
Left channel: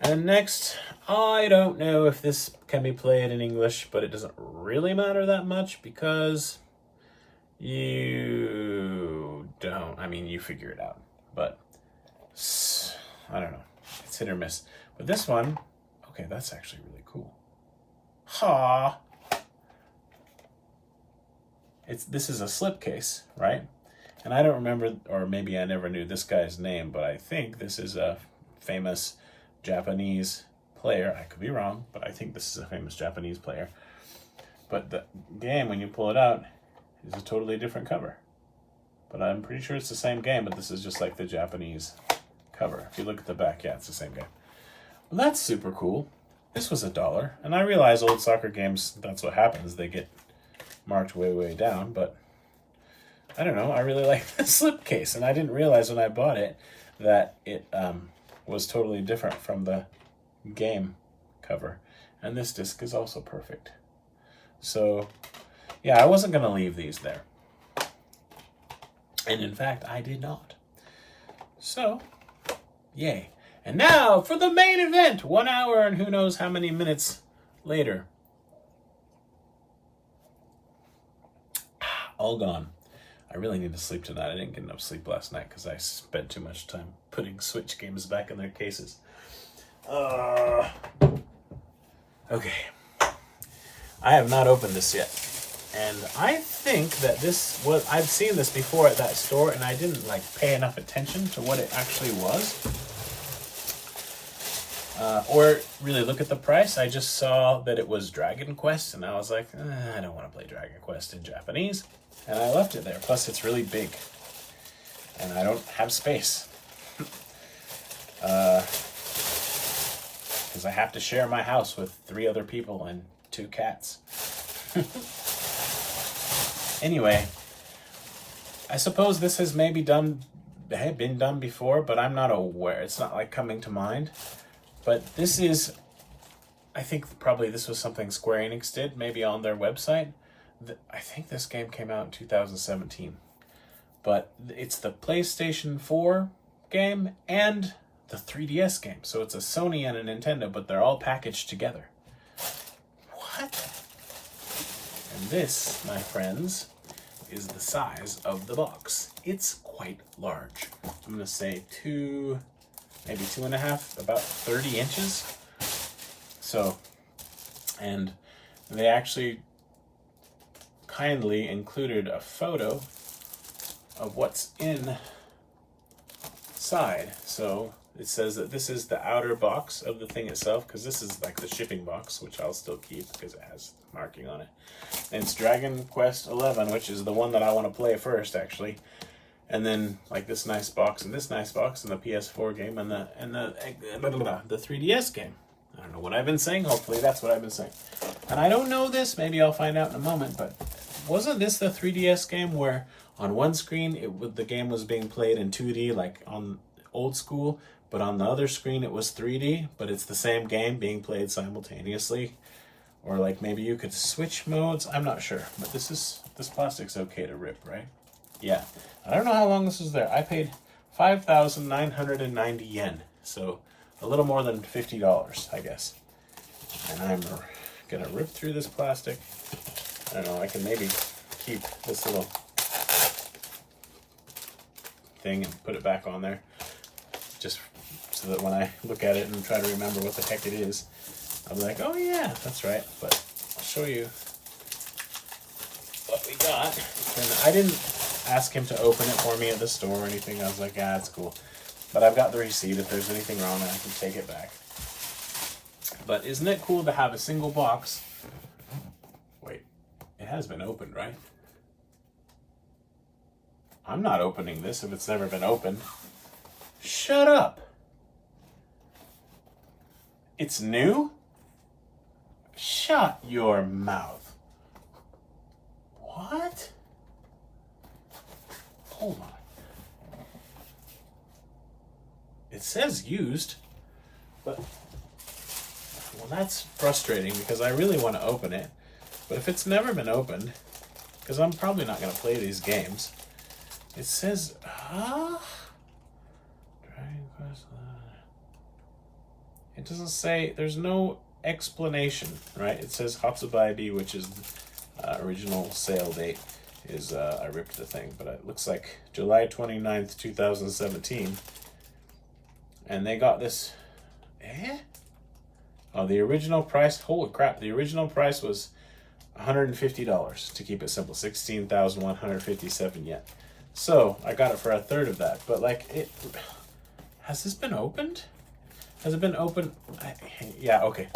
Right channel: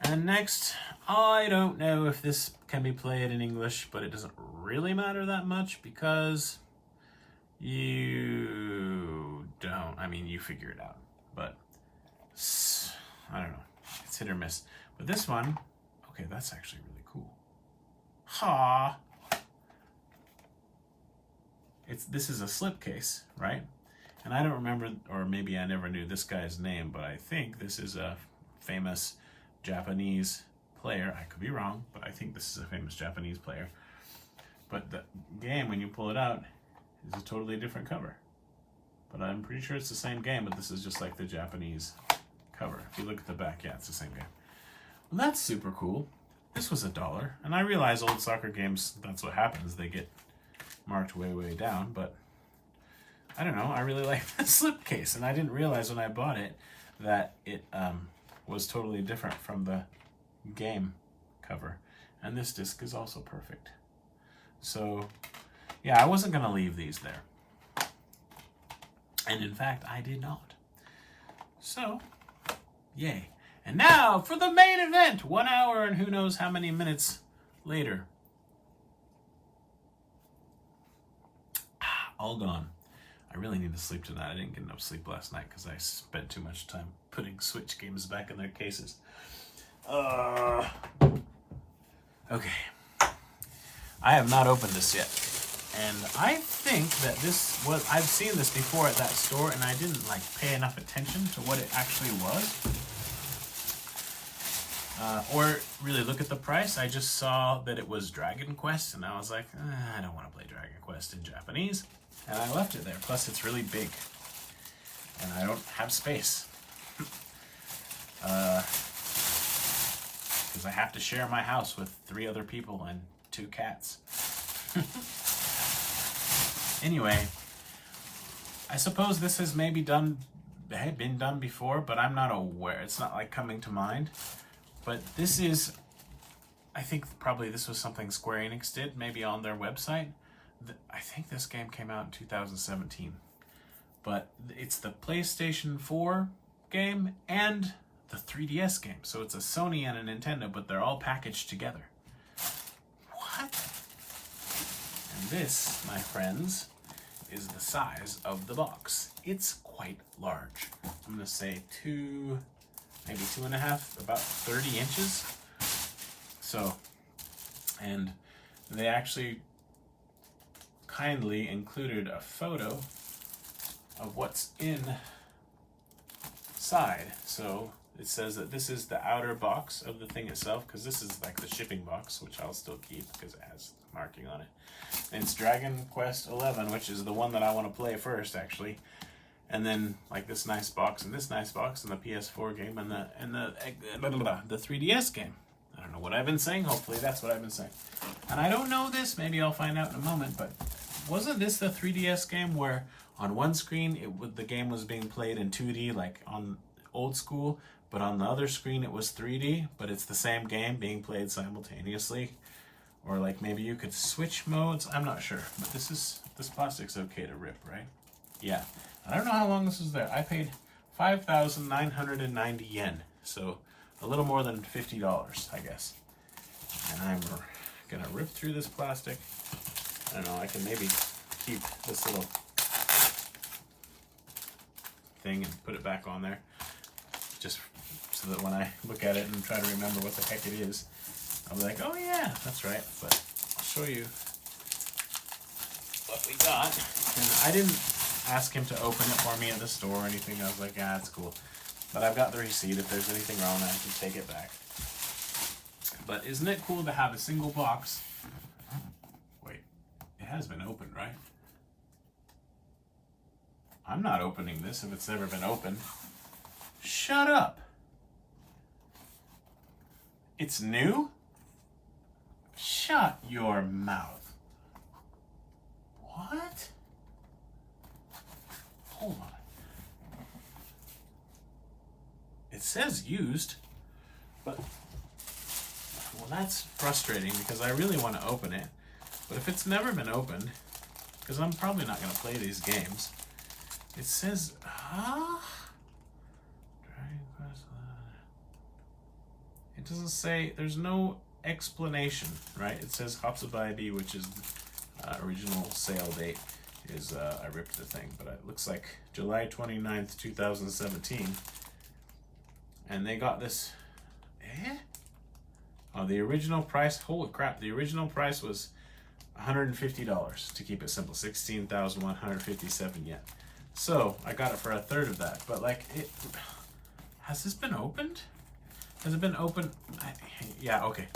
And next, I don't know if this can be played in English, but it doesn't really matter that much because you don't, I mean, you figure it out, but I don't know. It's hit or miss. But this one, okay, that's actually really cool. Ha! This is a slipcase, right? And I don't remember, or maybe I never knew this guy's name, but I think this is a famous Japanese player. I could be wrong, but I think this is a famous Japanese player. But the game, when you pull it out, is a totally different cover. But I'm pretty sure it's the same game, but this is just like the Japanese cover. If you look at the back, yeah, it's the same game. Well, that's super cool. This was $1. And I realize old soccer games, that's what happens. They get marked way, way down. But I don't know. I really like the slipcase. And I didn't realize when I bought it that it was totally different from the game cover. And this disc is also perfect. So, yeah, I wasn't going to leave these there. And in fact, I did not. So, yay. And now for the main event. 1 hour and who knows how many minutes later. All gone. I really need to sleep tonight. I didn't get enough sleep last night because I spent too much time putting Switch games back in their cases. Okay. I have not opened this yet. And I think that I've seen this before at that store and I didn't like pay enough attention to what it actually was. or really look at the price. I just saw that it was Dragon Quest, and I was like, I don't want to play Dragon Quest in Japanese, and I left it there. Plus, it's really big, and I don't have space. Because I have to share my house with 3 other people and 2 cats. Anyway, I suppose this has maybe been done before, but I'm not aware. It's not like coming to mind. But this is, I think probably this was something Square Enix did, maybe on their website. I think this game came out in 2017. But it's the PlayStation 4 game and the 3DS game. So it's a Sony and a Nintendo, but they're all packaged together. What? And this, my friends, is the size of the box. It's quite large. I'm gonna say maybe 2.5, about 30 inches. So, and they actually kindly included a photo of what's inside. So it says that this is the outer box of the thing itself, because this is like the shipping box, which I'll still keep because it has marking on it. And it's Dragon Quest 11, which is the one that I want to play first, actually. And then like this nice box and this nice box and the PS4 game and the 3DS game. I don't know what I've been saying. Hopefully that's what I've been saying. And I don't know this. Maybe I'll find out in a moment. But wasn't this the 3DS game where on one screen the game was being played in 2D, like on old school, but on the other screen it was 3D, but it's the same game being played simultaneously? Or like maybe you could switch modes. I'm not sure. But this plastic's okay to rip, right? Yeah. I don't know how long this was there. I paid 5,990 yen. So a little more than $50, I guess. And I'm gonna rip through this plastic. I don't know, I can maybe keep this little thing and put it back on there. Just so that when I look at it and try to remember what the heck it is, I'll be like, oh yeah, that's right. But I'll show you what we got. And I didn't ask him to open it for me at the store or anything. I was like, it's cool. But I've got the receipt. If there's anything wrong, I can take it back. But isn't it cool to have a single box? Wait, it has been opened, right? I'm not opening this if it's never been opened. Shut up. It's new? Shut your mouth. What? Hold on. It says used, but well, that's frustrating because I really want to open it. But if it's never been opened, because I'm probably not going to play these games, it says, Dragon Quest. It doesn't say, there's no explanation, right? It says Hatsubai, which is original sale date, is I ripped the thing, but it looks like July 29th, 2017. And they got this, Oh, the original price, holy crap, the original price was $150 to keep it simple, 16,157 yen. So I got it for a third of that, but like has this been opened? Has it been opened? Yeah, okay.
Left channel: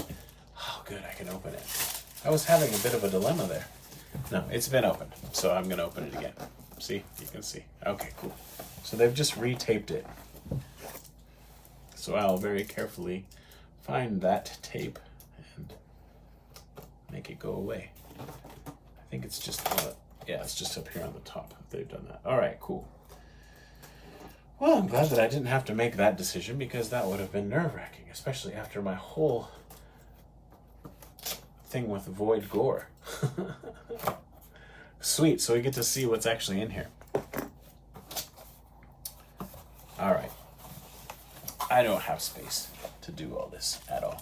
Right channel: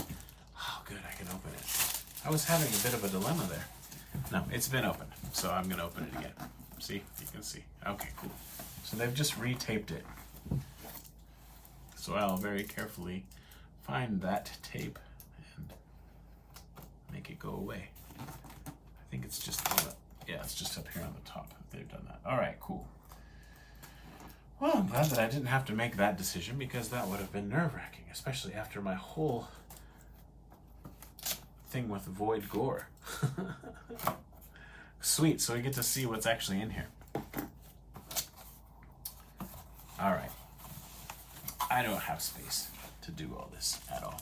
Oh, good, I can open it. I was having a bit of a dilemma there. No, it's been opened, so I'm gonna open it again. See, you can see. Okay, cool. So they've just retaped it. So I'll very carefully find that tape and make it go away. I think it's just, yeah, it's just up here on the top. They've done that. All right, cool. Well, I'm glad that I didn't have to make that decision because that would have been nerve-wracking, especially after my whole thing with Void Gore. Sweet, so we get to see what's actually in here. All right. I don't have space to do all this at all.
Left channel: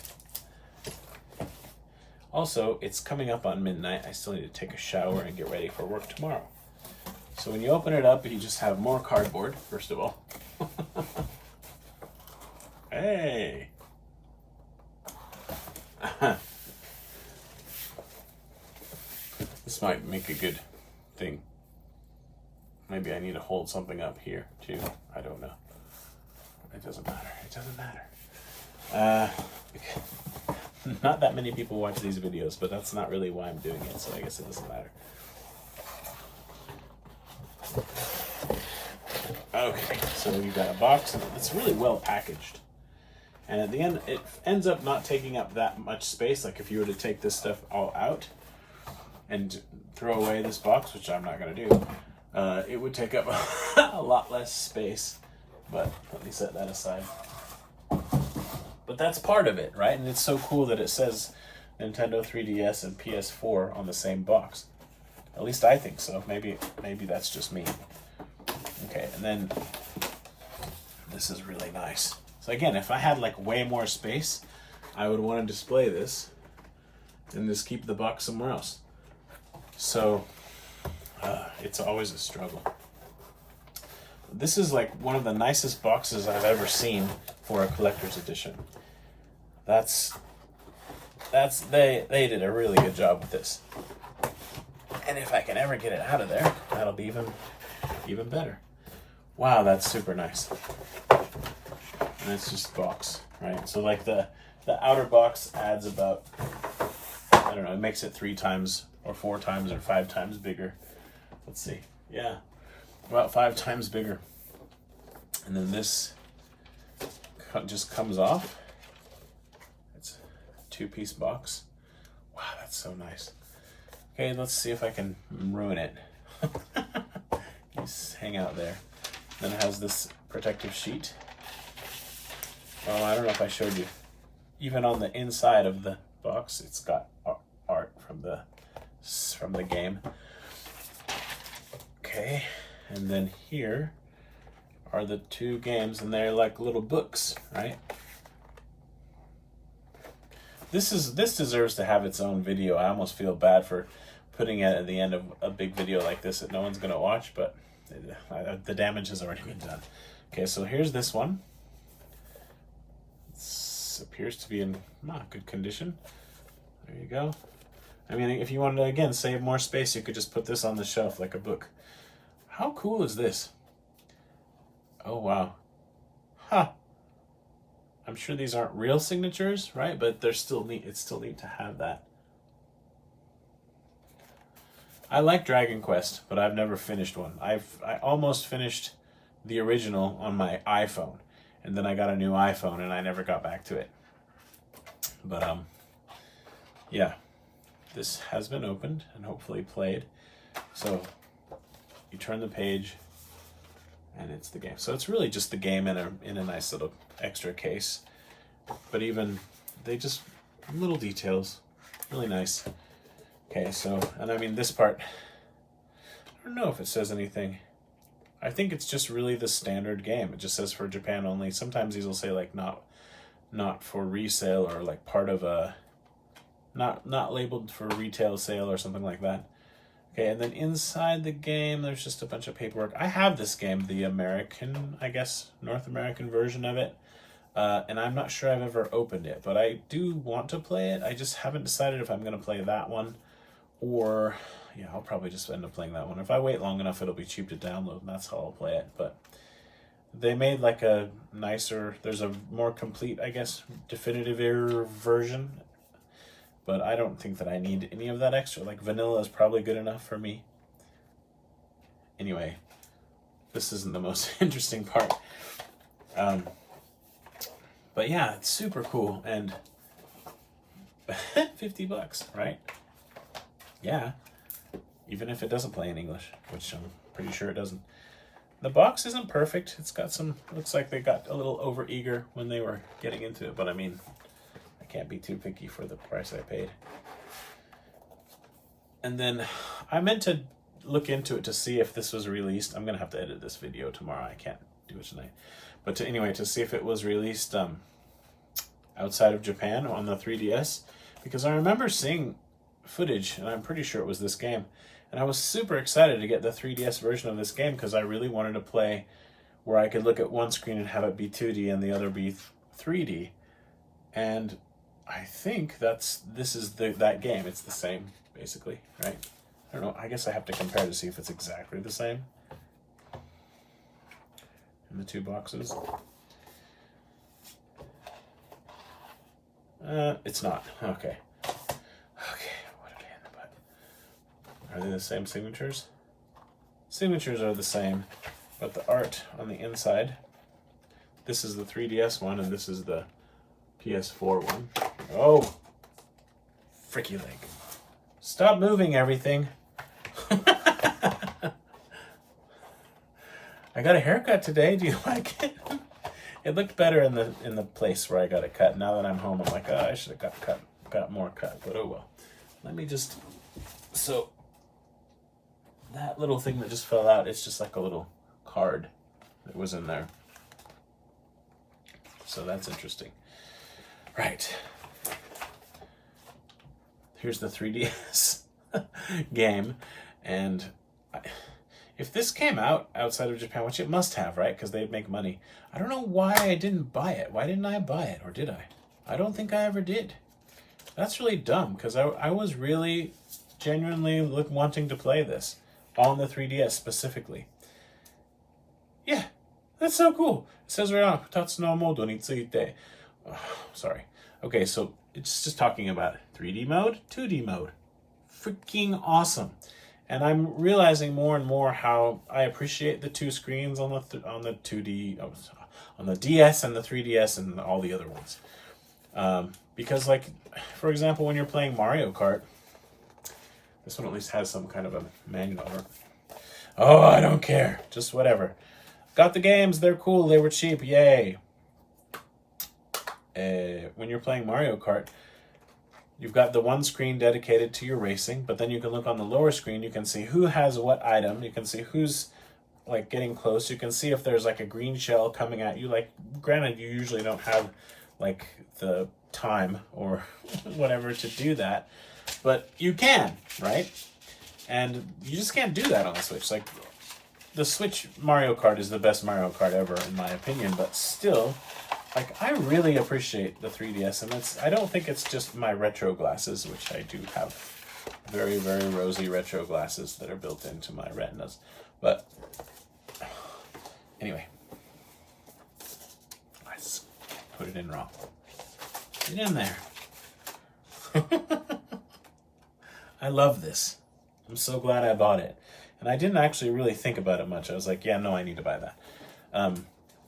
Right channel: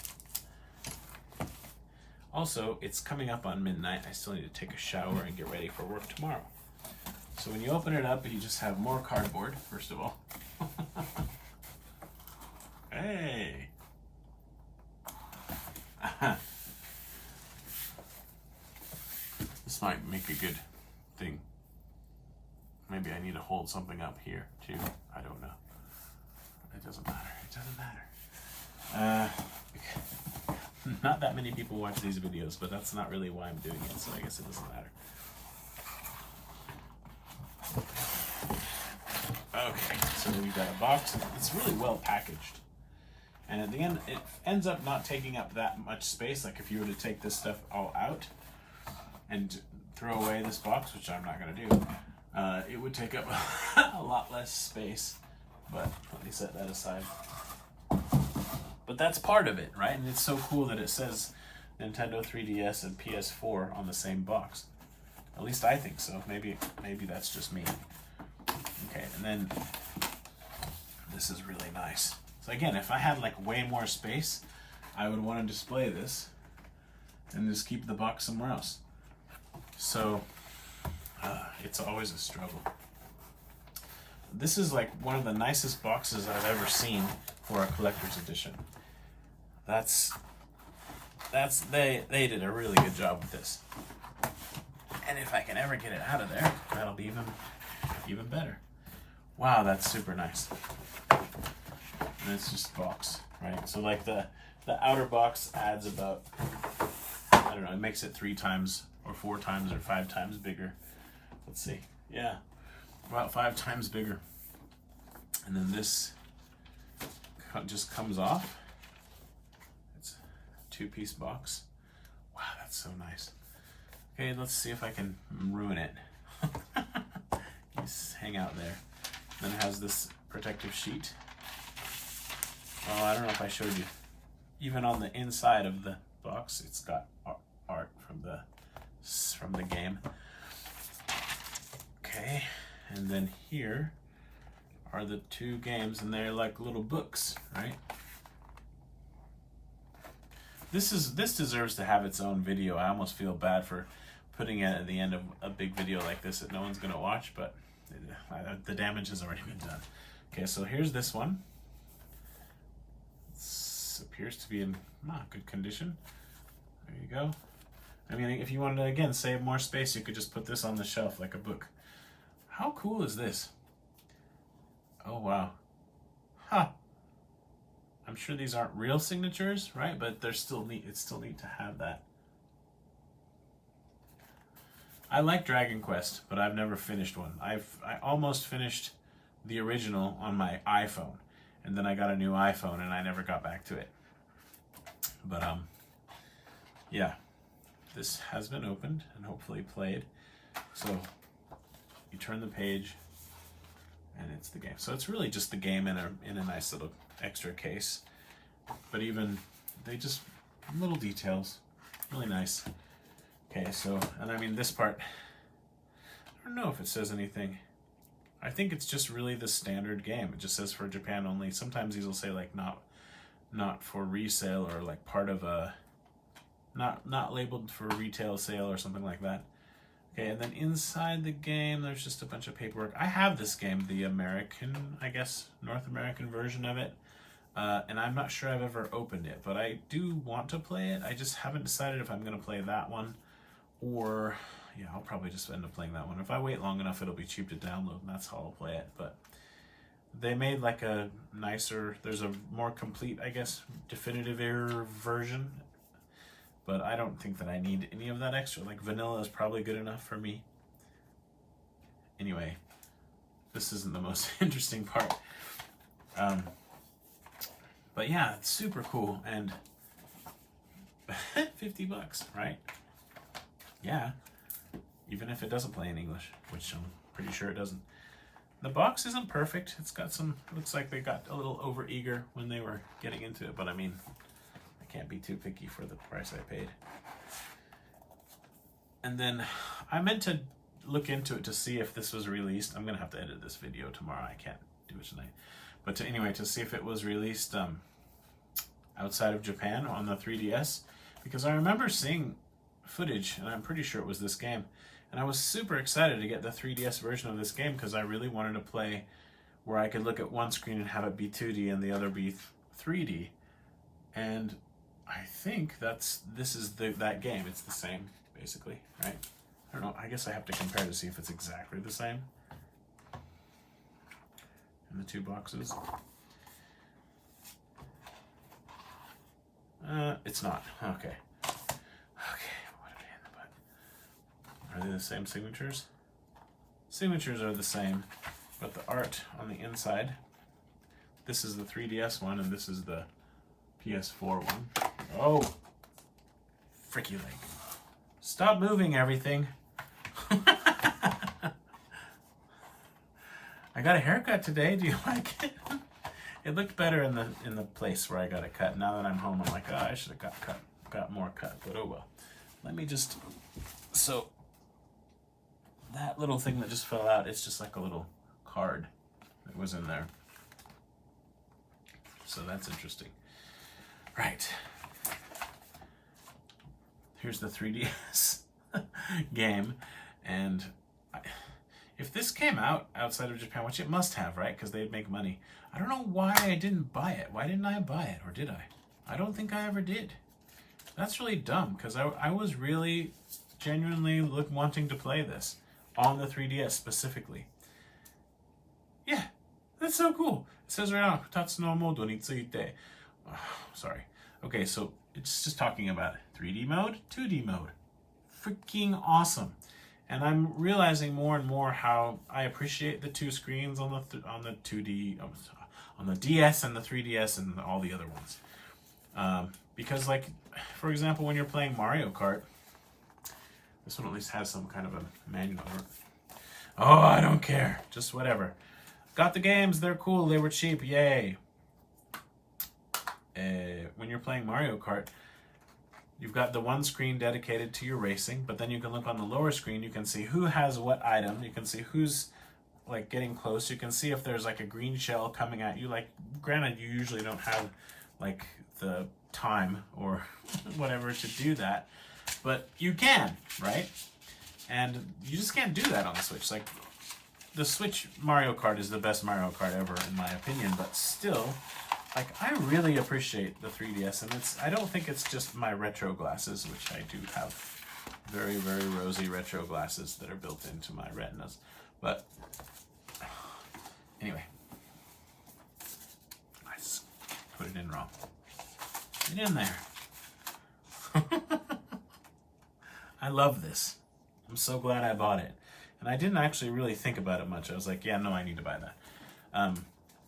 Also, it's coming up on midnight. I still need to take a shower and get ready for work tomorrow. So when you open it up, you just have more cardboard, first of all. Hey! This might make a good thing. Maybe I need to hold something up here, too. I don't know. It doesn't matter. It doesn't matter. Not that many people watch these videos, but that's not really why I'm doing it, so I guess it doesn't matter. Okay, so we've got a box, and it's really well packaged. And at the end, it ends up not taking up that much space. Like if you were to take this stuff all out and throw away this box, which I'm not going to do, it would take up a lot less space. But let me set that aside. But that's part of it, right? And it's so cool that it says Nintendo 3DS and PS4 on the same box. At least I think so. Maybe that's just me. Okay, and then this is really nice. So again, if I had like way more space, I would want to display this and just keep the box somewhere else. So it's always a struggle. This is like one of the nicest boxes I've ever seen for a collector's edition. They did a really good job with this. And if I can ever get it out of there, that'll be even better. Wow, that's super nice. And it's just box, right? So like the outer box adds about, I don't know, it makes it 3 times or 4 times or 5 times bigger. Let's see. Yeah, about 5 times bigger. And then this just comes off. It's a 2-piece box. Wow, that's so nice. Okay, let's see if I can ruin it. Just hang out there. Then it has this protective sheet. Oh, I don't know if I showed you. Even on the inside of the box, it's got art from the game. Okay, and then here are the 2 games, and they're like little books, right? This deserves to have its own video. I almost feel bad for putting it at the end of a big video like this that no one's gonna watch, but the damage has already been done. Okay, so here's this one. It appears to be in good condition. There you go. I mean, if you wanted to, again, save more space, you could just put this on the shelf like a book. How cool is this? Oh, wow. Huh. I'm sure these aren't real signatures, right? But they're still neat. It's still neat to have that. I like Dragon Quest, but I've never finished one. I almost finished the original on my iPhone, and then I got a new iPhone, and I never got back to it. But yeah, this has been opened and hopefully played. So you turn the page, and it's the game. So it's really just the game in a nice little extra case. But even they just little details, really nice. Okay, so, and I mean this part, I don't know if it says anything. I think it's just really the standard game. It just says for Japan only. Sometimes these will say like not for resale, or like part of a, not labeled for retail sale or something like that. Okay, and then inside the game, there's just a bunch of paperwork. I have this game, the American, I guess, North American version of it. And I'm not sure I've ever opened it, but I do want to play it. I just haven't decided if I'm going to play that one, or, yeah, I'll probably just end up playing that one. If I wait long enough, it'll be cheap to download, and that's how I'll play it. But they made like a nicer, there's a more complete, I guess, definitive version. But I don't think that I need any of that extra. Like vanilla is probably good enough for me. Anyway, this isn't the most interesting part. But yeah, it's super cool, and $50, right? Yeah, even if it doesn't play in English, which I'm pretty sure it doesn't. The box isn't perfect. It's got some, looks like they got a little over eager when they were getting into it, but I mean, I can't be too picky for the price I paid. And then I meant to look into it to see if this was released. I'm gonna have to edit this video tomorrow. I can't do it tonight. But anyway, to see if it was released outside of Japan on the 3DS, because I remember seeing footage, and I'm pretty sure it was this game, and I was super excited to get the 3DS version of this game because I really wanted to play where I could look at one screen and have it be 2D and the other be 3D. And I think this is that game. It's the same, basically, right? I don't know. I guess I have to compare to see if it's exactly the same in the 2 boxes. It's not. Okay. Okay, what a pain in the butt. Are they the same signatures? Signatures are the same, but the art on the inside, this is the 3DS one and this is the PS4 one. Oh, fricky leg. Stop moving everything. I got a haircut today. Do you like it? It looked better in the place where I got it cut. Now that I'm home, I'm like, oh, I should have got more cut, but oh well. Let me just, so that little thing that just fell out, it's just like a little card that was in there. So that's interesting. Right. Here's the 3DS game, and if this came out outside of Japan, which it must have, right? Because they'd make money. I don't know why I didn't buy it. Why didn't I buy it? Or did I? I don't think I ever did. That's really dumb, because I was really genuinely wanting to play this on the 3DS specifically. Yeah, that's so cool. It says right on, Tatsu no modo ni tsuite. Oh, sorry. Okay, so it's just talking about 3D mode, 2D mode. Freaking awesome. And I'm realizing more and more how I appreciate the two screens on the 2D, on the DS and the 3DS and all the other ones. Because, like, for example, when you're playing Mario Kart, this one at least has some kind of a manual. Oh, I don't care. Just whatever. Got the games. They're cool. They were cheap. Yay. When you're playing Mario Kart, you've got the one screen dedicated to your racing, but then you can look on the lower screen. You can see who has what item. You can see who's like getting close. You can see if there's like a green shell coming at you. Like, granted, you usually don't have like the time or whatever to do that, but you can, right? And you just can't do that on the Switch. Like, the Switch Mario Kart is the best Mario Kart ever, in my opinion, but still, like, I really appreciate the 3DS, and I don't think it's just my retro glasses, which I do have very, very rosy retro glasses that are built into my retinas. But anyway, I just put it in wrong. Get in there. I love this. I'm so glad I bought it. And I didn't actually really think about it much. I was like, yeah, no, I need to buy that.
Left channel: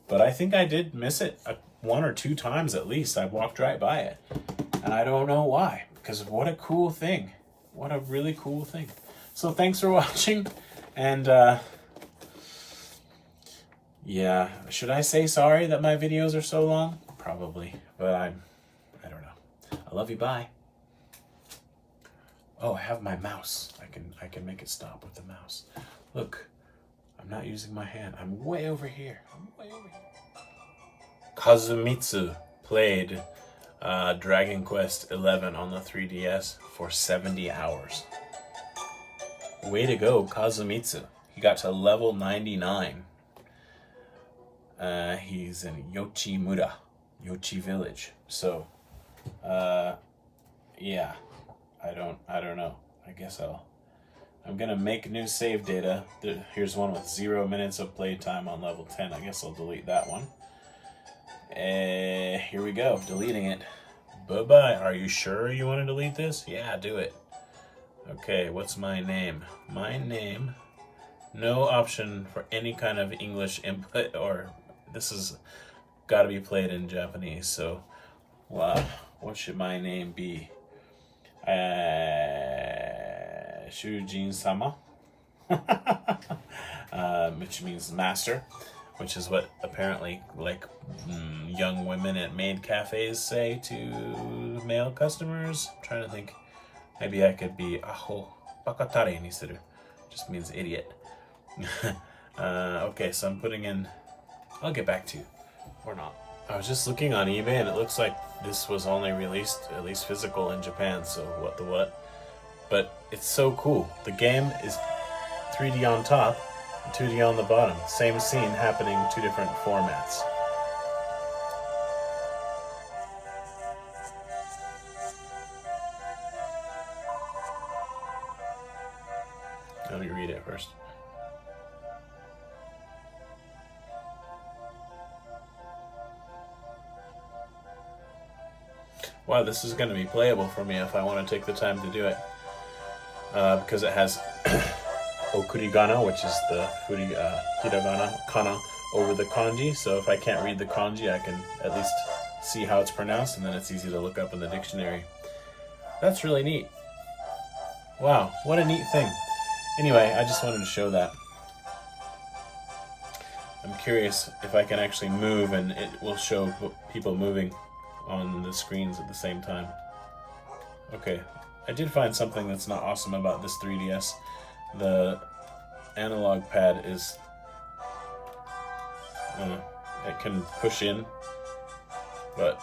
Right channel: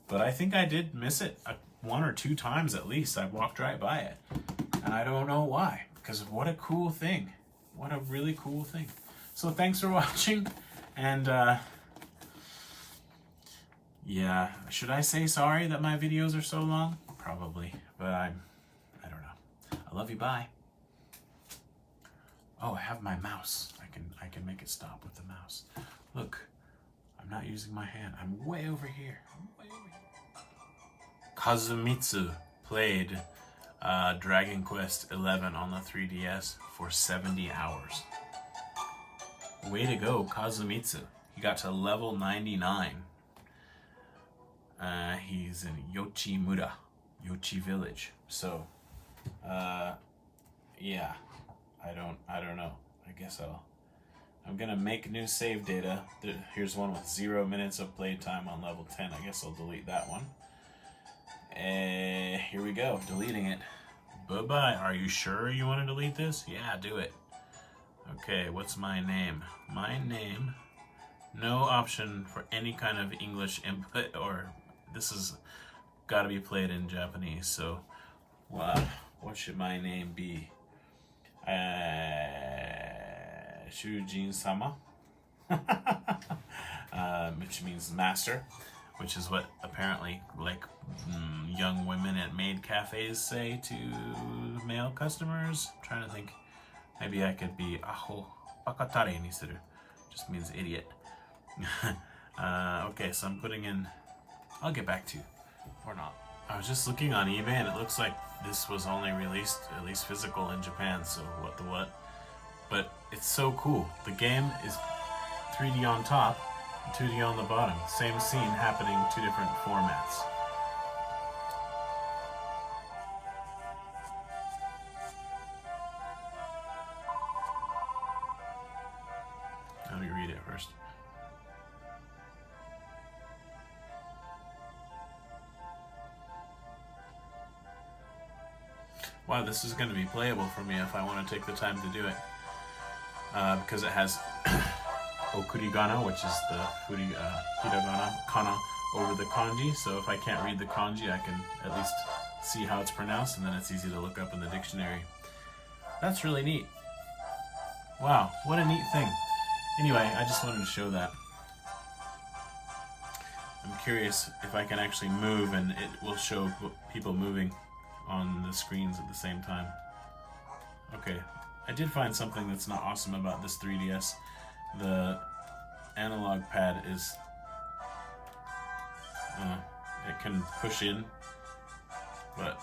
But I think I did miss it one or two times at least. I walked right by it. And I don't know why. Because what a cool thing. What a really cool thing. So thanks for watching. And yeah, should I say sorry that my videos are so long? Probably. But I don't know. I love you. Bye. Oh, I have my mouse. I can make it stop with the mouse. Look, I'm not using my hand. I'm way over here. Kazumitsu played Dragon Quest XI on the 3DS for 70 hours. Way to go, Kazumitsu. He got to level 99. He's in Yochimura, Yochi Village. So, yeah. I don't know. I guess I'm gonna make new save data. Here's one with 0 minutes of playtime on level 10. I guess I'll delete that one. Here we go, deleting it. Bye-bye. Are you sure you want to delete this? Yeah, do it. Okay, what's my name? My name, no option for any kind of English input, or this is gotta be played in Japanese, so what should my name be? Shujin-sama, which means master, which is what apparently like young women at maid cafes say to male customers. I'm trying to think, maybe I could be aho bakatare ni suru, just means idiot. Okay, so I'm putting in, I'll get back to you, or not. I was just looking on eBay and it looks like this was only released, at least physical, in Japan, so what the what. But it's so cool. The game is 3D on top, 2D on the bottom. Same scene happening, two different formats. Let me read it first. Wow, this is going to be playable for me if I want to take the time to do it. Because it has okurigana, which is the hiragana, kana over the kanji. So if I can't read the kanji, I can at least see how it's pronounced, and then it's easy to look up in the dictionary. That's really neat. Wow, what a neat thing. Anyway, I just wanted to show that. I'm curious if I can actually move and it will show people moving on the screens at the same time. Okay, I did find something that's not awesome about this 3DS. The analog pad is, it can push in, but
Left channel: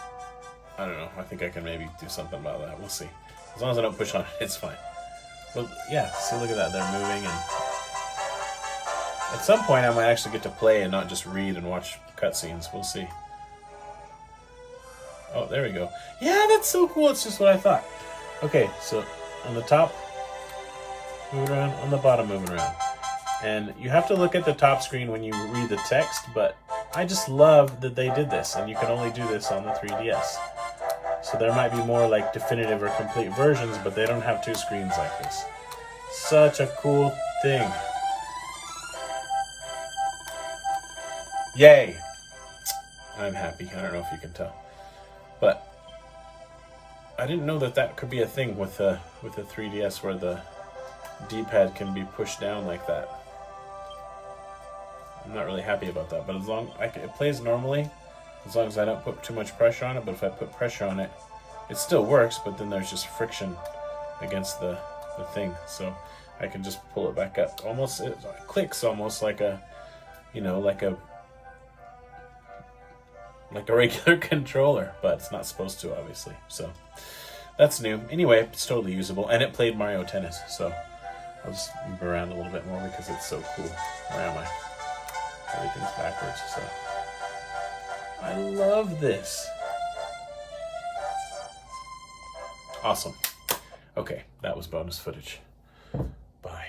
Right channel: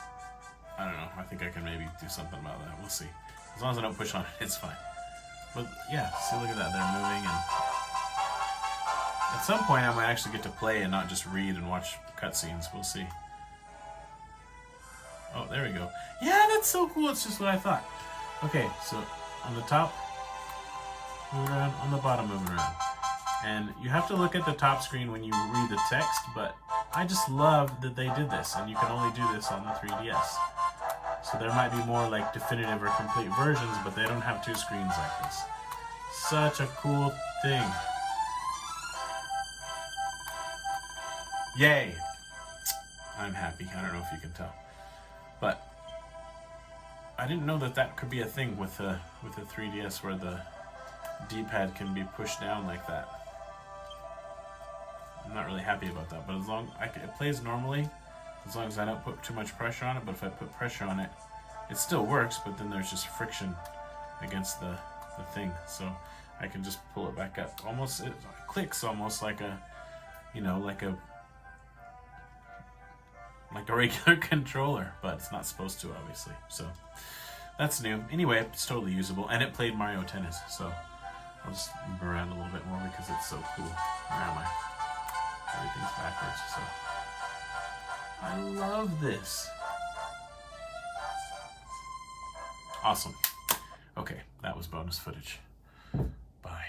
I don't know. I think I can maybe do something about that. We'll see. As long as I don't push on it, it's fine. But yeah, see, look at that. They're moving, and at some point I might actually get to play and not just read and watch cutscenes. We'll see. Oh, there we go. Yeah, that's so cool. It's just what I thought. Okay, so on the top, moving around, on the bottom, moving around. And you have to look at the top screen when you read the text, but I just love that they did this, and you can only do this on the 3DS. So there might be more like definitive or complete versions, but they don't have two screens like this. Such a cool thing. Yay! I'm happy. I don't know if you can tell. But I didn't know that that could be a thing with the 3DS where the D-pad can be pushed down like that. I'm not really happy about that, but as long it plays normally, as long as I don't put too much pressure on it. But if I put pressure on it, it still works, but then there's just friction against the thing, so I can just pull it back up. Almost, it clicks almost like a, you know, like a regular controller, but it's not supposed to, obviously. So that's new. Anyway, it's totally usable, and it played Mario Tennis, so I'll just move around a little bit more because it's so cool. Where am I? Everything's backwards, so I love this. Awesome. Okay, that was bonus footage. Bye.